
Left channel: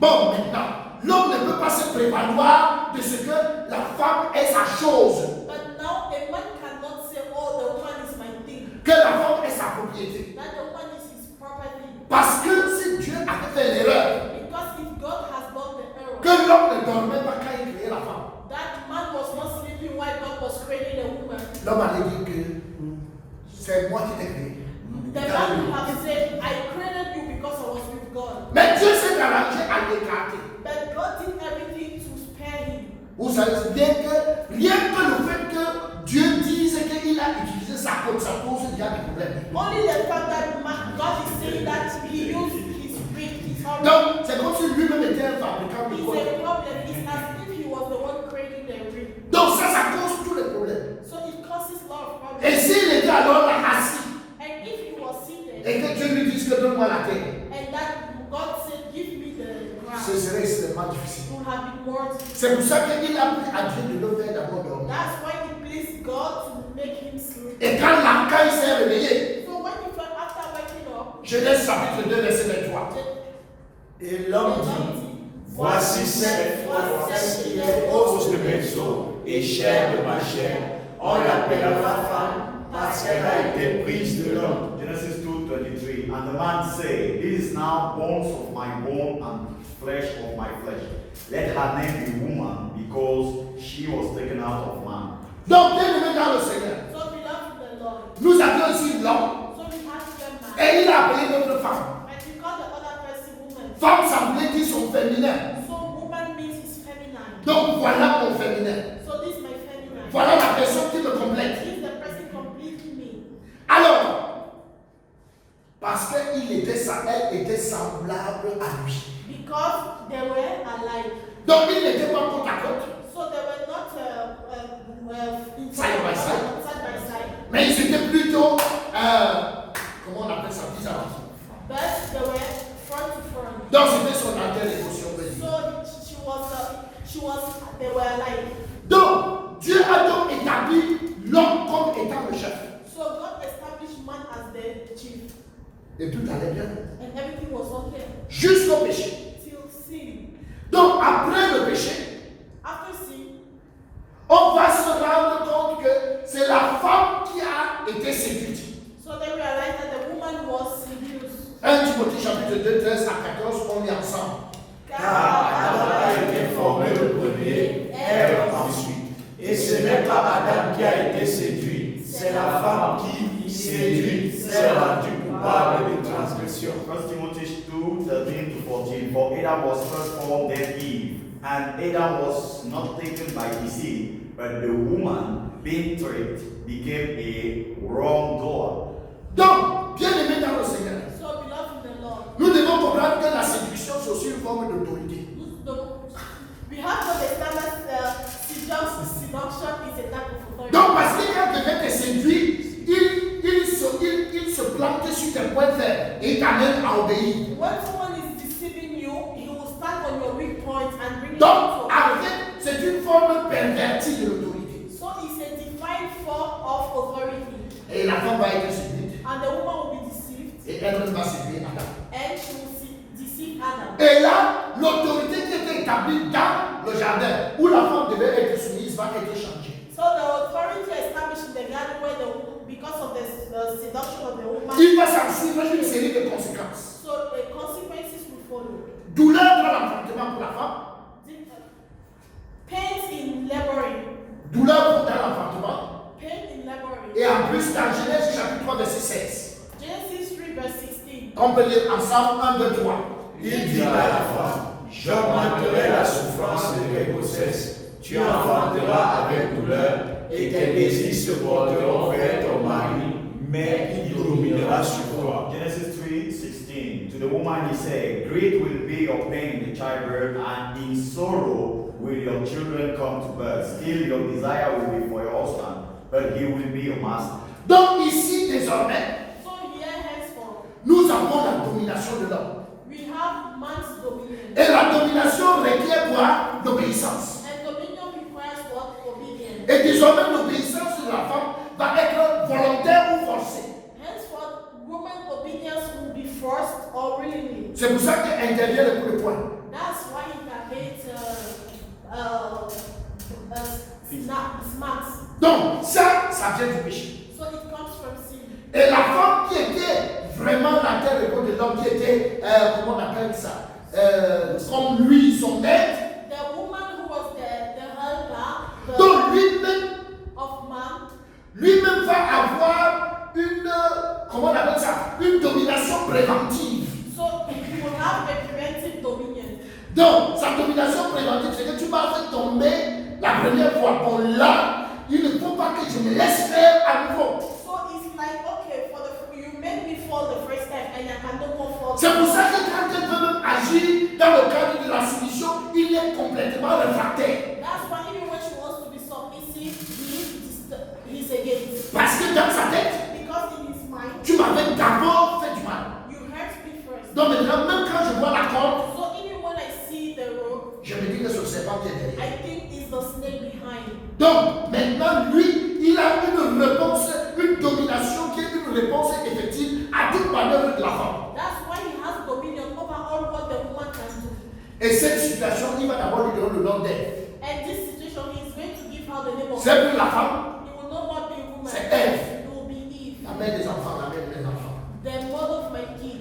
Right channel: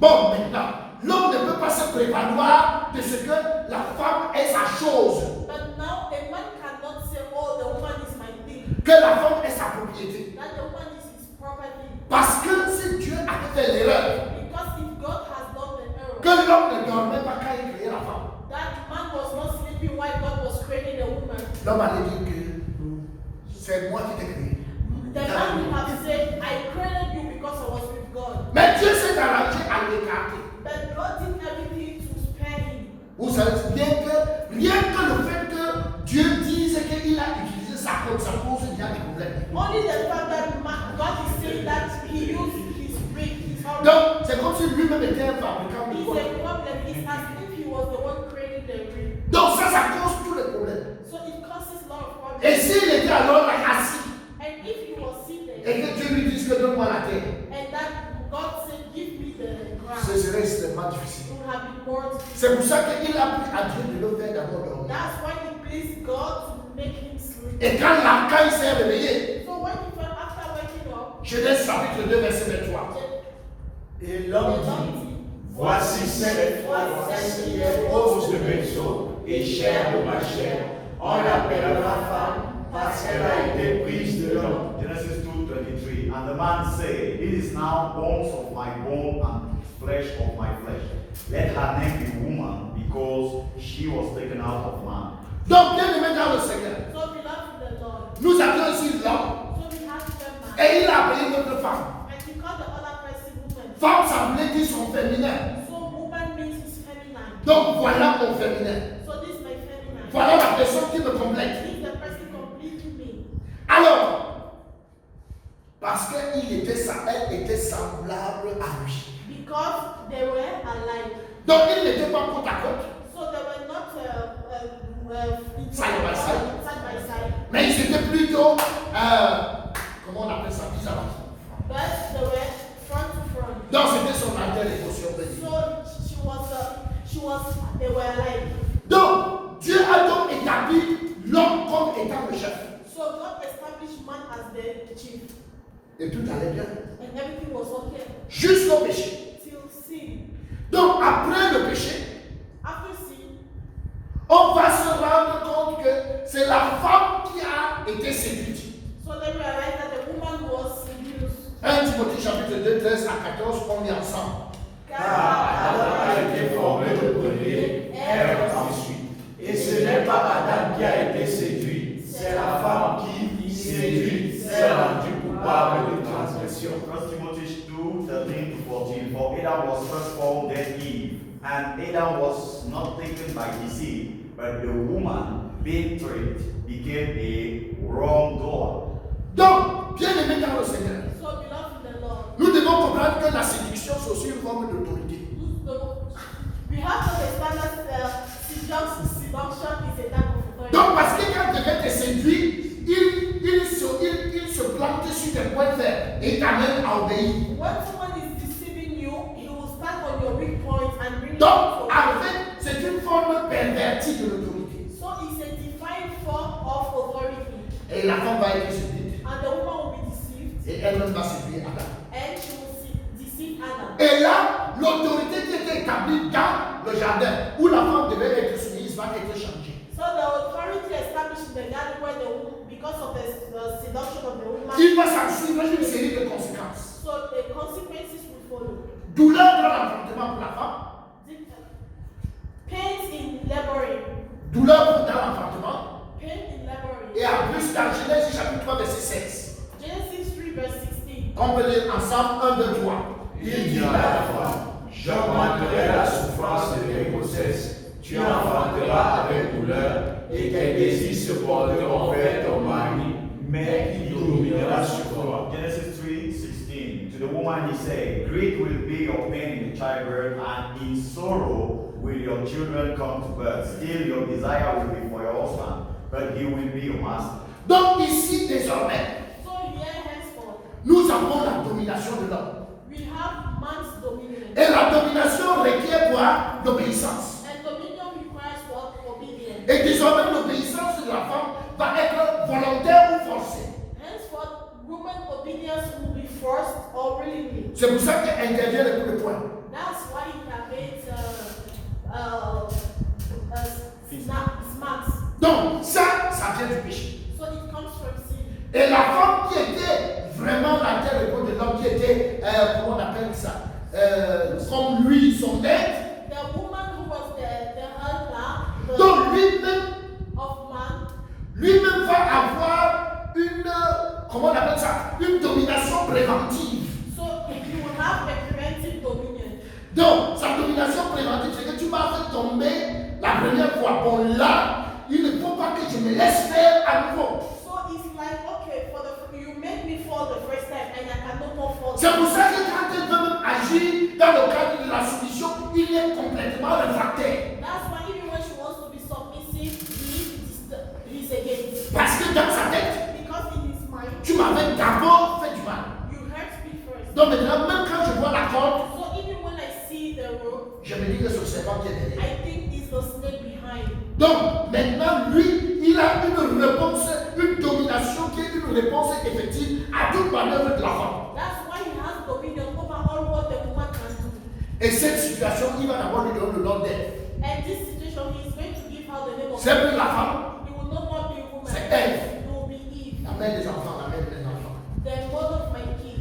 Bon, maintenant, l'homme ne peut pas se prévaloir de ce que la femme est sa chose, But now a man cannot say, oh, the woman is my thing. que la femme est sa propriété. That the woman is his property. Parce que si Dieu avait fait l'erreur, Because if God has done the error, que l'homme ne dormait pas quand il créait la femme, that man was not sleeping while God was creating the woman. l'homme allait dire que c'est moi qui t'ai créé. The man would have said, I created you because I was with God. Mais Dieu s'est arrangé à l'écarter. But God did everything to spare him. Vous savez bien que rien que le fait que Dieu dise qu'il a utilisé sa cause, ça pose déjà des problèmes. Only the fact that God is saying that he used his faith, his heart. Donc, c'est comme si lui-même était un fabricant de It's code. a problem. It's as if he was the one creating the ring. Donc, ça cause tous les problèmes. So it causes a lot of problems. Et s'il était alors là assis, And if he was seated, et que Dieu lui dise que donne-moi la terre, and that God said, give me the ground, ce serait extrêmement difficile. it would have been more. C'est pour ça qu'il a pris à Dieu de le faire d'abord dormir. That's why it pleased God to make him sleep. Et quand il s'est réveillé, So when he felt after waking up, Genèse chapitre 2, verset 23. Et l'homme dit, voici cette femme qui est os de mes os et chair de ma chair. On l'appellera femme parce qu'elle a été prise de l'homme. Genesis 2:23. And the man said, This is now bones of my bone and flesh of my flesh. Let her name be woman, because she was taken out of man. Donc, bien aimé dans le Seigneur, So beloved in the Lord. nous avions ici l'homme So we have them now. et il a appelé notre femme. And we call the other person woman. Femme, ça voulait dire son féminin. So woman means it's feminine. Donc, voilà mon féminin. So this is my feminine. Voilà la personne qui me complète. This is the person completing me. Alors, parce qu'elle était semblable à lui. Because they were alike. Donc, il n'était pas côte à côte, So they were not Side by side. Side by side. mais ils étaient plutôt, comment on appelle ça, bizarre. But they were front to front. Donc, c'était son alter ego, si on peut dire. So they were alike. Donc, Dieu a donc établi l'homme comme étant le chef. So God established man as the chief. Et tout allait bien. And everything was okay. Jusqu'au péché. Till sin. Donc, après le péché, After sin, on va se rendre compte que c'est la femme qui a été séduite. so they realized that the woman was seduced. 1 Timothée chapitre 2, 13 à 14, on lit ensemble. Car Adam a été formé le premier, Ève ensuite. Et ce n'est pas Adam qui a été séduit, c'est la femme qui, séduite, s'est rendue coupable de transgression. 1 Timothy 2, 13 to 14. For Adam was first called, then Eve. And Adam was not taken by deceit, but the woman, being tricked, became a wrongdoer. Donc, bien aimé dans le Seigneur, So beloved in the Lord, nous devons comprendre que la séduction, c'est aussi une forme d'autorité. we have to understand that seduction is a type of authority. Donc, parce que quand quelqu'un te séduit, il se plante sur tes points faibles et t'amène à obéir. When someone is deceiving you, he will start on your weak points and bring you Donc, to en fait, c'est une forme pervertie de l'autorité. So it's a divine form of authority. Et la femme va être séduite And the woman will be deceived, et elle-même va séduire Adam. and she will deceive Adam. Et là, l'autorité qui était établie dans le jardin, où la femme devait être soumise, va être changée. So the authority established in the garden where because of the seduction of the woman, Il va s'en suivre une série de conséquences. so the consequences will follow. Douleur dans l'enfantement pour la femme, Pains in laboring. douleur dans l'enfantement, Pain in laboring. et en plus dans Genèse chapitre 3, verset 16. Genesis 3 verse 16. On peut lire ensemble 1, 2, 3. Il dira à la femme, j'augmenterai la souffrance de tes grossesses, tu enfanteras avec douleur, et tes désirs se porteront vers ton mari, mais il dominera sur toi. Genesis 3:16. To the woman he said, Great will be your pain in the childbirth, and in sorrow will your children come to birth. Still your desire will be for your husband, but he will be your master. Donc ici, désormais, So here henceforth, nous avons la domination de l'homme. we have man's dominion. Et la domination requiert quoi? L'obéissance. And dominion requires what? Obedience. Et désormais, l'obéissance de la femme va être volontaire ou forcée. Henceforth, woman obedience will be forced or willingly. C'est pour ça qu'intervient le coup de poing. That's why it permits smarts. Donc, ça vient du péché. So it comes from sin. Et la femme qui était vraiment la terre ego de l'homme, qui était, comment on appelle ça, comme lui, son maître, The woman who was the helper donc lui-même of man, lui-même va avoir une, comment on appelle ça, une domination préventive. so he will have a preventive dominion. Donc, sa domination préventive, c'est que tu m'as fait tomber la première fois. Bon, là, il ne faut pas que je me laisse faire à nouveau. So it's like, okay, you made me fall the first time and I can no more fall. C'est pour ça que quand elle veut même agir dans le cadre de la soumission, il est complètement réfractaire. That's why even when she wants to be submissive, he's against. Parce que dans sa tête, Because in his mind, tu m'avais d'abord fait du mal. you hurt me first. Donc maintenant, même quand je vois la corde, So even when I see the rope, je me dis que c'est le serpent qui est derrière. I think it's the snake behind. Donc maintenant, lui, il a une réponse, une domination qui est une réponse effective à toute manœuvre de la femme. That's why he has dominion over all what the woman can do. Et cette situation, il va d'abord lui donner le nom d'elle. And this situation, he is going to give her the name of. C'est plus la femme, He will no more be a woman. c'est Ève, It will be Eve, la mère des enfants, la mère de mes enfants. the mother of my kids.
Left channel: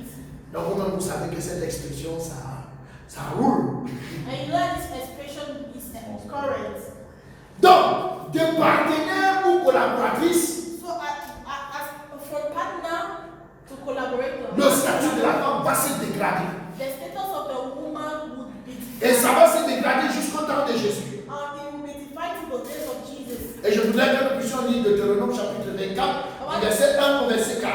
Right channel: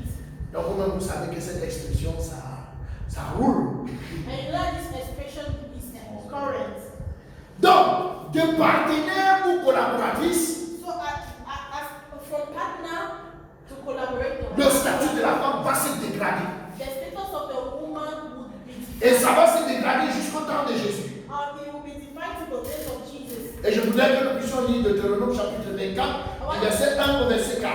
Donc vous savez que cette expression, ça roule. And you know this expression is current. Donc, de partenaire ou collaboratrice, So from partner to collaborator, le statut de la femme va se dégrader. the status of the woman would be Et ça va se dégrader jusqu'au temps de Jésus. it will be defined to the days of Jesus. Et je voudrais que nous puissions lire Deutéronome chapitre 24, du verset 1 au verset 4.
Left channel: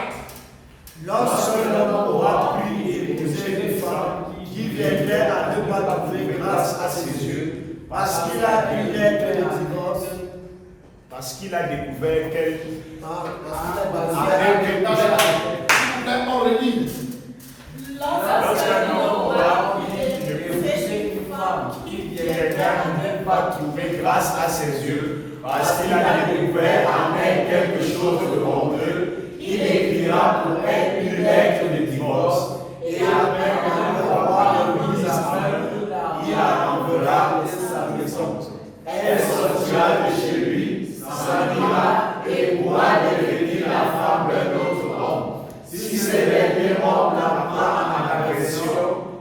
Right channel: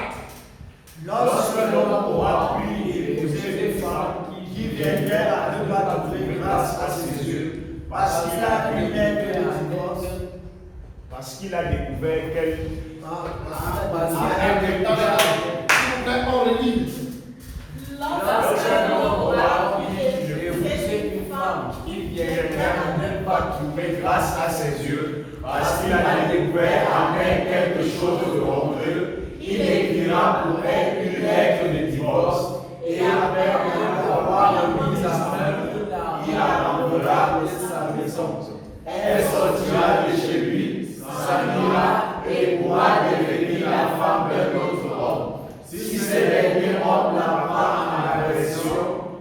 Lorsque l'homme aura pris et épousé des femmes qui viendraient à ne pas trouver grâce à ses yeux, parce qu'il a pu naître le divorce, Parce qu'il a découvert qu'elle On relit. Lorsque l'homme aura pris et épousé une femme qui viendrait à ne pas trouver grâce à ses yeux, parce qu'il a découvert en elle quelque chose de honteux, il écrira pour elle une lettre de divorce, et après l'avoir mise à main, il la renverra de sa maison. Elle sortira de chez lui, s'habillera et pourra devenir la femme d'un autre homme. Si ce dernier homme la prend en agression,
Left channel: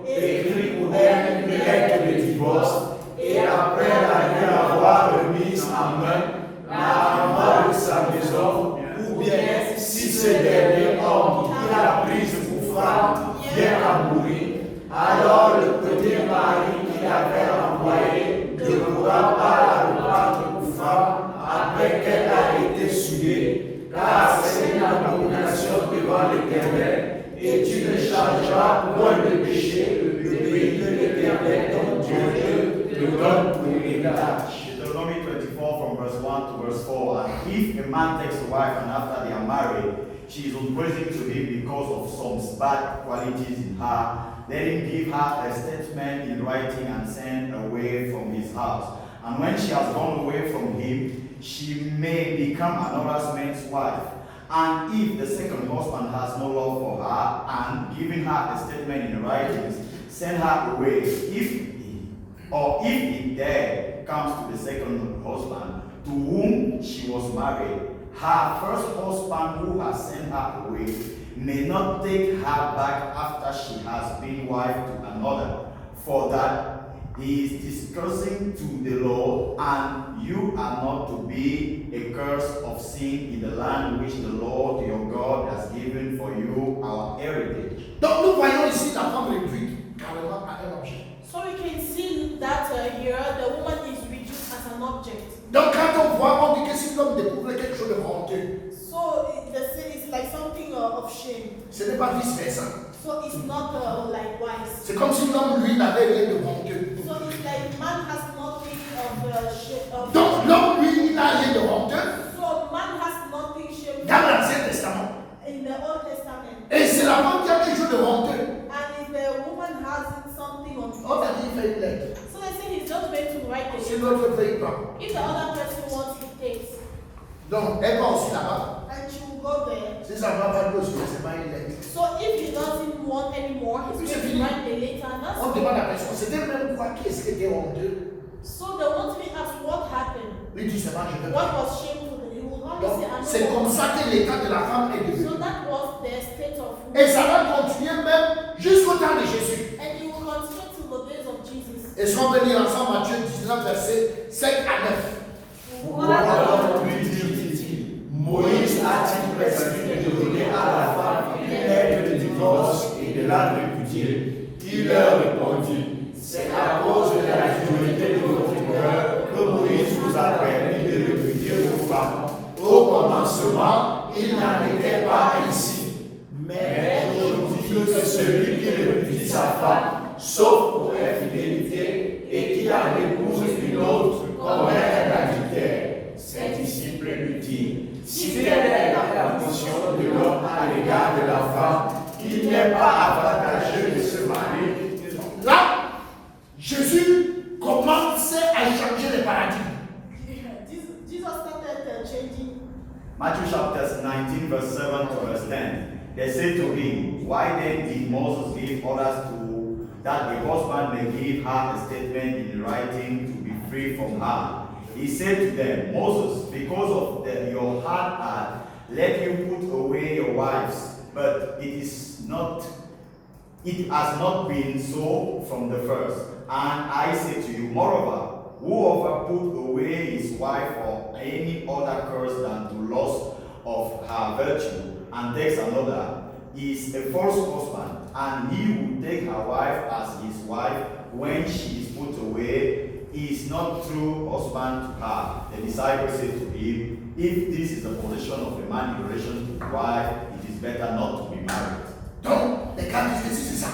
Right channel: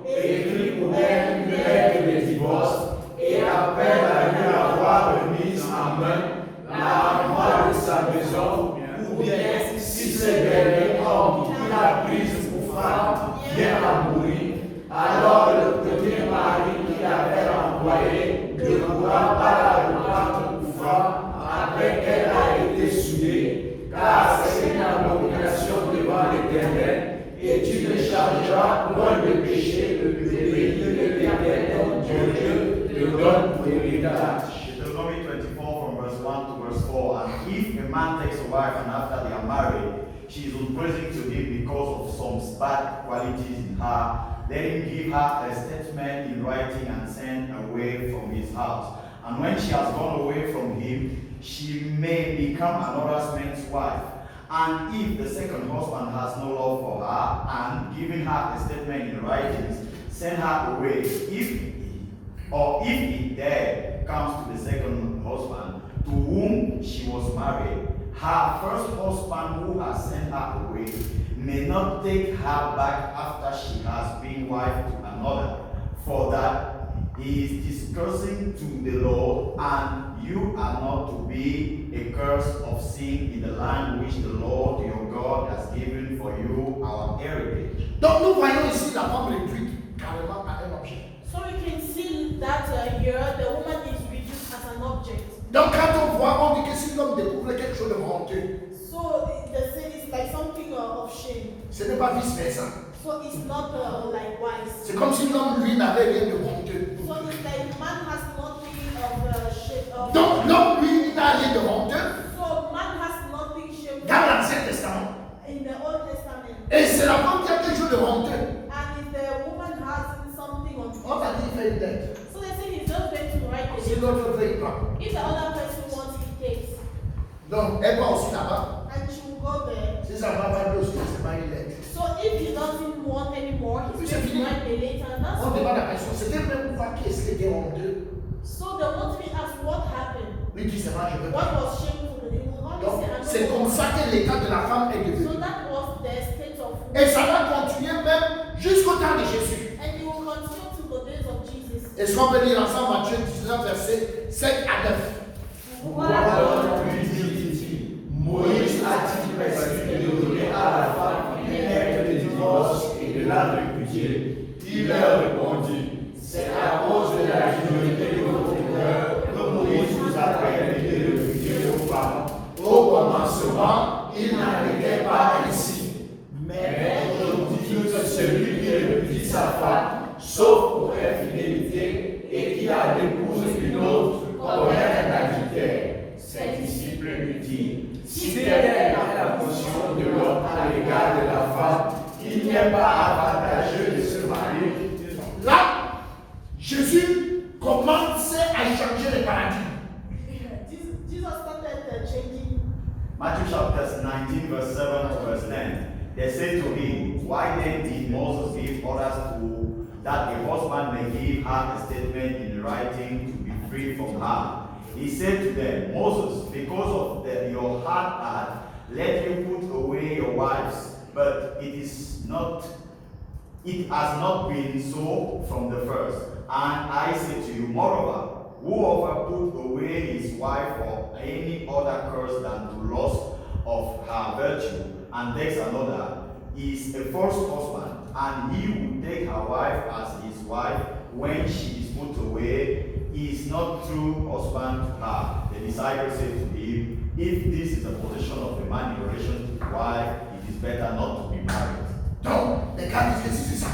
écrit pour elle une lettre de divorce, et après la lui avoir remise en main, la renvoie de sa maison, ou bien si ce dernier homme qui l'a prise pour femme vient à mourir, alors le premier mari qui l'avait envoyé ne pourra pas la reprendre pour femme après qu'elle a été souillée, car c'est une abomination devant l'Éternel, et tu ne chargeras point de péché le pays de l'Éternel, ton Dieu, te donne pour héritage. Deuteronomy 24 from verse 1 to verse 4. And if a man takes a wife and after they are married, she is unpleasant to him because of some bad qualities in her, let him give her a statement in writing and send away from his house. And when she has gone away from him, she may become another man's wife. And if the second husband has no love for her, and giving her a statement in writing, send her away. If he there comes to the second husband to whom she was married, her first husband who has sent her away may not take her back after she has been wife to another, for that he is discursing to the Lord, and you are not to be a curse of sin in the land which the Lord your God has given for you, our heritage. Donc nous voyons ici la femme réduite carrément à un objet. So we can see that here the woman is reduced as an object. Donc quand on voit, on dit que si l'homme découvre quelque chose de honteux, So the sin is like something of shame. ce n'est pas vice versa. So it's not likewise. C'est comme si l'homme, lui, n'avait rien de honteux. So it's like man has nothing of shame. Donc l'homme, lui, il n'a rien de honteux So man has nothing shameful dans l'Ancien Testament. in the Old Testament. Et c'est la femme qui a quelque chose de honteux. And if the woman has something on On t'a dit, il fait une lettre. so they say he's just going to write Si it. l'autre veut, il prend. If the other person wants, he takes. Donc, elle va aussi là-bas. And she will go there. Si ça ne va pas plus, c'est pas une lettre. So if he doesn't want anymore, Puis he's c'est going to fini. write the letter. And that's On demande à la personne, c'était même quoi qui est-ce qui était honteux? so the one to be asked what happened. Lui dit, c'est pas, je veux What pas. was shameful? He will Donc, always say, I c'est don't comme want ça to. que l'état de la femme est devenu. So that was the state of Et ça va continuer même jusqu'au temps de Jésus. and he will continue to the days of Jesus. Et si on veut lire ensemble Matthieu 19, versets 5 à 9. Voilà lui dit, Moïse a-t-il prescrit de donner à la femme une lettre de divorce et de la répudier? Il leur répondit, c'est à cause de la dureté de votre cœur que Moïse vous a permis de répudier vos femmes. Au commencement, il n'en était pas ainsi. Mais aujourd'hui, que celui qui répudie sa femme, sauf pour infidélité, et qui a épouse une autre, commet un adultère. Ses disciples lui disent, si telle est la position de l'homme à l'égard de la femme, il n'est pas avantageux de se marier. Là, Jésus commençait à changer les paradigmes. Jesus started changing. Matthew chapter 19, verse 7 to verse 10. They said to him, why then did Moses give orders to that the husband may give her a statement in writing to be free from her? He said to them, Moses, because of your hard heart, let you put away your wives, but it is not It has not been so from the first. And I say to you, moreover, whoever put away his wife for any other curse than to lust of her virtue, and takes another, is a false husband, and he who take her wife as his wife when she is put away is not true husband to her. The disciples said to him, if this is the position of a man in relation to his wife, it is better not to be married. Donc, les gars disent que c'est ça.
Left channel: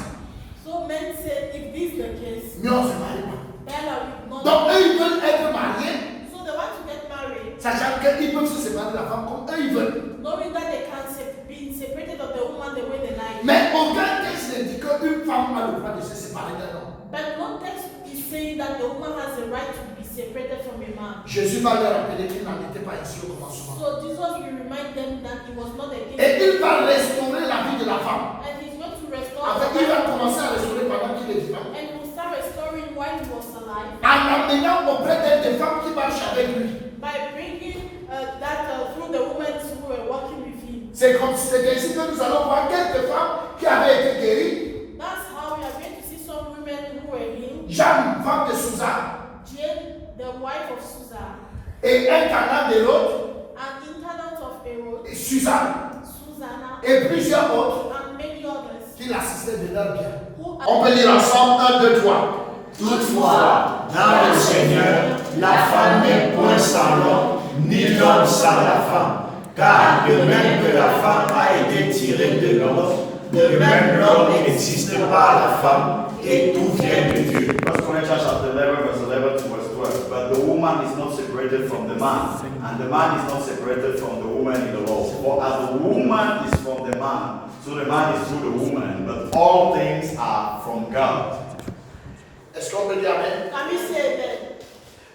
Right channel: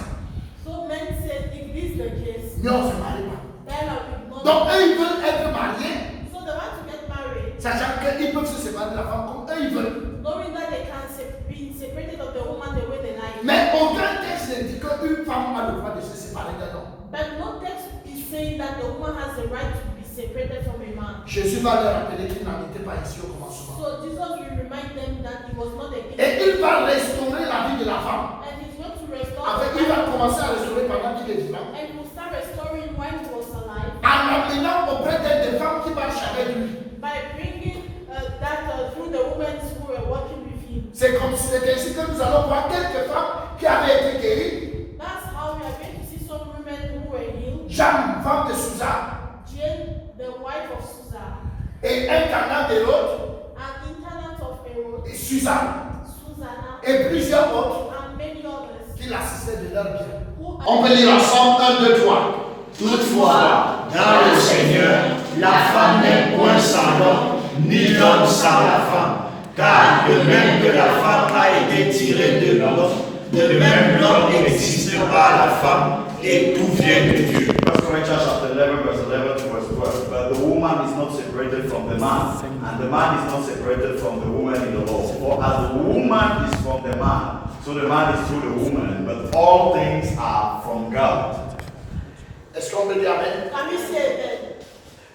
So men said, if this is the case, Mais on ne se marie pas. then I will not. Donc, eux, ils veulent être mariés, So they want to get married, sachant qu'ils peuvent se séparer de la femme comme eux, ils veulent. knowing that they can be separated of the woman the way they like. Mais aucun texte ne dit qu'une femme a le droit de se séparer d'un homme. But no text is saying that the woman has the right to be separated from a man. Jésus va leur rappeler qu'il n'en était pas ici au commencement. So Jesus will remind them that it was not a gift. Et il va restaurer la vie de la femme. And he's going to restore. Avec, il va commencer à restaurer pendant qu'il est vivant. And he will start restoring while he was alive. En amenant auprès d'elle des femmes qui marchent avec lui. By bringing that through the women who were working with him. C'est comme si c'était ici que nous allons voir quelques femmes qui avaient été guéries. That's how we are going to see some women who were healed. Jeanne, femme de Susa, Jane, the wife of Susa, et un canal de l'autre, an intendant of Herod, et Suzanne, Susanna, et plusieurs autres and many others. qui l'assistaient de leur bien. Who On peut lire ensemble 1, 2, 3. Toutefois, dans le Seigneur, la femme n'est point sans l'homme, ni l'homme sans la femme. Car de même que la femme a été tirée de l'homme, de même l'homme n'existe pas la femme, et tout vient de Dieu. 1 Corinthians chapter 11, verse 11 to verse 12. But the woman is not separated from the man, and the man is not separated from the woman in the law. For as the woman is from the man, so the man is through the woman. But all things are from God. Est-ce qu'on peut dire Amen? Can you say that?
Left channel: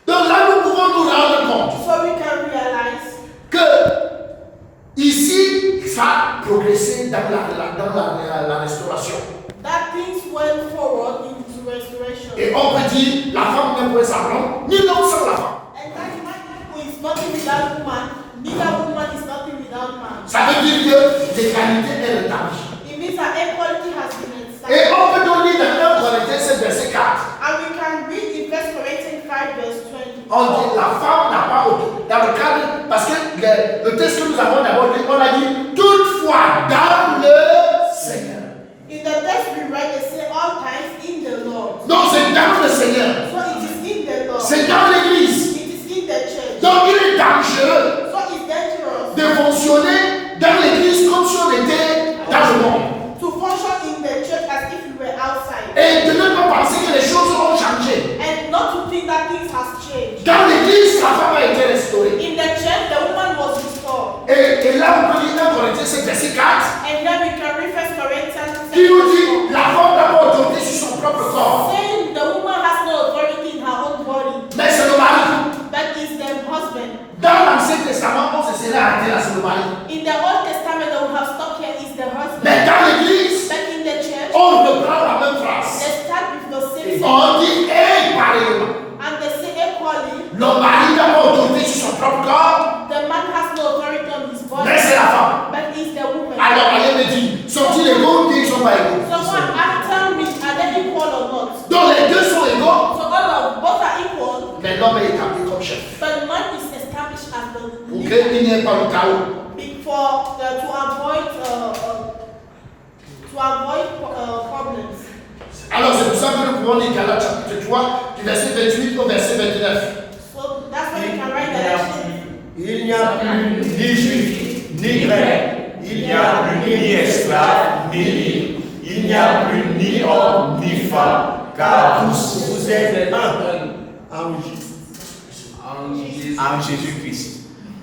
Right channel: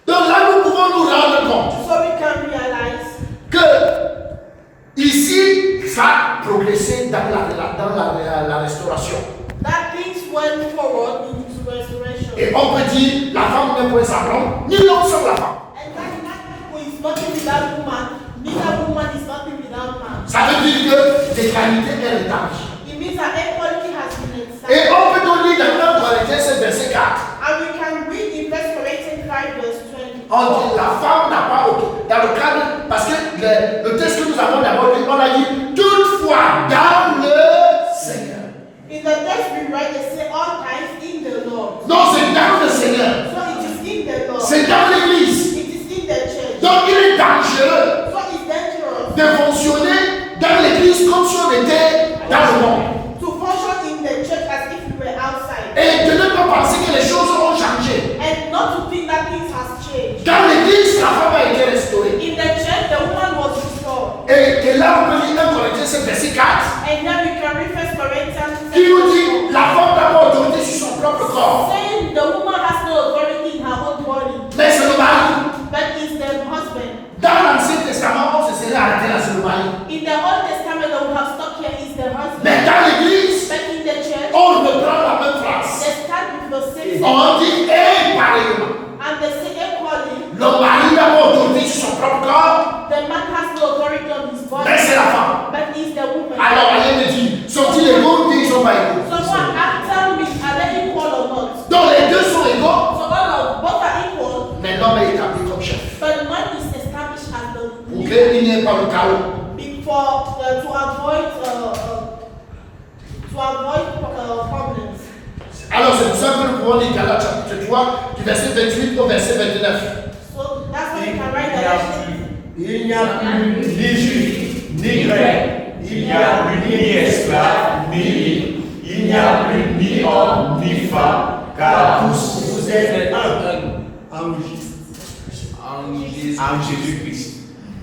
Donc là, nous pouvons nous rendre compte So we can realize que ici, ça a progressé dans la restauration. that things went forward into restoration. Et on peut dire, la femme n'est point sans l'homme, ni l'homme sans la femme. And that who is nothing without woman, neither woman is nothing without man. Ça veut dire que l'égalité est rétablie. It means that equality has been Et established. on peut donc lire dans 1 Corinthiens 7, verset 4. And we can read in 1 Corinthians 5 verse 20. On dit la femme n'a pas dans le cadre, parce que le texte que nous avons d'abord dit, on a dit toutefois dans le Seigneur. In the text we read, they say all times in the Lord. Non, c'est dans le Seigneur. So it is in the Lord. C'est dans l'église. It is in the church. Donc il est dangereux So it's dangerous de fonctionner dans l'église comme si on était dans le monde. to function in the church as if we were outside. Et de ne pas penser que les choses ont changé. And not to think that things has changed. Dans l'église, la femme a été restaurée. In the church, the woman was restored. Et là, on peut lire 1 Corinthiens 7, verset 4, And then we can read 1 Corinthians qui nous dit la femme n'a pas autorité sur son propre corps. saying the woman has no authority in her own body, Mais c'est le mari. but it's the husband. Dans l'Ancien Testament, on se serait arrêté là sur le mari. In the Old Testament that we have stuck here is the husband. Mais dans l'église, But in the church, on reprend la même phrase. they start with the same On dit et pareillement. and they say equally, Le mari n'a pas autorité sur son propre corps, the man has no authority on his body, mais c'est la femme. but it's the woman. Alors, allez me dire, sont-ils égaux ou ils sont pas égaux? Someone tell me, are they equal or not? Donc les deux sont égaux, So both are equal, mais l'homme est établi comme chef. but man is established as the Pour leader qu'il n'y ait pas le chaos. before to avoid problems. Alors c'est pour ça que nous pouvons lire Galates chapitre 3, du verset 28 au verset 29. So that's why you can write that. Il n'y a plus ni juif, ni grec, il n'y a plus ni esclave, ni libre, il n'y a plus ni homme, ni femme, car tous vous êtes un en Jésus-Christ.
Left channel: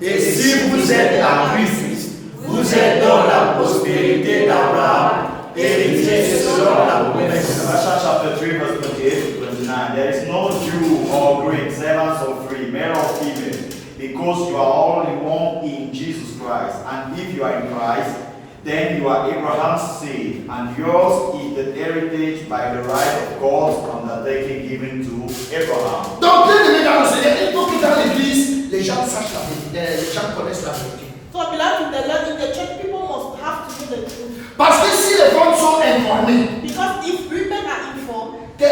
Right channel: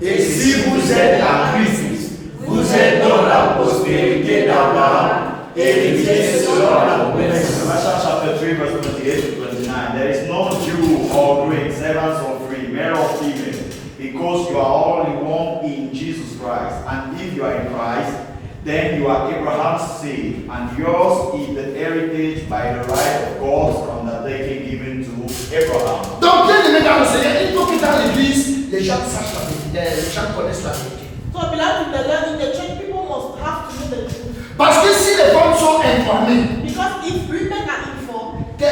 Et si vous êtes en Christ, vous êtes dans la prospérité d'Abraham, héritier selon la promesse. Galatians chapter 3, verse 28 to 29. There is no Jew or Greek, servants or free, male or female, because you are all in one in Jesus Christ. And if you are in Christ, then you are Abraham's seed, and yours is the heritage by the right of God's undertaking given to Abraham. Donc, bien aimé dans le Seigneur, il faut que dans l'église, les gens sachent la vérité, les gens connaissent la vérité. So beloved in the Lord, in the church, people must have to know the truth. Parce que si les femmes sont informées, Because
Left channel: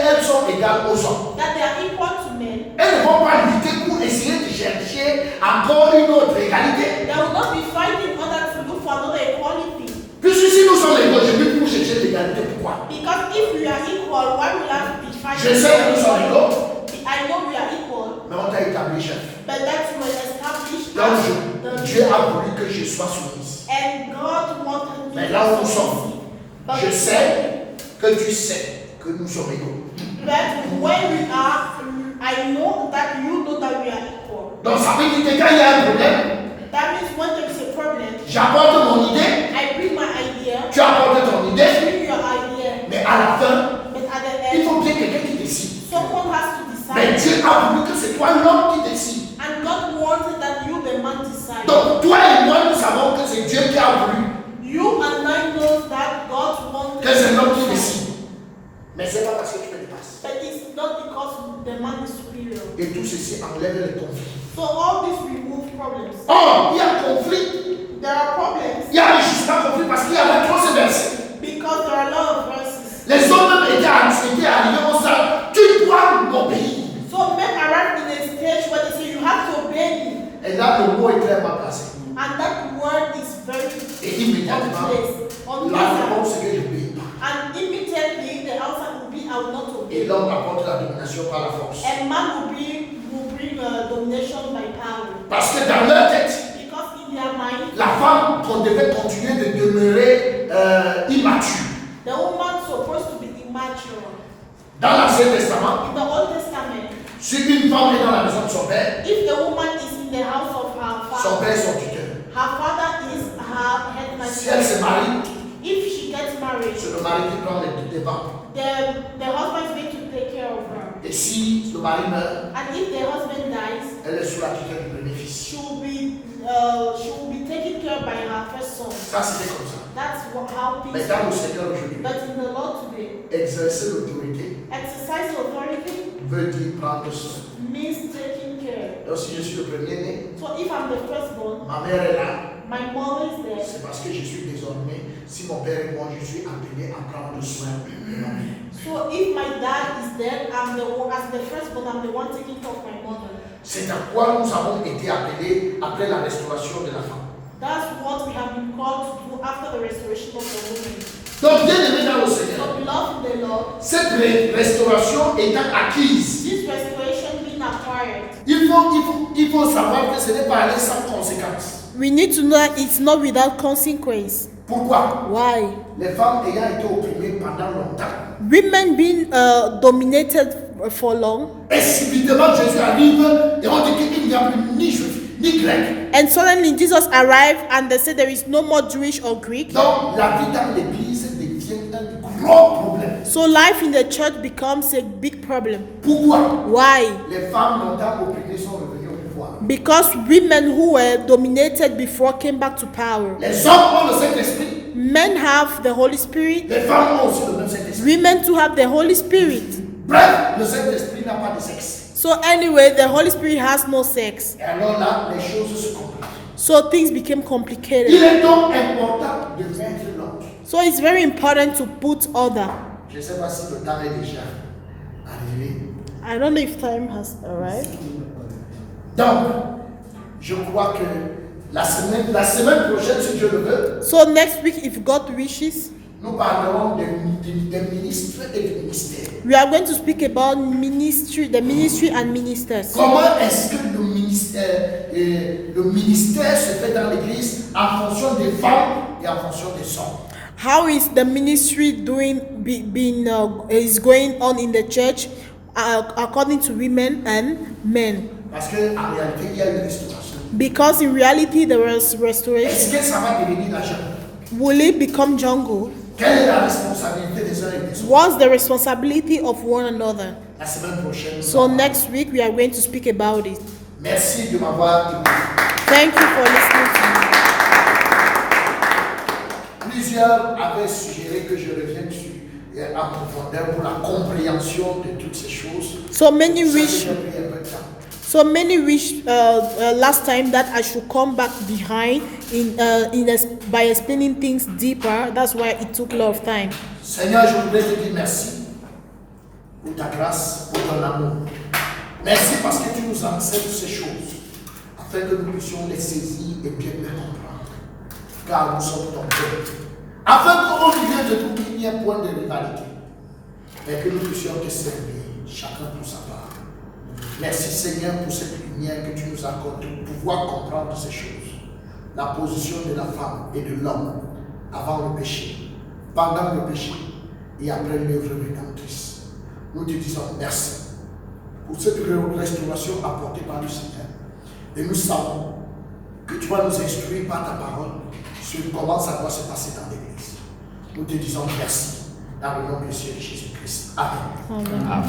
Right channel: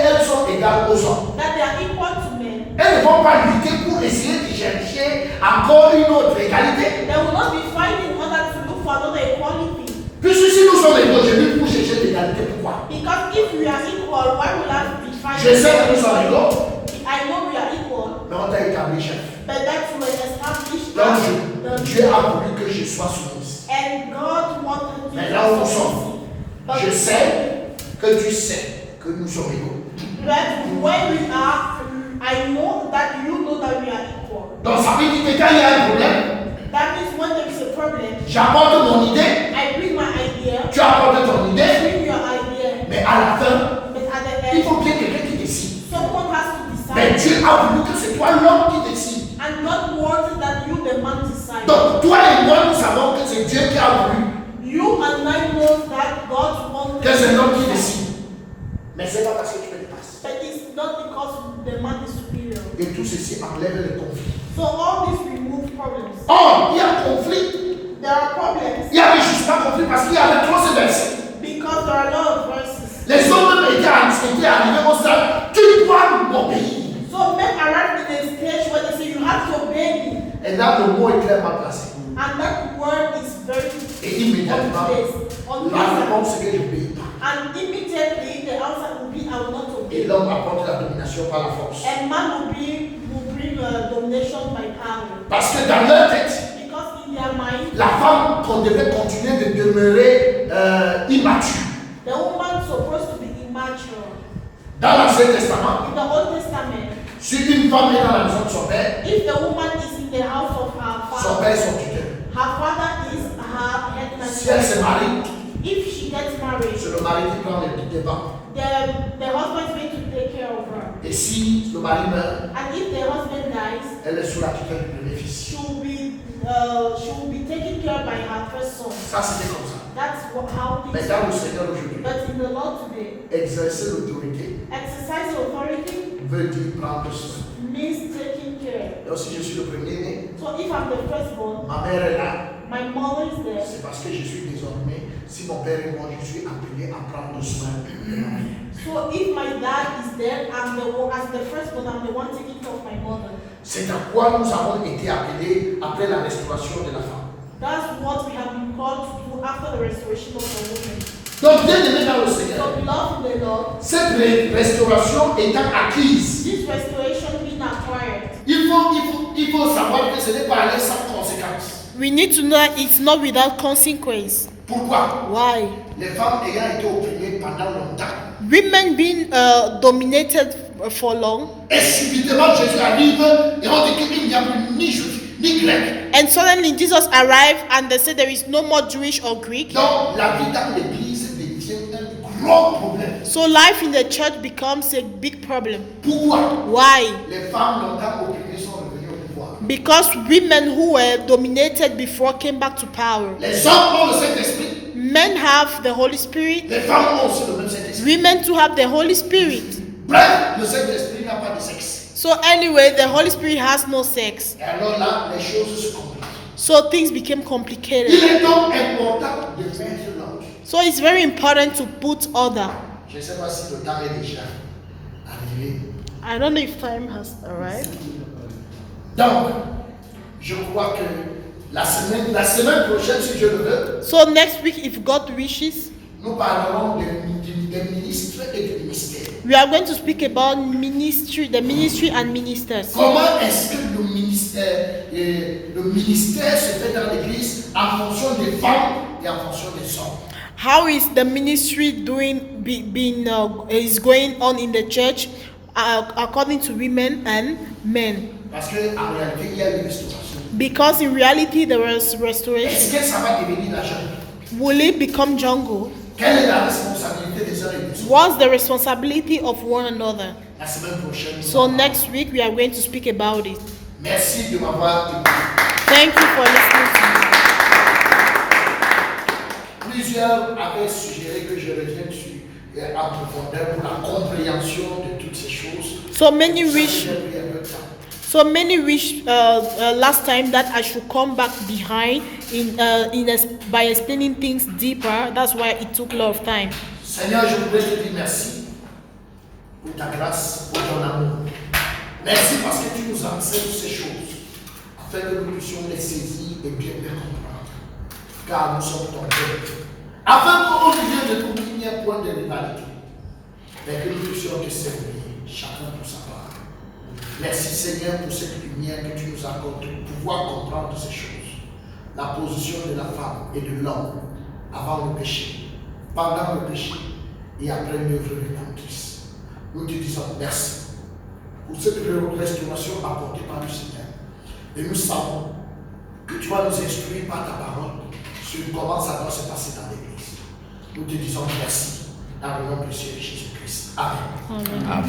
elles sont égales aux hommes. that they are equal to men. Elles ne vont pas lutter pour essayer de chercher encore une autre égalité. They will not be fighting in order to look for another equality. Puisque si nous sommes égaux, je vais pour chercher l'égalité. Pourquoi? Because if we are equal, why would I be fighting? Je sais que nous sommes égaux, I know we are equal, mais on t'a établi chef. but that's when established Donc Dieu a voulu que je sois soumise. and God wanted Mais to là où nous be sommes, submissive. je sais que tu sais que nous sommes égaux. But when we are, I know that you know that we are equal. Donc ça veut dire que quand il y a un problème, That means when there is a problem, j'apporte mon idée, I bring my idea, tu apportes ton I idée, bring your idea, mais à la fin, but at the il end, faut bien quelqu'un qui décide. someone has to Mais decide. Dieu a voulu que c'est toi l'homme qui décide. And God wanted that you, the man, decide. Donc toi et moi, nous savons que c'est Dieu qui a voulu You and I know that God wanted que c'est l'homme qui décide. Mais c'est pas parce que tu me dépasses. But it's not because the man is superior. Et tout ceci enlève le conflit. So all this remove problems. Or, il y a conflit. There are problems Il y avait juste pas conflit parce qu'il y avait trop ces versets. because there are a lot of verses. Les hommes même étaient arrivés au stade, tu dois m'obéir. So men arrive in a stage where they say you have to obey me. Et là, le mot est clairement placé. And that word is very Et immédiatement, on la place. réponse c'est que je n'obéis pas. And immediately the answer will be I will not Et obey. l'homme apporte la domination par la force. And man will bring domination by power. Parce que dans leur tête, Because in their mind, la femme qu'on devait continuer de demeurer immature. the woman supposed to be immature. Dans l'Ancien Testament, In the Old Testament, si une femme est dans la maison de son père, if the woman is in the house of her son father, père est son tuteur. her father is her headman. Si elle se marie, If she gets married, c'est le mari qui prend les devants. the husband is going to take care of her. Et si le mari meurt, And if the husband dies, elle est sous la tutelle du premier fils. she will be taken care of by her first son. Ça, c'était comme ça. That's how Mais things dans le are. Seigneur aujourd'hui, But in the Lord today, exercer l'autorité exercise authority veut dire prendre soin. means taking care. Donc si je suis le premier-né, So if I'm the firstborn, ma mère est là, my mother is there. c'est parce que je suis désormais, si mon père et moi, je suis appelé à prendre soin de ma mère. So if my dad is there, as the firstborn, I'm the one taking care of my mother. C'est à quoi nous avons été appelés après la restauration de la femme. That's what we have been called to do after the restoration of the woman. Donc, bien aimé dans le Seigneur, So beloved in the Lord, cette restauration étant acquise, this restoration being acquired, il faut savoir que ce n'est pas aller sans conséquence. we need to know that it's not without consequence. Pourquoi? Why? Les femmes ayant été opprimées pendant longtemps. Women being dominated for long, Et subitement, Jésus arrive et on dit qu'il n'y a plus ni juif, ni grec. and suddenly Jesus arrived and they said there is no more Jewish or Greek. Donc, la vie dans l'église devient un gros problème. So life in the church becomes a big problem. Pourquoi? Why? Les femmes longtemps opprimées sont revenues au pouvoir. Because women who were dominated before came back to power. Les hommes ont le Saint-Esprit. Men have the Holy Spirit. Les femmes ont aussi le même Saint-Esprit. Women too have the Holy Spirit. Bref, le Saint-Esprit n'a pas de sexe. So anyway, the Holy Spirit has no sex. Et alors là, les choses se compliquent. So things became Il complicated. est donc important de mettre l'ordre. So it's very important to put order. Je ne sais pas si le temps est déjà arrivé. I don't know if time has arrived. Donc, je crois que la semaine prochaine, si Dieu le veut, So next week, if God wishes, nous parlerons des ministres et des ministères. we are going to speak about ministry, the ministry and ministers. Comment est-ce que le ministère se fait dans l'église en fonction des femmes et en fonction des hommes? How is the ministry is going on in the church according to women and men? Parce qu'en réalité, il y a une restauration. Because in reality there was Est-ce restoration. que ça va devenir la jungle? Will it become jungle? Quelle est la responsabilité des uns et des autres? What's the responsibility of one another? La semaine prochaine. So next week we are going to speak about it. Merci de m'avoir écouté. Thank you for listening to me. Plusieurs avaient suggéré que je revienne dessus en profondeur pour la compréhension de toutes ces choses. So many Ça, wish j'ai pris un peu de temps. So many wish last time that I should come back behind by explaining things deeper. That's why it took a lot of time. Seigneur, je voudrais te dire merci pour ta grâce, pour ton amour. Merci parce que tu nous enseignes ces choses, afin que nous puissions les saisir et bien les comprendre. Car nous sommes ton peuple. Afin qu'au milieu de nous, il n'y ait point de rivalité, mais que nous puissions te servir, chacun pour sa part. Merci Seigneur pour cette lumière que tu nous accordes pour pouvoir comprendre ces choses. La position de la femme et de l'homme avant le péché, pendant le péché et après l'œuvre rédemptrice. Nous te disons merci pour cette restauration apportée par le Seigneur. Et nous savons que tu vas nous instruire par ta parole sur comment ça doit se passer dans l'Église. Nous te disons merci dans le nom précieux de Jésus-Christ. Amen. Amen.